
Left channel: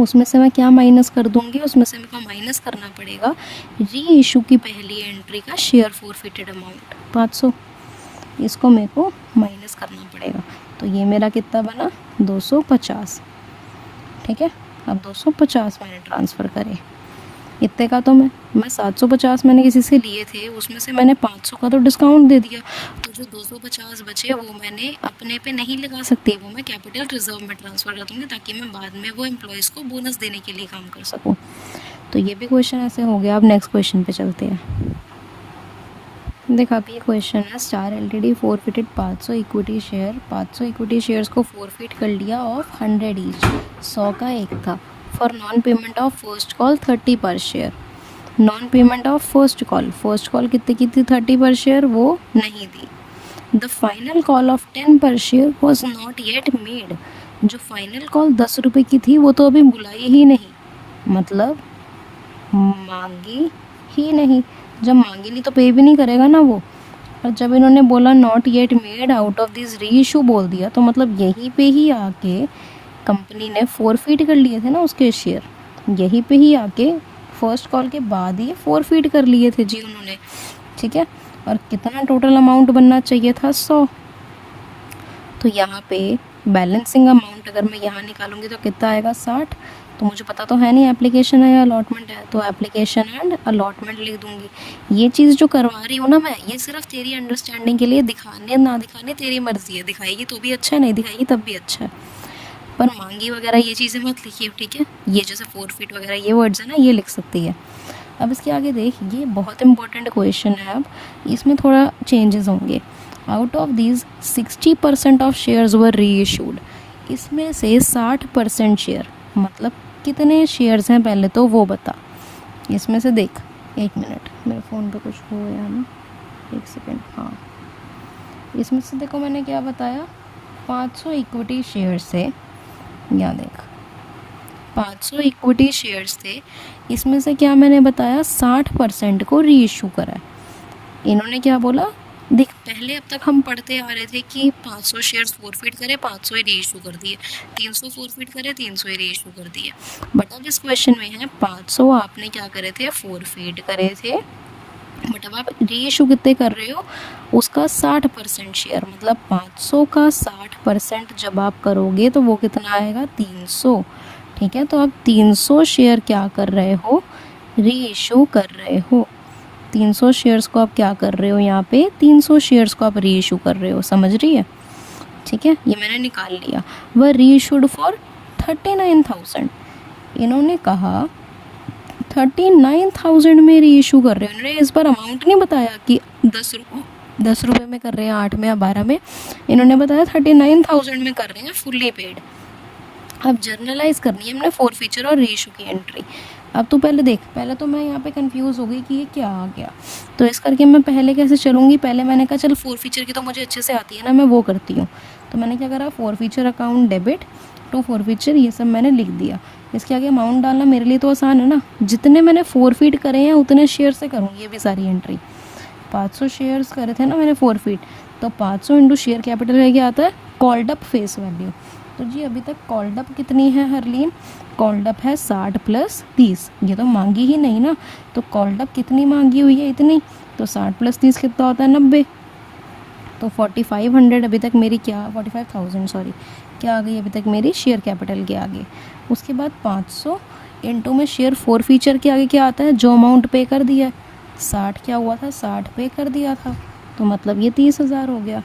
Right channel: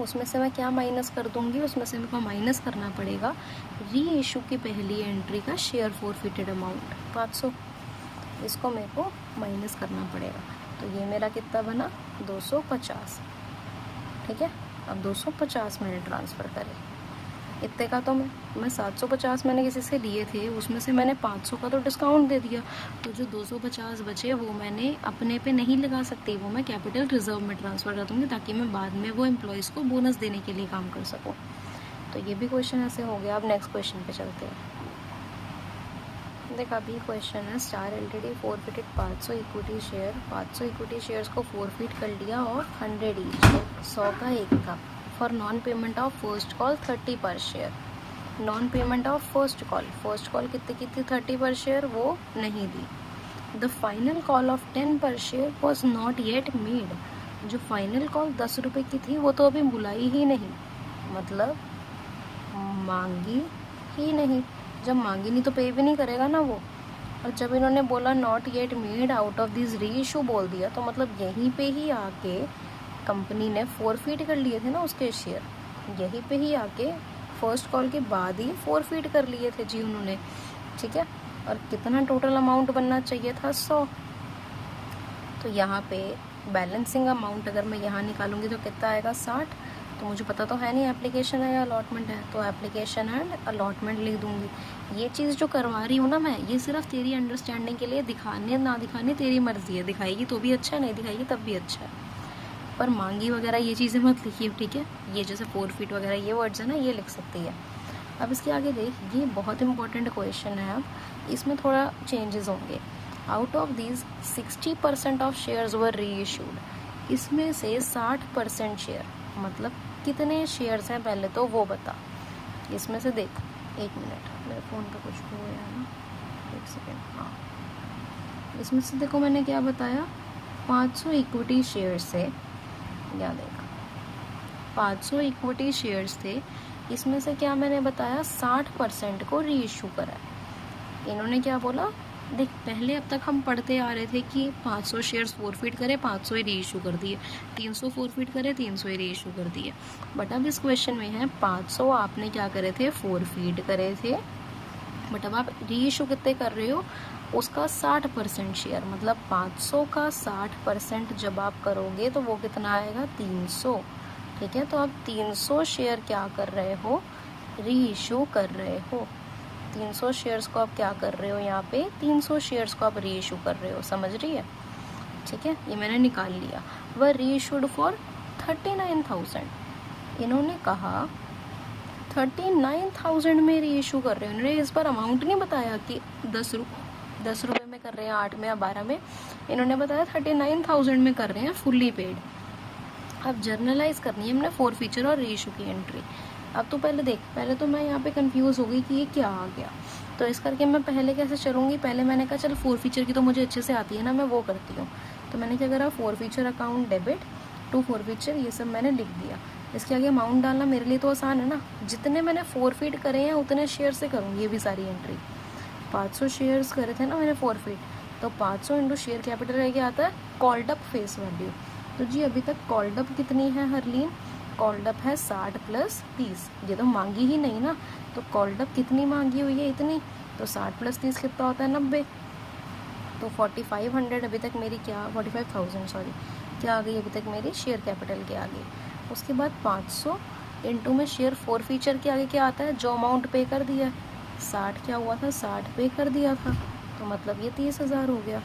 उसमें से मैं क्या माइनस कर दूंगी, उसमें से मेरे को माइनस करना पड़ेगा री इशू की पहली एंट्री का शेयर फॉरफिटेड अमाउंट 500, इसको मेरे को माइनस करना पड़ेगा। तो ये मेरा कितना बना 250, ठीक है। अब 250 मैंने ट्रांसफ़र करे, इतने का तो मैं 750 मैंने किसी से लिए थे, उसमें से मैंने 500 का तो डिस्काउंट दे दिया, तो जो 250 बचे वो मैंने अपने पे नहीं लगा सकती, वो मैं कैपिटल रिजर्व में ट्रांसफ़र कर दूँगी ताकि मैं बाद में वो एम्प्लॉयज़ को बोनस देने के लिए काम कर सकूँ। तो ये भी क्वेश्चन ऐसे हो गया। अब नेक्स्ट क्वेश्चन पे चलते हैं। देखा, अब ये क्वेश्चन है star LTD forfeited 500 equity share, 500 equity shares को फॉरफिट कर लिया ऑफ 100 ईच, 100 का एक था, for non payment of first call 30 पर share. Non payment of first call कितने की थी 30 पर शेयर, वो नहीं दी। द फाइनल कॉल ऑफ 10 पर share was not yet made, जो फाइनल कॉल 10 रुपये की थी वो तो अभी बुलाई ही नहीं, मतलब मांगी ही नहीं। जब मांगी नहीं तो पे भी नहीं करेगा ना वो। और जब इन्होंने बोला not yet made out of this री इशू बोल दिया, तो मतलब यहीं पे ही आके कंपनी ने फॉरफिट कर लिए थे ना उसके शेयर, यहीं पे ही आके फर्स्ट कॉल के बाद ही फॉरफिट कर लिए थे जी उन्होंने, ठीक है। और कितना टोटल अमाउंट बनना चाहिए था 100। तो यहाँ पे बैलेंसिंग अमाउंट अगर मैं यहाँ निकालूंगी तो कितना आएगा 60। तो मुझे पता तो है नहीं एप्लीकेशन है या अलॉटमेंट है, तो एप्लीकेशन एंड अलॉटमेंट लिख दूंगी। ये चीज़ जो करवा रही हूँ ना मैं, ये सिर्फ तेरी अंडरस्टैंडिंग के लिए, दिखाने ना दिखाने तेरी मर्जी है, दिखाएगी तो भी अच्छा है, नहीं दिखाएगी तब भी अच्छा है, पर मांगी वगैरह ये चीज़ें मत लिखिए, ठीक है। ये जैसे फॉरफिट वगैरह ये वर्ड्स है ना, ये लिख सकती है। अब इसके आगे देख, ये बहुत इंपॉर्टेंट क्वेश्चन है। अब इसमें थोड़ा चेंजेस होंगे। Out of these 60% of shares वर री इशूड, इसमें से 60% शेयर, मतलब कितने शेयर्स हैं पहले तो वो बता। इसमें से देख, एक मिनट मेरे फ़ोन पे कुछ हो गया ना, एक सेकेंड। हाँ, इसमें से देखो मैंने क्या बताया, 500 इक्विटी शेयर्स थे, यहाँ देख 500 इक्विटी शेयर्स थे, इसमें से क्या मैंने बताया 60% को री इशू करा है। इन्होंने क्या बोला, देख पहले अब तक हम पढ़ते आ रहे थे कि 500 शेयर्स फॉरफिट करे, 500 ही री इशू कर दिए, 300 फॉरफिट करे, 300 ही री इशू कर दिए। बट अब इस क्वेश्चन में है 500 आपने क्या करे थे, फॉरफिट करे थे, बट अब आप री इशू कितने कर रहे हो, उसका 60% शेयर, मतलब 500 का 60% जब आप करोगे तो वो कितना आएगा 300, ठीक है। तो आप 300 शेयर क्या कर रहे हो, री इशू कर रहे हो। 300 शेयर्स को आप क्या कर रहे हो, यहाँ पे 300 शेयर्स को आप री इशू कर रहे हो, समझ रही है, ठीक है। ये मैंने निकाल लिया। वह री इशूड फॉर 39,000, इन्होंने कहा 39,000 में री इशू कर रहे हो। इन्होंने इस बार अमाउंट नहीं बताया कि 10 रुपये में कर रहे हैं, 8 में या 12 में, इन्होंने बताया 39,000 में कर रहे हैं फुल्ली पेड। अब जर्नलाइज करनी है हमने फॉरफिचर और री इशू की एंट्री। अब तो पहले देख, पहले तो मैं यहाँ पे कंफ्यूज हो गई कि ये क्या आ गया, तो इस करके मैं पहले कैसे चलूँगी, पहले मैंने कहा चल फॉरफिचर की तो मुझे अच्छे से आती है ना, मैं वो करती हूँ। तो मैंने क्या करा, forfeiture account debit to forfeiture, ये सब मैंने लिख दिया। इसके आगे अमाउंट डालना मेरे लिए तो आसान है ना, जितने मैंने फॉरफिट करे हैं उतने शेयर से करूँगी ये भी सारी एंट्री। 500 शेयर्स करे थे ना मैंने फॉरफिट, तो 500 इंटू शेयर कैपिटल है क्या आता है, कॉल्ड अप फेस वैल्यू। तो जी अभी तक कॉल्ड अप कितनी है हरलीन, कॉल्ड अप है 60 + 30, ये तो मांगी ही नहीं ना, तो कॉल्ड अप कितनी मांगी हुई है, इतनी, तो 60 + 30 कितना होता है 90, तो 4500 अभी तक मेरी क्या, 45,000 सॉरी, क्या आ गई अभी तक मेरी शेयर कैपिटल के आगे। उसके बाद 500 इंटू में शेयर फॉरफिचर के आगे क्या आता है, जो अमाउंट पे कर दिया है, 60 क्या हुआ था, 60 पे कर दिया था, तो मतलब ये 30,000 हो गया।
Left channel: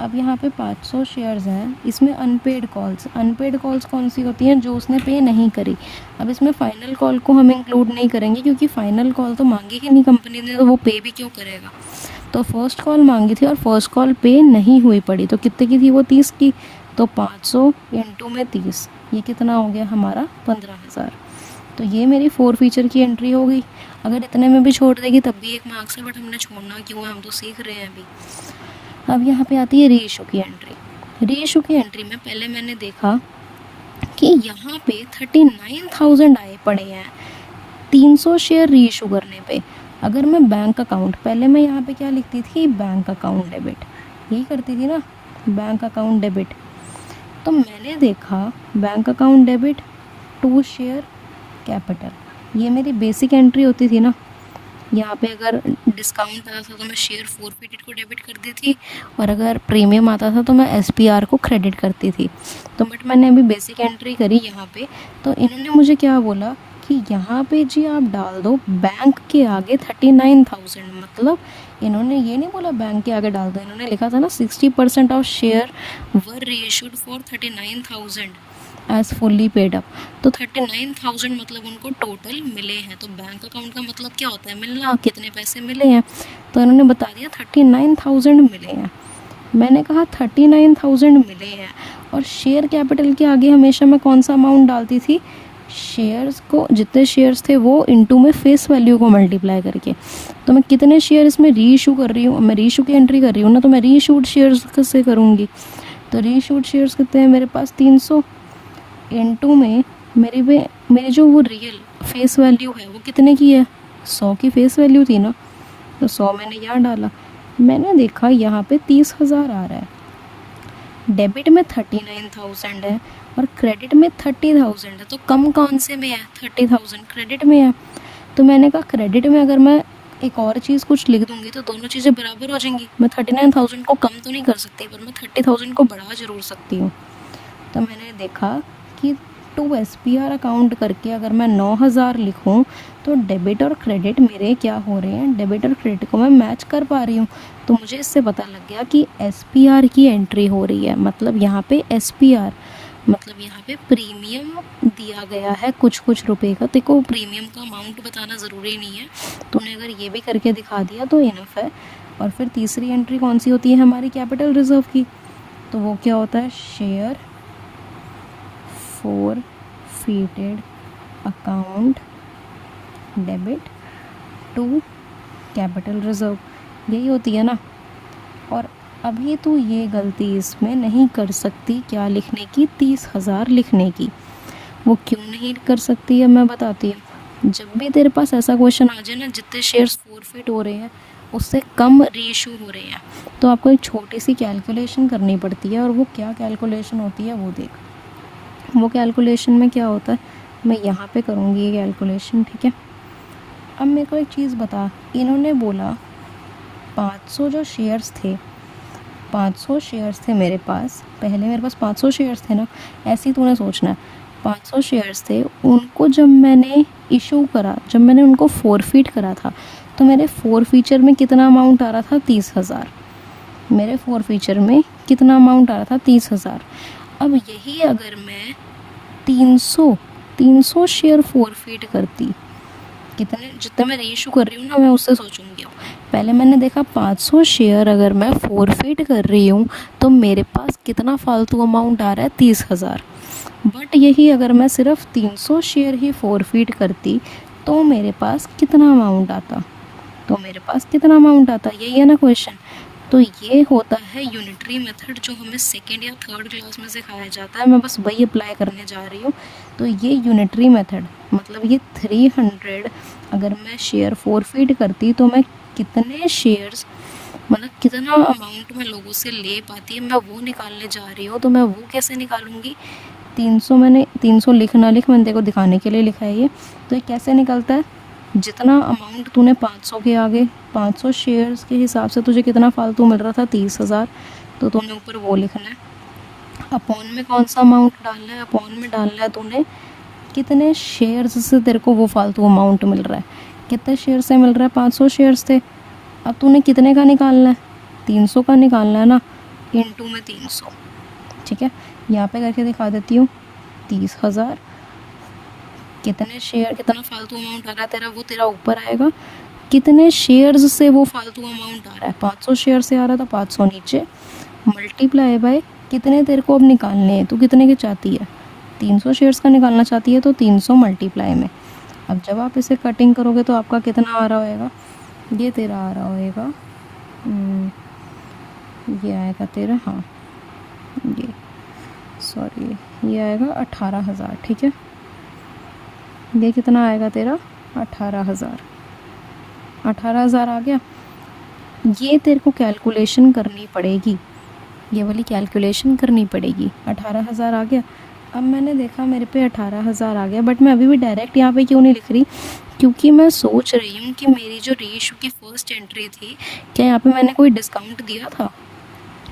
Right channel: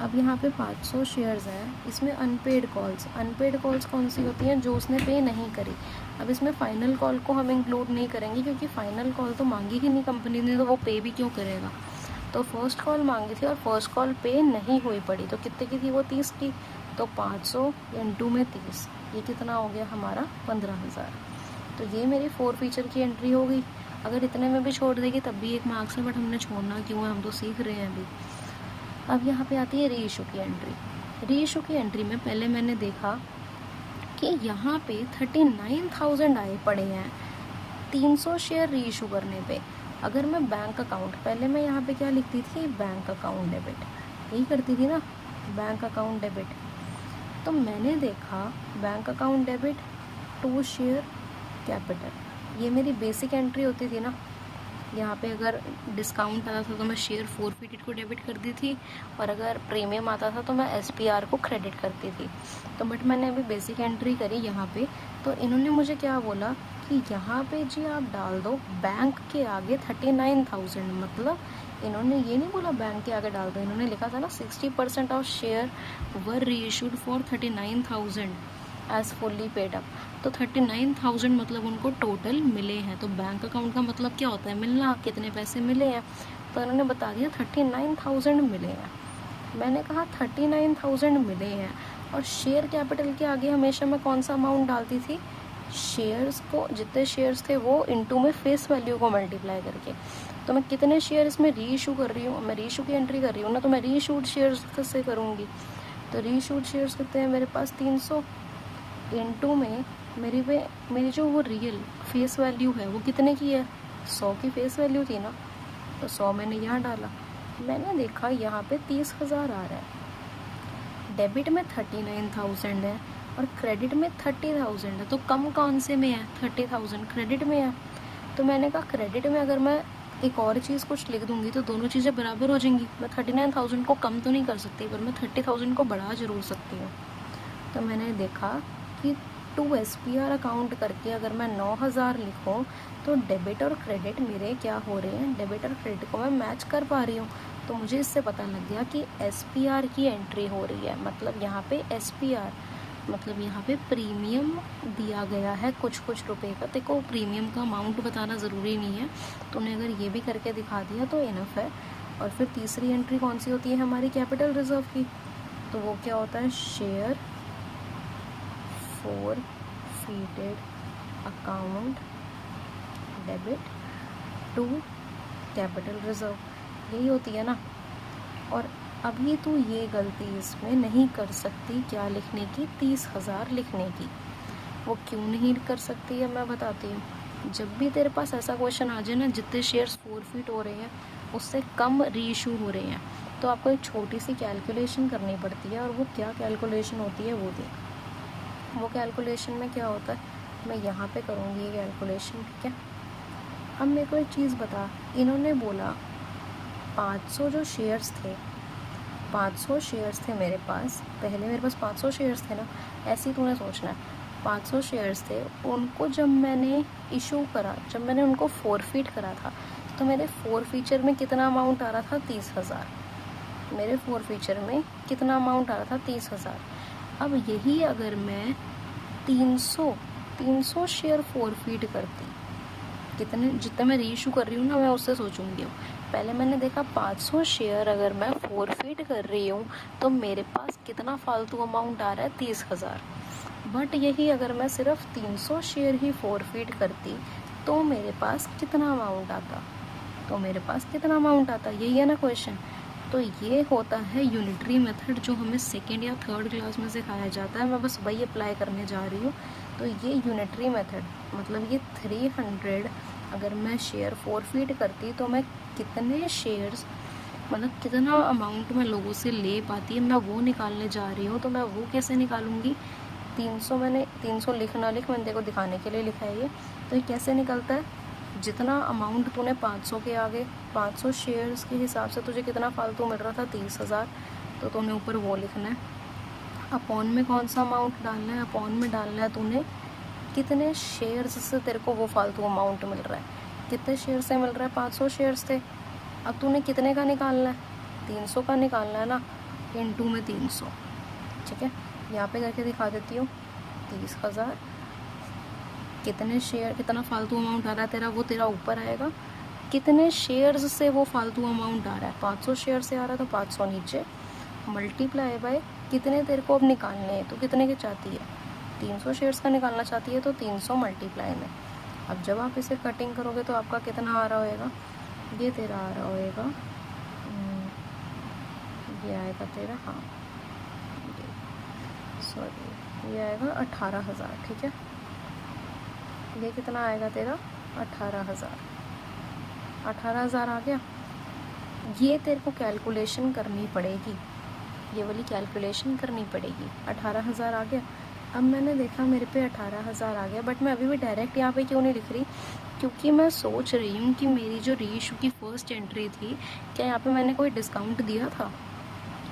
अब यहाँ पे 500 शेयर्स हैं, इसमें अनपेड कॉल्स कौन सी होती हैं, जो उसने पे नहीं करी। अब इसमें फ़ाइनल कॉल को हम इंक्लूड नहीं करेंगे, क्योंकि फ़ाइनल कॉल तो मांगी ही नहीं कंपनी ने, तो वो पे भी क्यों करेगा। तो फर्स्ट कॉल मांगी थी और फर्स्ट कॉल पे नहीं हुई पड़ी, तो कितने की थी वो, 30 की, तो 500 इंटू में 30, ये कितना हो गया हमारा 15,000। तो ये मेरी फॉरफिचर की एंट्री हो गई। अगर इतने में भी छोड़ देगी तब भी 1 मार्क्स है, बट हमने छोड़ना क्यों है, हम तो सीख रहे हैं अभी। अब यहाँ पे आती है री इशू की एंट्री। री इशू की एंट्री में पहले मैंने देखा कि यहाँ पे 39,000 आए पड़े हैं 300 शेयर री इशू करने पे। अगर मैं बैंक अकाउंट, पहले मैं यहाँ पे क्या लिखती थी, बैंक अकाउंट डेबिट, यही करती थी ना, बैंक अकाउंट डेबिट। तो मैंने देखा bank account debit 2 share capital. ये मेरी बेसिक एंट्री होती थी ना। यहाँ पे अगर डिस्काउंट आता था तो मैं शेयर फोरफिटेड को डेबिट कर दी थी, और अगर प्रीमियम आता था तो मैं SPR को क्रेडिट करती थी। तो बट मैंने अभी बेसिक एंट्री करी यहाँ पे, तो इन्होंने मुझे क्या बोला कि यहाँ पे जी आप डाल दो बैंक के आगे 39,000। मतलब इन्होंने ये नहीं बोला बैंक के आगे डाल दो, इन्होंने लिखा था ना 60% of share were reissued for 39,000 as fully paid up. तो 39,000 मतलब उनको टोटल मिले हैं। तो बैंक अकाउंट का मतलब क्या होता है, मिलना, कितने पैसे मिले हैं। तो इन्होंने बता दिया 39,000 मिले हैं। मैंने कहा 39,000 मिले हैं, और शेयर कैपिटल के आगे हमेशा मैं कौन सा अमाउंट डालती थी, शेयर्स को, जितने शेयर्स थे वो इनटू में फेस वैल्यू को मल्टीप्लाई करके। तो मैं कितने शेयर इसमें री इशू कर रही हूँ, मैं री इशू की एंट्री कर रही हूँ ना, तो मैं री इशूड शेयर्स से करूँगी। तो री इशूड शेयर्स कितने हैं मेरे पास, 300 इनटू में मेरी जो वो रियल फेस वैल्यू है वो कितने की है, 100 की फेस वैल्यू थी ना। तो 100 मैंने यहाँ डाला। मैंने देखा यहाँ पे 30,000 आ रहा है। डेबिट में 39,000 है और क्रेडिट में 30,000 है। तो कम कौन से में है, 30,000 क्रेडिट में है। तो मैंने कहा क्रेडिट में अगर मैं एक और चीज़ कुछ लिख दूँगी तो दोनों चीज़ें बराबर हो जाएंगी। मैं 39,000 को कम तो नहीं कर सकती, पर मैं 30,000 को बढ़ा ज़रूर सकती हूँ। तो मैंने देखा कि 2 SPR अकाउंट करके अगर मैं 9,000 लिखूं तो डेबिट और क्रेडिट मेरे क्या हो रहे हैं, डेबिट और क्रेडिट को मैं मैच कर पा रही हूँ। तो मुझे इससे पता लग गया कि SPR की एंट्री हो रही है। मतलब यहाँ पे SPR मतलब यहाँ पे प्रीमियम दिया गया है कुछ रुपए का। देखो प्रीमियम का अमाउंट बताना ज़रूरी नहीं है, तूने अगर ये भी करके दिखा दिया तो इनफ है। और फिर तीसरी एंट्री कौन सी होती है हमारी, कैपिटल रिजर्व की। तो वो क्या होता है, share forfeited account debit to capital reserve, यही होती है ना। और अभी तो ये गलती इसमें नहीं कर सकती, क्या लिखने की, 30,000 लिखने की। वो क्यों नहीं कर सकती है मैं बताती हूँ। जब भी तेरे पास ऐसा क्वेश्चन आ जाए ना जितने शेयर्स फोरफिट हो रहे हैं उससे कम रीइशू हो रहे हैं, तो आपको एक छोटी सी कैलकुलेशन करनी पड़ती है। और वो क्या कैलकुलेशन होती है वो देख। वो कैलकुलेशन में क्या होता है, मैं यहाँ पे करूँगी ये कैलकुलेशन, ठीक है। अब मेरे को एक चीज़ बता, इन्होंने बोला 500 जो शेयर्स थे, 500 शेयर्स थे मेरे पास, पहले मेरे पास 500 शेयर्स थे ना, ऐसे ही तूने सोचना है। 500 शेयर्स थे, उनको जब मैंने इशू करा, जब मैंने उनको फोरफिट करा था, तो मेरे फोरफीचर में कितना अमाउंट आ रहा था, 30,000। मेरे फोरफीचर में कितना अमाउंट आ रहा था, 30,000। अब यही अगर मैं 300 शेयर फोरफिट करती, कितने, जितना मैं रीइशू कर रही हूँ ना मैं उससे सोचूंगी। पहले मैंने देखा 500 शेयर अगर मैं फोरफिट कर रही हूँ तो मेरे पास कितना फालतू अमाउंट आ रहा है, 30,000। बट यही अगर मैं सिर्फ 300 शेयर ही फोरफिट करती तो मेरे पास कितना अमाउंट आता, यही है ना क्वेश्चन। तो ये होता है यूनिटरी मेथड जो हमें सेकेंड या थर्ड क्लास में सिखाया जाता है। मैं बस वही अप्लाई करने जा रही हूँ। तो ये यूनिटरी मेथड मतलब ये 300 अगर मैं शेयर फोरफिट करती तो मैं कितने शेयर्स, मतलब कितना अमाउंट मैं लोगों से ले पाती है, मैं वो निकालने जा रही हूँ। तो मैं वो कैसे निकालूंगी, 300 मैंने 300 लिख ना लिख मैंने देखो दिखाने के लिए लिखा है ये। तो ये कैसे निकलता है, जितना अमाउंट तूने 500 के आगे 500 शेयर्स के हिसाब से तुझे कितना फालतू मिल रहा था, 30,000। तो तूने ऊपर वो लिखना है। अपॉन में कौन सा अमाउंट डालना है, अपॉन में डालना है तूने कितने शेयर्स से तेरे को वो फालतू अमाउंट मिल रहा है, कितने शेयर से मिल रहा है, 500 शेयर्स थे। अब तूने कितने का निकालना है, 300 का निकालना है ना, इनटू में 300, ठीक है। यहाँ पे करके दिखा देती हूँ, 30,000 कितने शेयर, कितना फालतू अमाउंट आ रहा है तेरा, वो तेरा ऊपर आएगा। कितने शेयर्स से वो फालतू अमाउंट आ रहा है, 500 शेयर से आ रहा है तो 500 नीचे, मल्टीप्लाई बाय कितने तेरे को अब निकालने हैं, तो कितने के चाहती है, 300 शेयर्स का निकालना चाहती है तो 300 मल्टीप्लाई में। अब जब आप इसे कटिंग करोगे तो आपका कितना आ रहा होएगा, ये तेरा आ रहा होएगा, ये आएगा तेरा, हाँ ये सॉरी ये आएगा 18,000, ठीक है। ये कितना आएगा तेरा, 18,000, 18,000 आ गया। ये तेरे को कैलकुलेशन करनी पड़ेगी, ये वाली कैलकुलेशन करनी पड़ेगी। 18,000 आ गया। अब मैंने देखा मेरे पे 18,000 आ गया, बट मैं अभी भी डायरेक्ट यहाँ पे क्यों नहीं लिख रही, क्योंकि मैं सोच रही हूँ कि मेरी जो रीइशू की फ़र्स्ट एंट्री थी, क्या यहाँ पे मैंने कोई डिस्काउंट दिया था?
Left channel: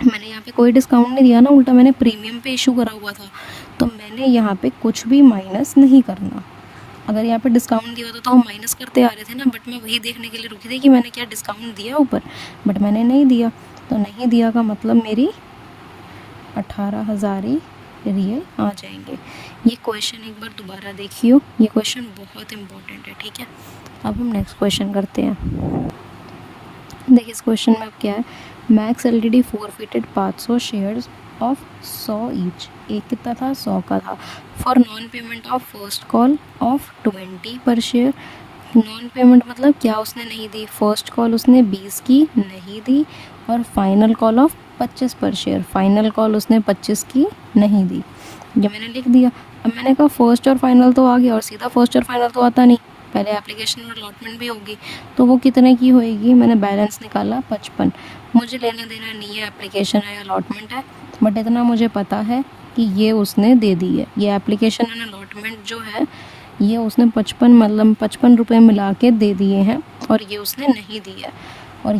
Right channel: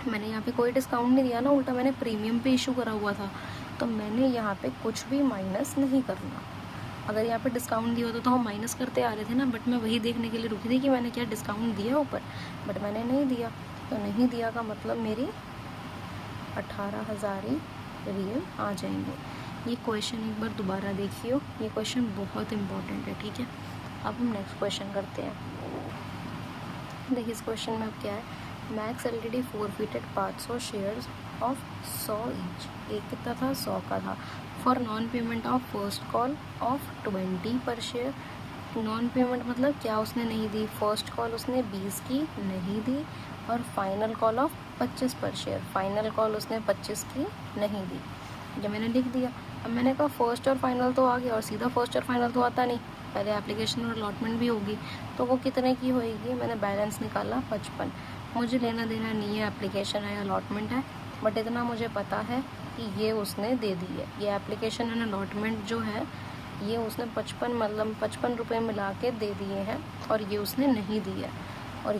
मैंने यहाँ पे कोई डिस्काउंट नहीं दिया ना, उल्टा मैंने प्रीमियम पे इशू करा हुआ था, तो मैंने यहाँ पे कुछ भी माइनस नहीं करना। अगर यहाँ पे डिस्काउंट दिया होता तो हम माइनस करते आ रहे थे ना, बट मैं वही देखने के लिए रुकी थी कि मैंने क्या डिस्काउंट दिया ऊपर, बट मैंने नहीं दिया। तो नहीं दिया का मतलब मेरी 18,000 ही रियल आ जाएंगे। ये क्वेश्चन एक बार दोबारा देखियो, ये क्वेश्चन बहुत इंपॉर्टेंट है, ठीक है। अब हम नेक्स्ट क्वेश्चन करते हैं। देखिए इस क्वेश्चन में अब क्या है, max LTD forfeited 500 shares of 100 each, एक कितना था, 100 का था, for non payment of first call of 20 पर शेयर। नॉन पेमेंट मतलब क्या उसने नहीं दी, फर्स्ट कॉल उसने 20 की नहीं दी, और फाइनल कॉल ऑफ 25 पर शेयर, फाइनल कॉल उसने 25 की नहीं दी। ये मैंने लिख दिया। अब मैंने कहा फर्स्ट और फाइनल तो आ गया, और सीधा फर्स्ट और फाइनल तो आता नहीं, पहले एप्लीकेशन और अलॉटमेंट भी होगी, तो वो कितने की होएगी। मैंने बैलेंस निकाला 55। मुझे लेना देना नहीं है एप्लीकेशन है अलॉटमेंट है, बट इतना मुझे पता है कि ये उसने दे दी है। ये एप्लीकेशन एंड अलॉटमेंट जो है ये उसने 55 रुपये मिला के दे दिए हैं, और ये उसने नहीं दिया है। और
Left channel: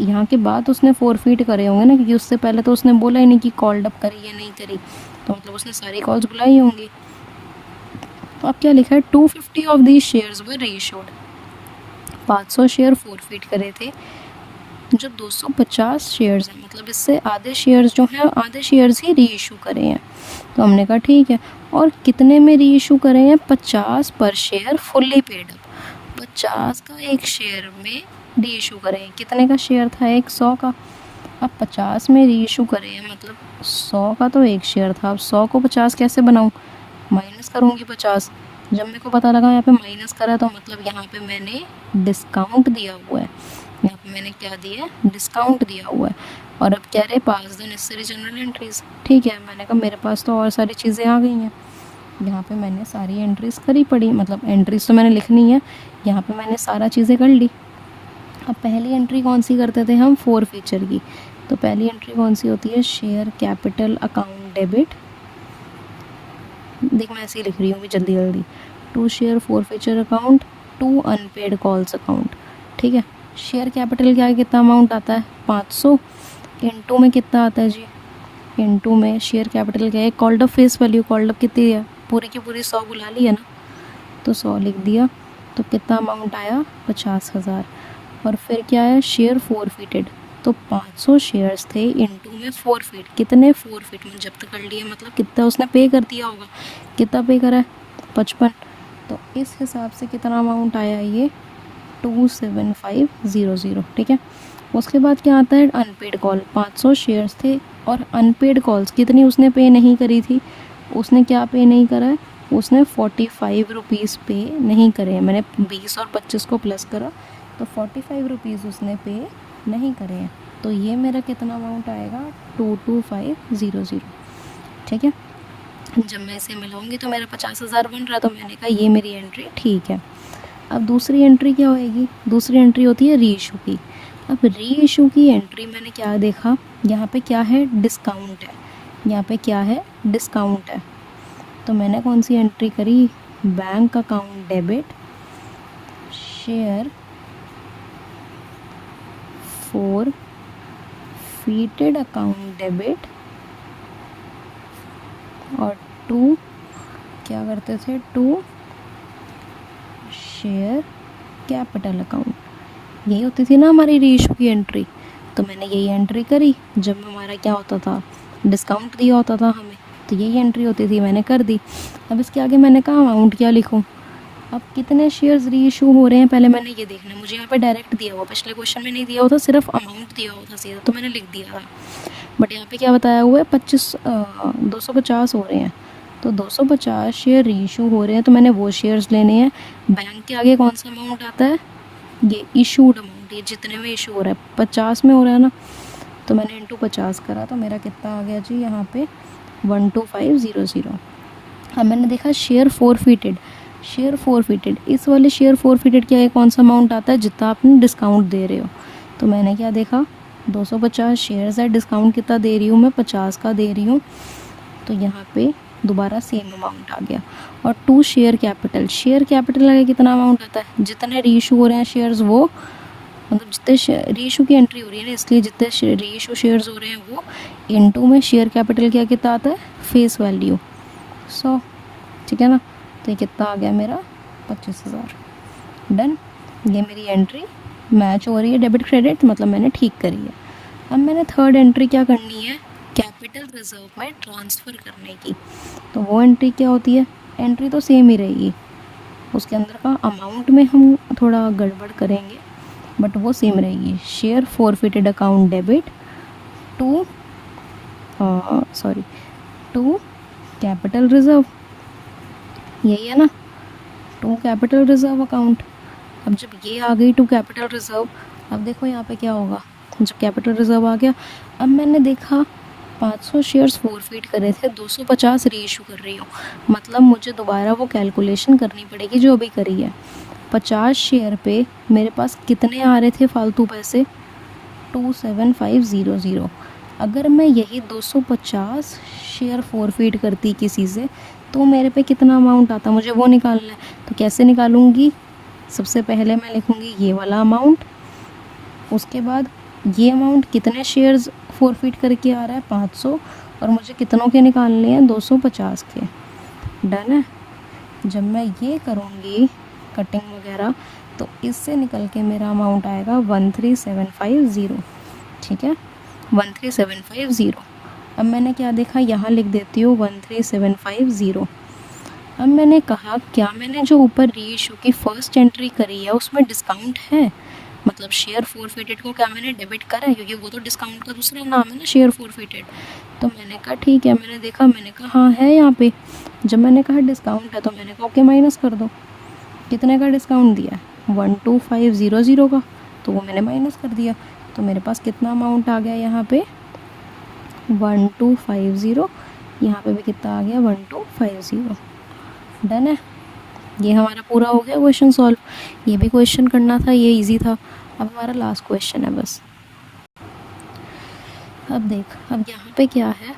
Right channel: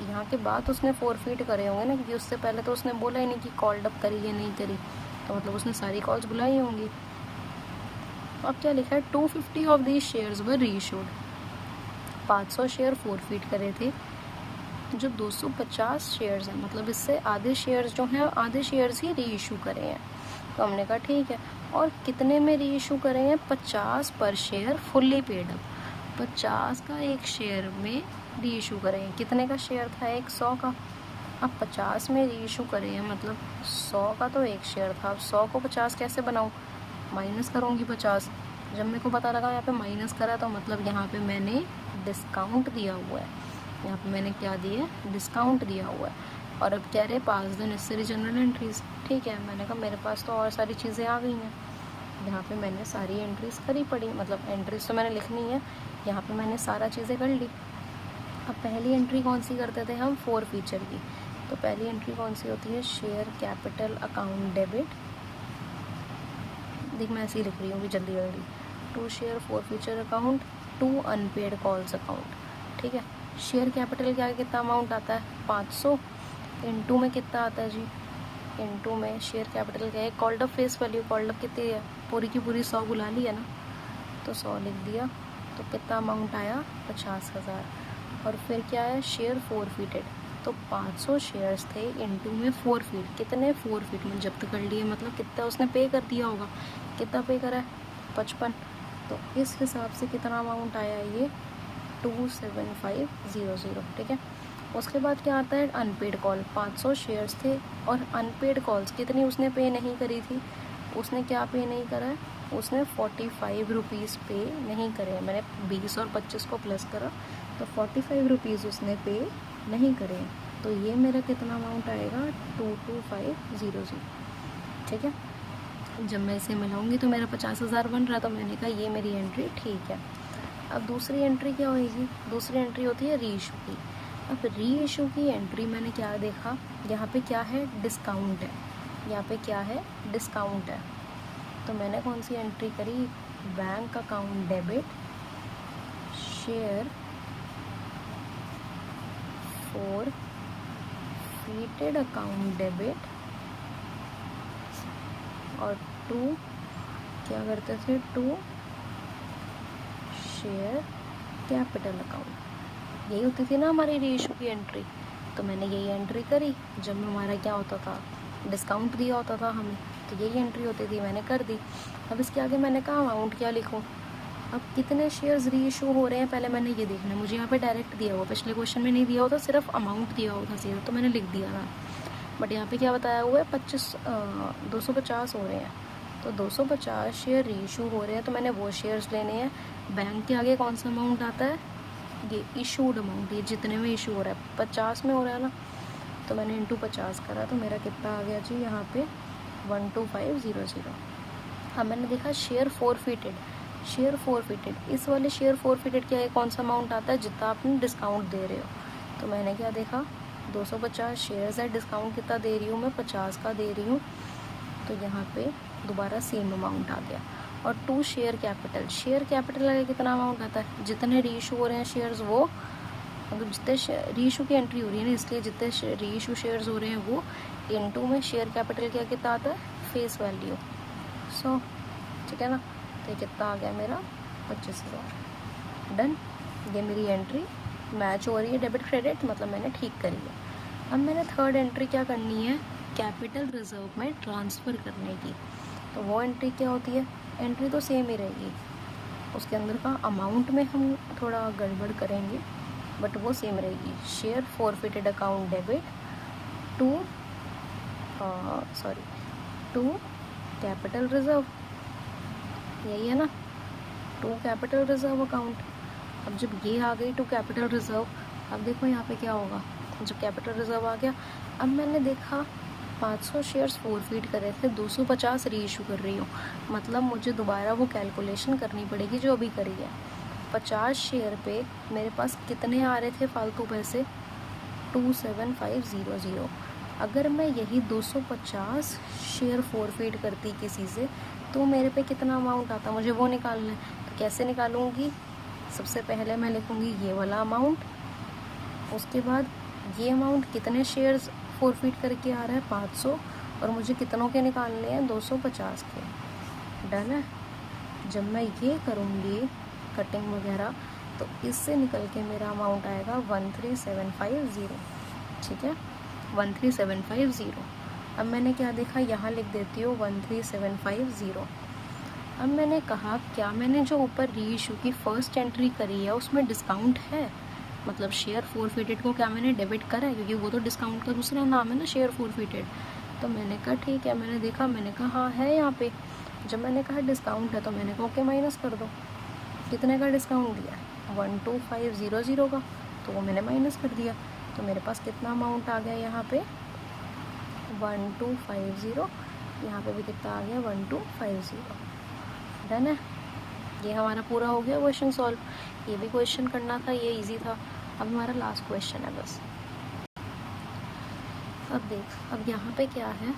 यहाँ के बाद उसने फॉरफिट करे होंगे ना, क्योंकि उससे पहले तो उसने बोला ही नहीं कि कॉल्ड अप करी या नहीं करी, तो मतलब उसने सारी कॉल्स बुलाई होंगी। तो अब क्या लिखा है, 250 of these shares were reissued, 500 share forfeit करे थे, जो 250 शेयर्स हैं, मतलब इससे आधे शेयर्स जो हैं, आधे शेयर्स ही रीइशू करे हैं। तो हमने कहा ठीक है, और कितने में रीइशू करे हैं, 50 पर शेयर फुल्ली पेड अप, 50 का एक शेयर में रीइशू करे हैं। कितने का शेयर था, एक 100 का, अब 50 में रीइशू करे हैं, मतलब 100 का तो एक शेयर था। अब 100 को 50 कैसे बनाऊँ, माइनस करूँगी 50। जब मेरे को पता लगा यहाँ पे माइनस करा, तो मतलब यहाँ पे मैंने डिस्काउंट दिया हुआ है, यहाँ पे मैंने क्या दिया है, डिस्काउंट दिया हुआ है। और अब क्या रहे, पास द नेसेसरी जनरल एंट्रीज, ठीक है। मैंने कहा मेरे पास तो और सारी चीज़ें आ गई हैं, यहाँ पे मैंने सारी एंट्रीज करी पड़ी, मतलब एंट्रीज तो मैंने लिखनी है, यहाँ पे मैंने सारा चीज़ें कर ली। अब पहली एंट्री कौन सी करते थे हम, फोर फीचर की। तो पहली एंट्री कौन सी होती है, शेयर कैपिटल अकाउंट डेबिट, देख मैं ऐसे ही लिख रही हूँ भी जल्दी जल्दी, to share forfeiture account, to unpaid calls account, ठीक है। शेयर कैपिटल क्या है, कितना अमाउंट आता है, 500, इनटू में कितना आता है जी, इनटू में शेयर कैपिटल क्या है, called up face value, called up कितनी है, पूरी की पूरी 100 बुला ली है ना, तो 100 लिख दिया। तो कितना अमाउंट आया, 50,000। और फिर क्या है, शेयर फॉरफिटेड, तो 500 शेयर्स थे, इनटू में फॉरफिट, कितने फॉरफिट में जब्त कर लिए, मतलब कितना उसने पे कर दिया होगा, कितना पे करा है, 55। तो इस हिसाब से कितना अमाउंट आया ये, 27500, ठीक है। उसके बाद क्या आता है, अनपेड कॉल, 500 शेयर्स थे, और अनपेड कॉल्स कितनी उसने पे नहीं करी थी, उसने क्या पे नहीं करा है, उसने 45 रुपीज़ पे नहीं करे हैं। मैंने 20 और 25 को प्लस करा, तो 45 रुपीज़ उसने पे नहीं करे हैं। तो ये मेरा कितना अमाउंट आएगा, 22500, ठीक है। जब मैं इसे मिलाऊंगी तो मेरा 50,000 बन रहा, तो मैंने कहा ये मेरी एंट्री ठीक है। अब दूसरी एंट्री क्या होएगी, दूसरी एंट्री होती है री इशू की। अब री इशू की एंट्री मैंने क्या देखा, यहाँ पे क्या है, डिस्काउंट है, यहाँ पे क्या है, डिस्काउंट है। तो मैंने कौन सी एंट्री करी, bank account debit, share forfeited account debit, और टू क्या करते थे, टू शेयर कैपिटल अकाउंट, यही होती थी ना हमारी रीइशू की एंट्री। तो मैंने यही एंट्री करी, जब हमारा क्या होता था, डिस्काउंट दिया होता था हमें, तो यही एंट्री होती थी, मैंने कर दी। अब इसके आगे मैंने कहा अमाउंट क्या लिखूं, अब कितने शेयर्स रीइशू हो रहे हैं पहले मैंने ये देखना है। मुझे यहाँ पे डायरेक्ट दिया हुआ, पिछले क्वेश्चन में नहीं दिया हुआ था, सिर्फ अमाउंट दिया हुआ था सीधा, तो मैंने लिख दिया था। बट यहाँ पे क्या बताया हुआ है, 250 हो रहे हैं, तो 250 शेयर रीइशू हो रहे हैं, तो मैंने वो शेयर्स लेने हैं। बैंक के आगे कौन सा अमाउंट आता है, ये इशूड अमाउंट, ये जितने में इशू हो रहा है, 50 में हो रहा है ना, तो मैंने इंटू 50 करा, तो मेरा कितना आ गया जी यहाँ पे 12500। अब मैंने देखा शेयर फॉरफिटेड, शेयर फॉरफिटेड, इस वाले शेयर फॉरफिटेड क्या है, कौन सा अमाउंट आता है जितना आपने डिस्काउंट दे रहे हो। तो मैंने क्या देखा, 250 शेयर्स है, डिस्काउंट कितना दे रही हूँ मैं, 50 का दे रही हूँ, तो यहाँ पे दोबारा सेम अमाउंट आ गया। और 2 शेयर कैपिटल, शेयर कैपिटल आगे कितना अमाउंट आता है, जितने रीइशू हो रहे हैं शेयर्स वो, मतलब जितने रीइशू की एंट्री हो रही है ना, इसलिए जितने रीइशू शेयर्स हो रहे हैं वो, इनटू में शेयर कैपिटल क्या कितना आता है, फेस वैल्यू 100, ठीक है ना। तो ये कितना आ गया मेरा 25,000। डन, ये मेरी एंट्री मैच हो रही है डेबिट क्रेडिट, मतलब मैंने ठीक करी है। अब मैंने थर्ड एंट्री क्या करनी है, कैपिटल रिजर्व में ट्रांसफ़र करने की। तो वो एंट्री क्या होती है, एंट्री तो सेम ही रहेगी, उसके अंदर का अमाउंट में हम थोड़ा गड़बड़ करेंगे बट वो सेम रहेगी। Share forfeited account debit to to capital reserve, यही है ना, टू कैपिटल रिजर्व अकाउंट। अब जब ये आ गई टू कैपिटल रिजर्व, अब देखो यहाँ पे क्या होगा, जब कैपिटल रिजर्व आ गया, अब मैंने देखा 500 शेयर्स फॉरफिट करे थे, 250 रीइशू कर रही हूँ, मतलब मुझे दोबारा वो कैलकुलेशन करनी पड़ेगी जो अभी करी है। 50 शेयर पे मेरे पास कितने आ रहे थे फालतू पैसे, 27500। अगर मैं यही 250 शेयर फॉरफिट करती किसी से तो मेरे पे कितना अमाउंट आता, मुझे वो निकालना है। तो कैसे निकालूंगी, सबसे पहले मैं लिखूंगी ये वाला अमाउंट, उसके बाद ये अमाउंट कितने शेयर्स फॉरफिट करके आ रहा है 500, और मुझे कितनों के निकालने हैं 250 के। डन है। जब मैं ये करूँगी कटिंग वगैरह तो इससे निकल के मेरा अमाउंट आएगा 13750, ठीक है 13750। अब मैंने क्या देखा, यहाँ लिख देती हूँ 13750। अब मैंने कहा क्या मैंने जो ऊपर रीइशू की फ़र्स्ट एंट्री करी है उसमें डिस्काउंट है, मतलब शेयर फॉरफिटेड को क्या मैंने डेबिट करा है, क्योंकि वो तो डिस्काउंट का दूसरा नाम है ना शेयर फॉरफिटेड। तो मैंने कहा ठीक है, मैंने देखा, मैंने कहा हाँ है यहाँ पे। जब मैंने कहा डिस्काउंट है तो मैंने कहा ओके माइनस कर दो। कितने का डिस्काउंट दिया है, 12500 का, तो वो मैंने माइनस कर दिया। तो मेरे पास कितना अमाउंट आ गया यहाँ पे 1250, यहाँ पे भी कितना आ गया 1250। डन है, ये हमारा पूरा हो गया क्वेश्चन सॉल्व। ये भी क्वेश्चन करना था, ये इजी था। अब हमारा लास्ट क्वेश्चन है बस। अब देख, अब यहाँ पे क्या है,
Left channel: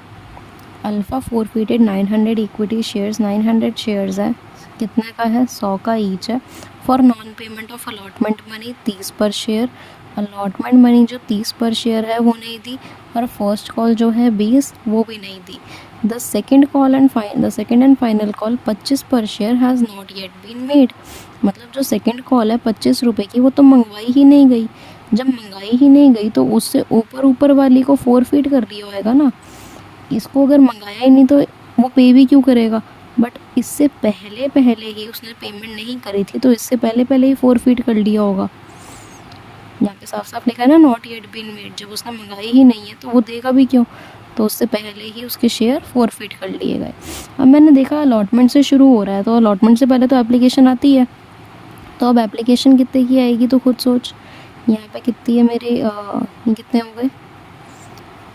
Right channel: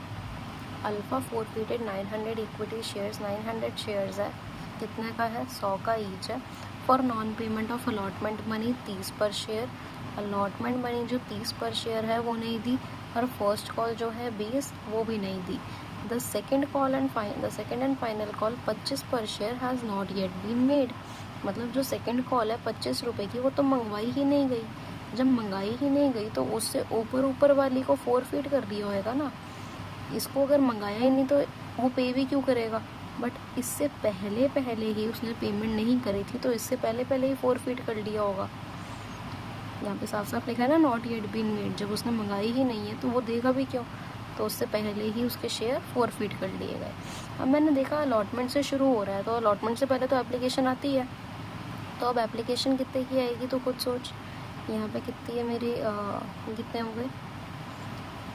alpha forfeited 900 equity shares, 900 shares है, कितने का है 100 का ईच है। For non payment of allotment money 30 पर शेयर, अलॉटमेंट मनी जो 30 पर शेयर है वो नहीं दी, और फर्स्ट कॉल जो है 20 वो भी नहीं दी। The second and final call 25 पर share has not yet been made, मतलब जो सेकेंड कॉल है 25 रुपये की वो तो मंगवाई ही नहीं गई। जब मंगाई ही नहीं गई तो उससे ऊपर वाली को फॉरफिट कर दिया होएगा ना, इसको अगर मंगाया ही नहीं तो वो पे भी क्यों करेगा। बट इससे पहले ही उसने पेमेंट नहीं करी थी, तो इससे पहले ही फॉरफिट कर लिया होगा। यहाँ पे साफ साफ लिखा है ना नॉट येट बीन मेड, जब उसने मंगाई ही नहीं है तो वो देगा भी क्यों, तो उससे पहले ही उसके शेयर फॉरफिट कर लिए गए। अब मैंने देखा अलॉटमेंट से शुरू हो रहा है, तो अलॉटमेंट से पहले तो एप्लीकेशन आती है, तो अब एप्लीकेशन कितने की आएगी तो खुद सोच। यहाँ पे कितनी है मेरे कितने हो गए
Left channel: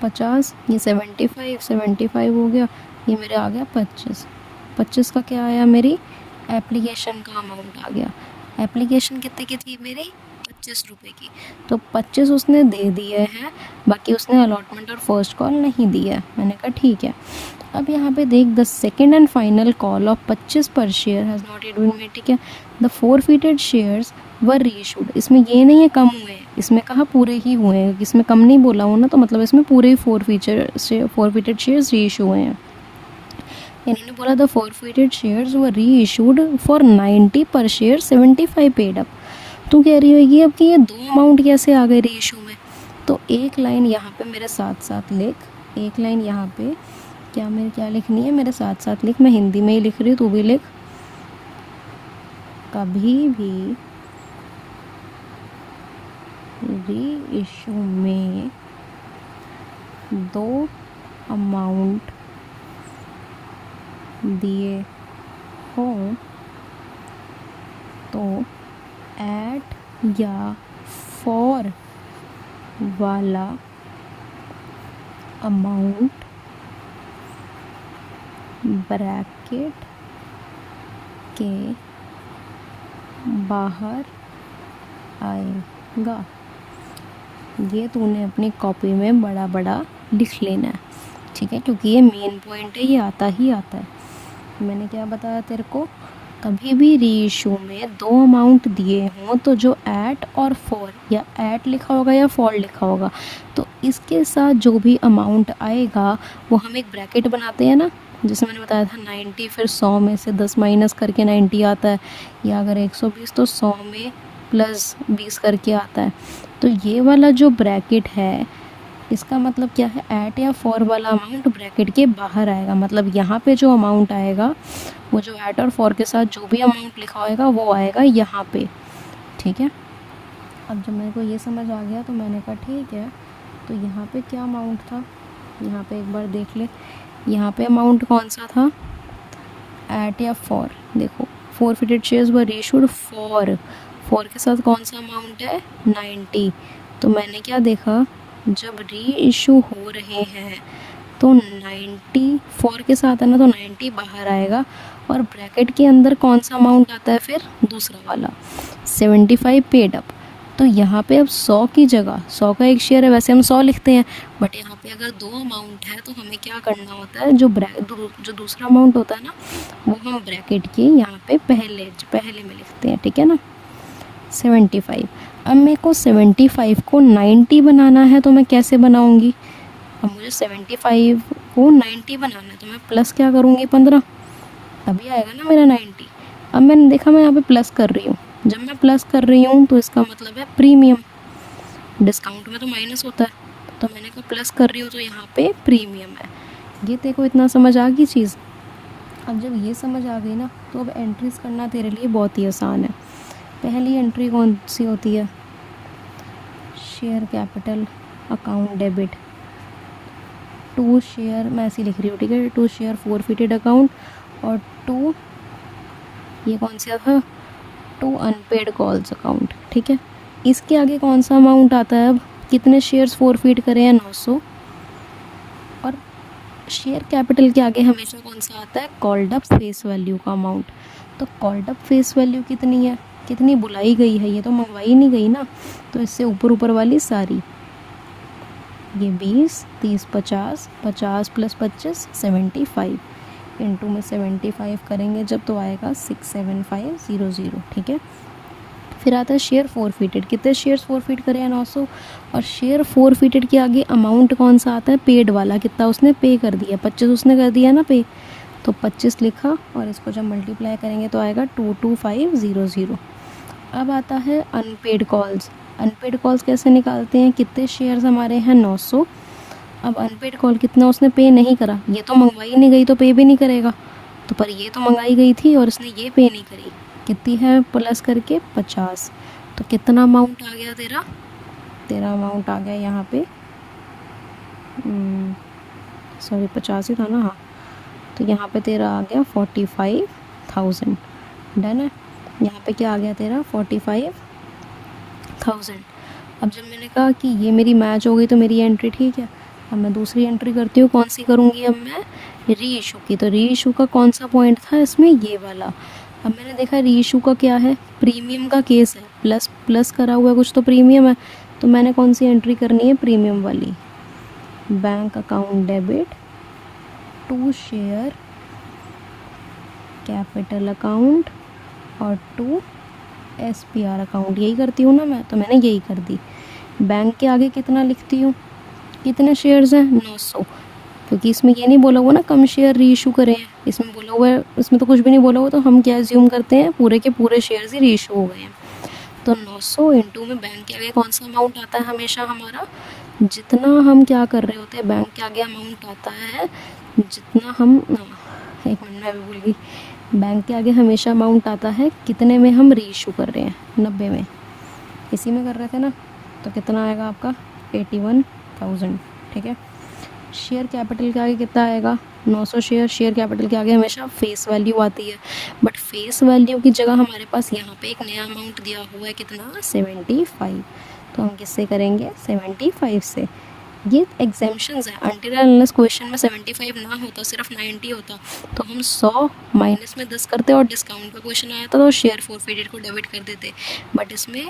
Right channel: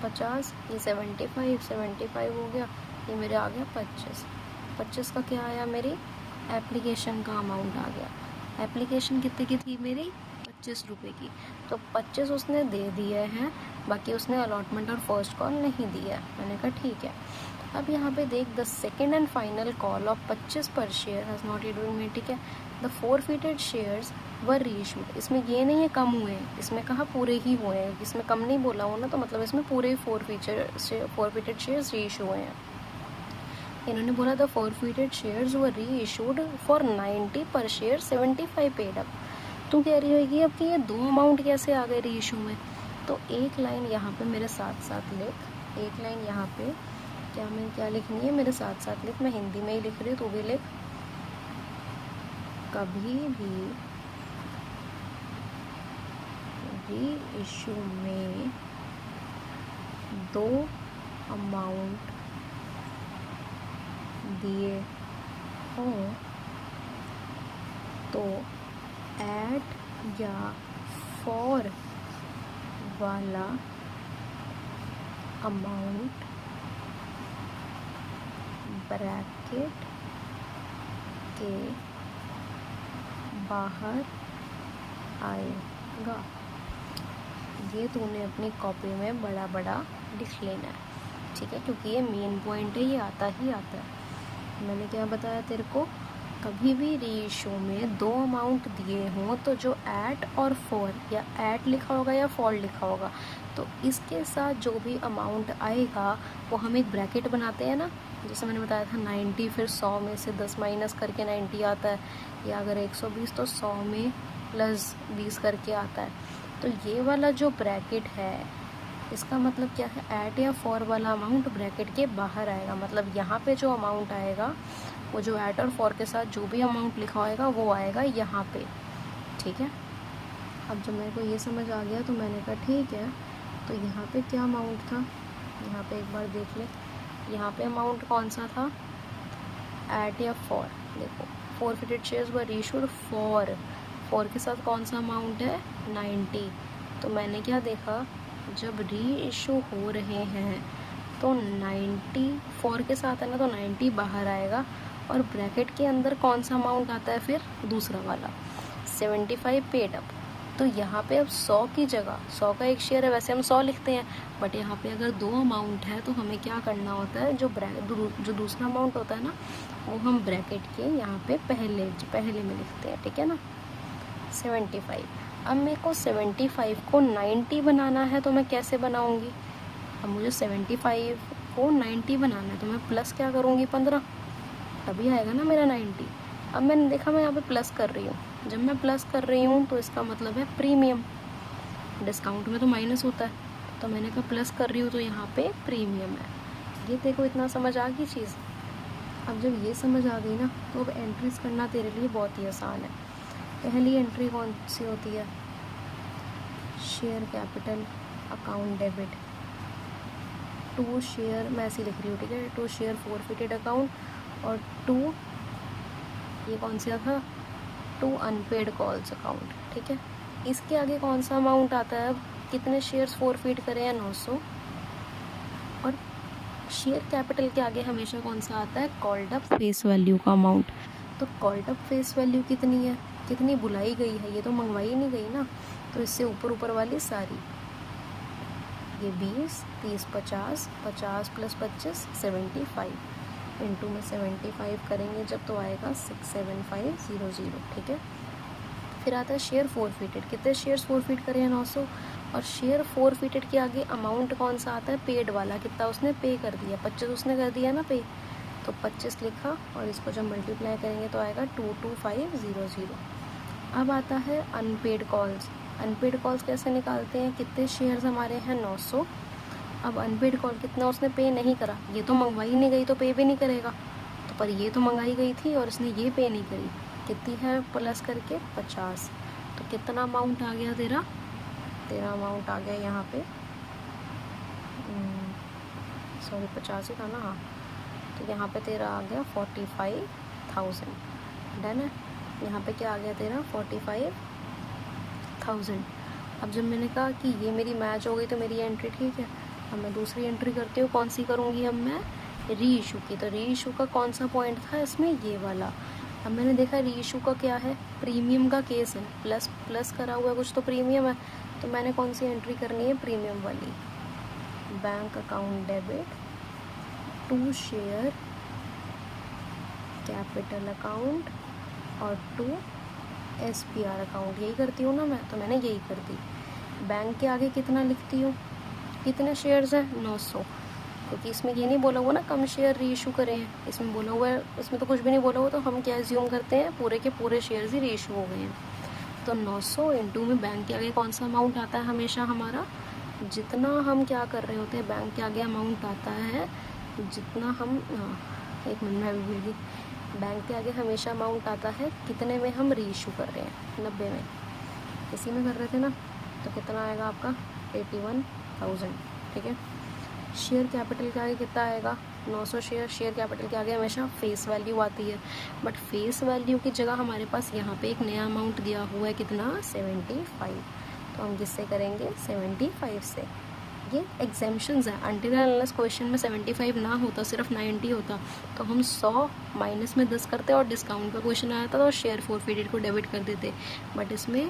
50, ये 75 हो गया, ये मेरे आ गया 25 का क्या आया, मेरी एप्लीकेशन का अमाउंट आ गया। एप्लीकेशन कितने की थी मेरी 25 रुपये की, तो 25 उसने दे दिए हैं, बाकी उसने अलॉटमेंट और फर्स्ट कॉल नहीं दी है। मैंने कहा ठीक है। अब यहाँ पे देख, the second and final call of 25 पर share has not yet been made, ठीक है। The forfeited shares were reissued, इसमें ये नहीं है कम हुए हैं, इसमें कहा पूरे ही हुए हैं, इसमें कम नहीं बोला हूँ ना, तो मतलब इसमें पूरे ही फॉरफिटेड शेयर्स रीइशू हुए हैं। इन्होंने बोला the forfeited shares were reissued for 90 per share, 75 paid up. तो कह रही होगी अब कि ये दो अमाउंट कैसे आ गए रीइशू में, तो एक लाइन यहाँ पे मेरे साथ साथ लिख, एक लाइन यहाँ पे क्या लिखनी है मेरे साथ साथ लिख, मैं हिंदी में ही लिख रही हूँ, तू भी लिख। कभी भी रीइशू में दो अमाउंट दिए हो तो एट या फॉर वाला अमाउंट ब्रैकेट के बाहर आएगा। ये तूने अपनी कॉपी में बड़ा बड़ा लिख लेना है, ठीक है, क्योंकि ये मेन पॉइंट है, ये आता ही आता है। मैंने क्या बताया तेरे को, कभी भी रीइशू में दो अमाउंट दिए हों तो जो एट और फॉर, या एट लिखा होगा या फॉर लिखा होगा, तो इसके साथ जो भी अमाउंट आएगा वो हम एक ब्रैकेट बनाते हैं ना, जैसे मैंने बताया था 90, फिर 100 में से 10 माइनस करके 90 आता है, या अगर 120 तो 100 में प्लस 20 करके आता है। तो ये वाला जो ब्रैकेट है इसका मतलब क्या है, एट या फॉर वाला अमाउंट ब्रैकेट के बाहर आएगा, मतलब यहाँ पे जो अमाउंट आएगा वो जो एट और फॉर के साथ जो भी अमाउंट लिखा होगा वो आएगा यहाँ पे, ठीक है। अब जब मेरे को ये समझ आ गया तो मैंने कहा ठीक है, तो यहाँ पे क्या अमाउंट था, यहाँ पे एक बार देख ले, यहाँ पे अमाउंट कौन सा था, एट या फॉर। देखो forfeited shares were issued for के साथ कौन सा अमाउंट है 90। तो मैंने क्या देखा, जब री इशू हो रहे हैं तो 90 फॉर के साथ है ना, तो 90 बाहर आएगा, और ब्रैकेट के अंदर कौन सा अमाउंट आता है फिर, दूसरा वाला 75 पेड अप। तो यहाँ पे अब 100 की जगह, 100 का एक शेयर है, वैसे हम 100 लिखते हैं, बट यहाँ पे अगर दो अमाउंट है तो हमें क्या करना होता है, जो दूसरा अमाउंट होता है ना वो हम ब्रैकेट के यहाँ पे पहले में लिखते हैं, ठीक है ना, 75। अब मेरे को 75 को 90 बनाना है तो मैं कैसे बनाऊँगी, अब मुझे 75 को 90 बनाना है तो मैं प्लस क्या करूँगी 15, तभी आएगा ना मेरा 90। अब मैंने देखा मैं यहाँ पे प्लस कर रही हूँ, जब मैं प्लस कर रही हूँ तो इसका मतलब है प्रीमियम, डिस्काउंट में तो माइनस होता है, तो मैंने कहा प्लस कर रही हूँ तो यहाँ पे प्रीमियम है। ये देखो इतना समझ आ गई चीज़। अब जब ये समझ आ गई ना तो अब एंट्रीज करना तेरे लिए बहुत ही आसान है। पहली एंट्री कौन सी होती है, share capital account debit, to share, मैं ऐसे लिख रही हूँ ठीक है, टू शेयर forfeited अकाउंट, और टू, ये कौन सा था, टू अनपेड कॉल्स अकाउंट, ठीक है। इसके आगे कौन सा अमाउंट आता है, अब कितने शेयर्स फॉरफिट करे हैं 900, और शेयर कैपिटल के आगे हमेशा कौन सा आता है, कॉल्ड अप फेस वैल्यू का अमाउंट। तो कॉल्ड अप फेस वैल्यू कितनी है, कितनी बुलाई गई है, ये तो मंगवाई नहीं गई ना, तो इससे ऊपर ऊपर वाली सारी, ये 20, 30, 50, 50 प्लस 25 75, इंटू में 75 करेंगे जब तो आएगा 67500, ठीक है। फिर आता है शेयर फॉरफिटेड, कितने शेयर्स फॉरफिट करे हैं 900, और शेयर फॉरफिटेड के आगे अमाउंट कौन सा आता है, पेड वाला, कितना उसने पे कर दिया, 25 उसने कर दिया ना पे, तो 25 लिखा, और इसको जब मल्टीप्लाई करेंगे तो आएगा 22500। अब आता है अनपेड कॉल्स। अनपेड कॉल्स कैसे निकालते हैं, कितने शेयर्स हमारे हैं 900, अब अनपेड कॉल कितना उसने पे नहीं करा, ये तो मंगवाई नहीं गई तो पे भी नहीं करेगा, तो पर ये तो मंगाई गई थी और इसने ये पे नहीं करी, कितनी है प्लस करके 50, तो कितना अमाउंट आ गया तेरा अमाउंट आ गया यहाँ पे, सॉरी 50 ही था ना, हाँ, तो यहाँ पे तेरा आ गया 45,000, डन है। यहाँ पे क्या आ गया तेरा 45,000। अब जब मैंने कहा कि ये मेरी मैच हो गई तो मेरी एंट्री ठीक है, अब मैं दूसरी एंट्री करती हूँ, कौन सी करूँगी, अब मैं री इशू की। तो री इशू का कौन सा पॉइंट था इसमें, ये वाला। अब मैंने देखा री इशू का क्या है, प्रीमियम का केस है, प्लस करा हुआ है कुछ तो प्रीमियम है, तो मैंने कौन सी एंट्री करनी है, प्रीमियम वाली, bank account debit, to share capital account, और टू SPR अकाउंट, यही करती हूँ ना मैं, तो मैंने यही कर दी। बैंक के आगे कितना लिखती हूँ, कितने शेयर्स हैं 900, क्योंकि इसमें ये नहीं बोला हुआ ना कम शेयर री इशू करें हैं, इसमें बोला हुआ है, इसमें तो कुछ भी नहीं बोला हुआ, तो हम क्या एज्यूम करते हैं, पूरे के पूरे शेयर्स ही री इशू हो गए हैं। तो 900 इंटू में बैंक के आगे कौन सा अमाउंट आता है हमेशा हमारा, जितना हम क्या कर रहे होते हैं, बैंक के आगे अमाउंट आता है जितना हम, एक मिनट में भी भूल गई, बैंक के आगे हमेशा अमाउंट आता है कितने में हम री इशू कर रहे हैं, 90 में, इसी में कर रहे थे ना, तो कितना आएगा आपका 81,000, ठीक है। शेयर कैपिटल के आगे कितना आएगा 900 शेयर कैपिटल के आगे हमेशा फेस वैल्यू आती है, बट फेस वैल्यू की जगह हमारे पास यहाँ पे एक नया अमाउंट दिया हुआ है, कितना 75, तो हम किससे करेंगे 75 से। ये एग्जाम्पशंस है, अनटिल अनलेस क्वेश्चन में 75 ना होता, सिर्फ 90 होता, तो हम 100 माइनस में 10 करते और डिस्काउंट का क्वेश्चन आया था तो शेयर फॉरफिटेड को डेबिट कर देते, बट इसमें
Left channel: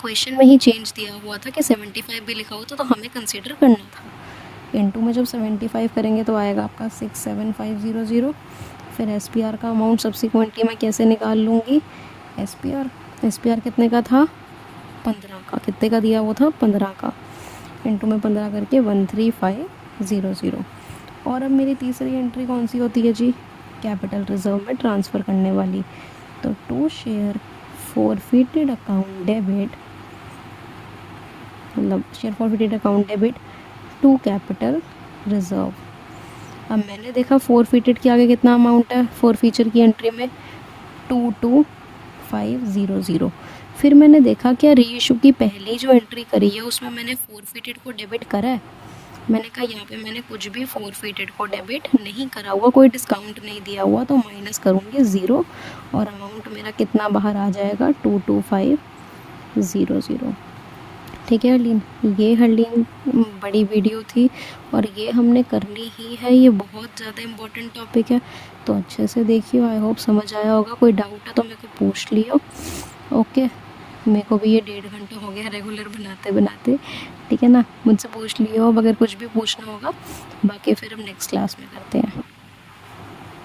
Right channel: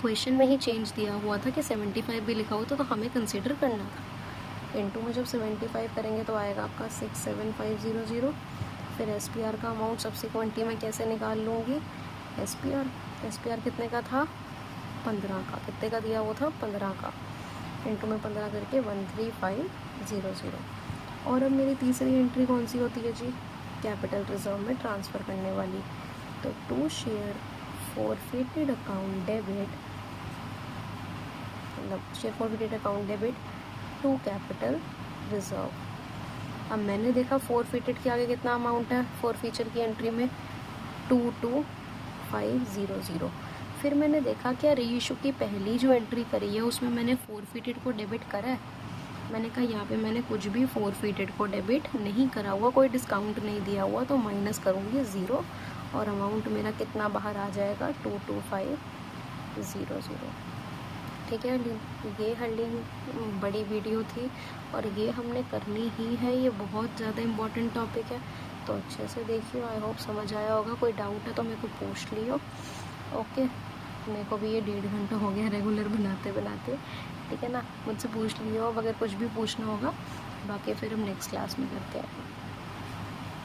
क्वेश्चन में ही चेंज दिया हुआ था कि 75 भी लिखा होता तो हमें कंसिडर करना था। इनटू में जब 75 करेंगे तो आएगा आपका 67500, फिर SPR का अमाउंट सब्सिक्वेंटली मैं कैसे निकाल लूँगी, SPR कितने का था, 15 का, कितने का दिया वो था 15 का, इंटू में 15 करके 13500। और अब मेरी तीसरी एंट्री कौन सी होती है जी, कैपिटल रिजर्व में ट्रांसफ़र करने वाली। तो to share forfeited account debit, मतलब share forfeited account debit to capital reserve. अब मैंने देखा फॉरफिटेड के आगे कितना अमाउंट है फॉरफीचर की एंट्री में, 22500। फिर मैंने देखा क्या री इशू की पहली जो एंट्री करी है उसमें मैंने फॉरफिटेड को डेबिट करा है। मैंने कहा यहाँ पे मैंने कुछ भी फॉरफिटेड को डेबिट नहीं करा हुआ, कोई डिस्काउंट नहीं दिया हुआ, तो माइनस करूँगी 0 और अमाउंट मेरा कितना बाहर आ जाएगा, 22500। ठीक है हरलीन, ये हरलीन बड़ी वीडियो थी और ये हमने करनी ही है, ये बहुत ज़्यादा इम्पोर्टेंट टॉपिक है, तो अच्छे से देखियो। आई होप समझ आया होगा। कोई डाउट है तो मेरे को पूछ लियो। ओके, मेरे को भी ये 1.5 घंटा हो गया रेगुलर बनाते बनाते, ठीक है ना, मुझसे पूछ लियो अब अगर कुछ भी पूछना होगा। बाकी फिर हम नेक्स्ट क्लास में करते हैं।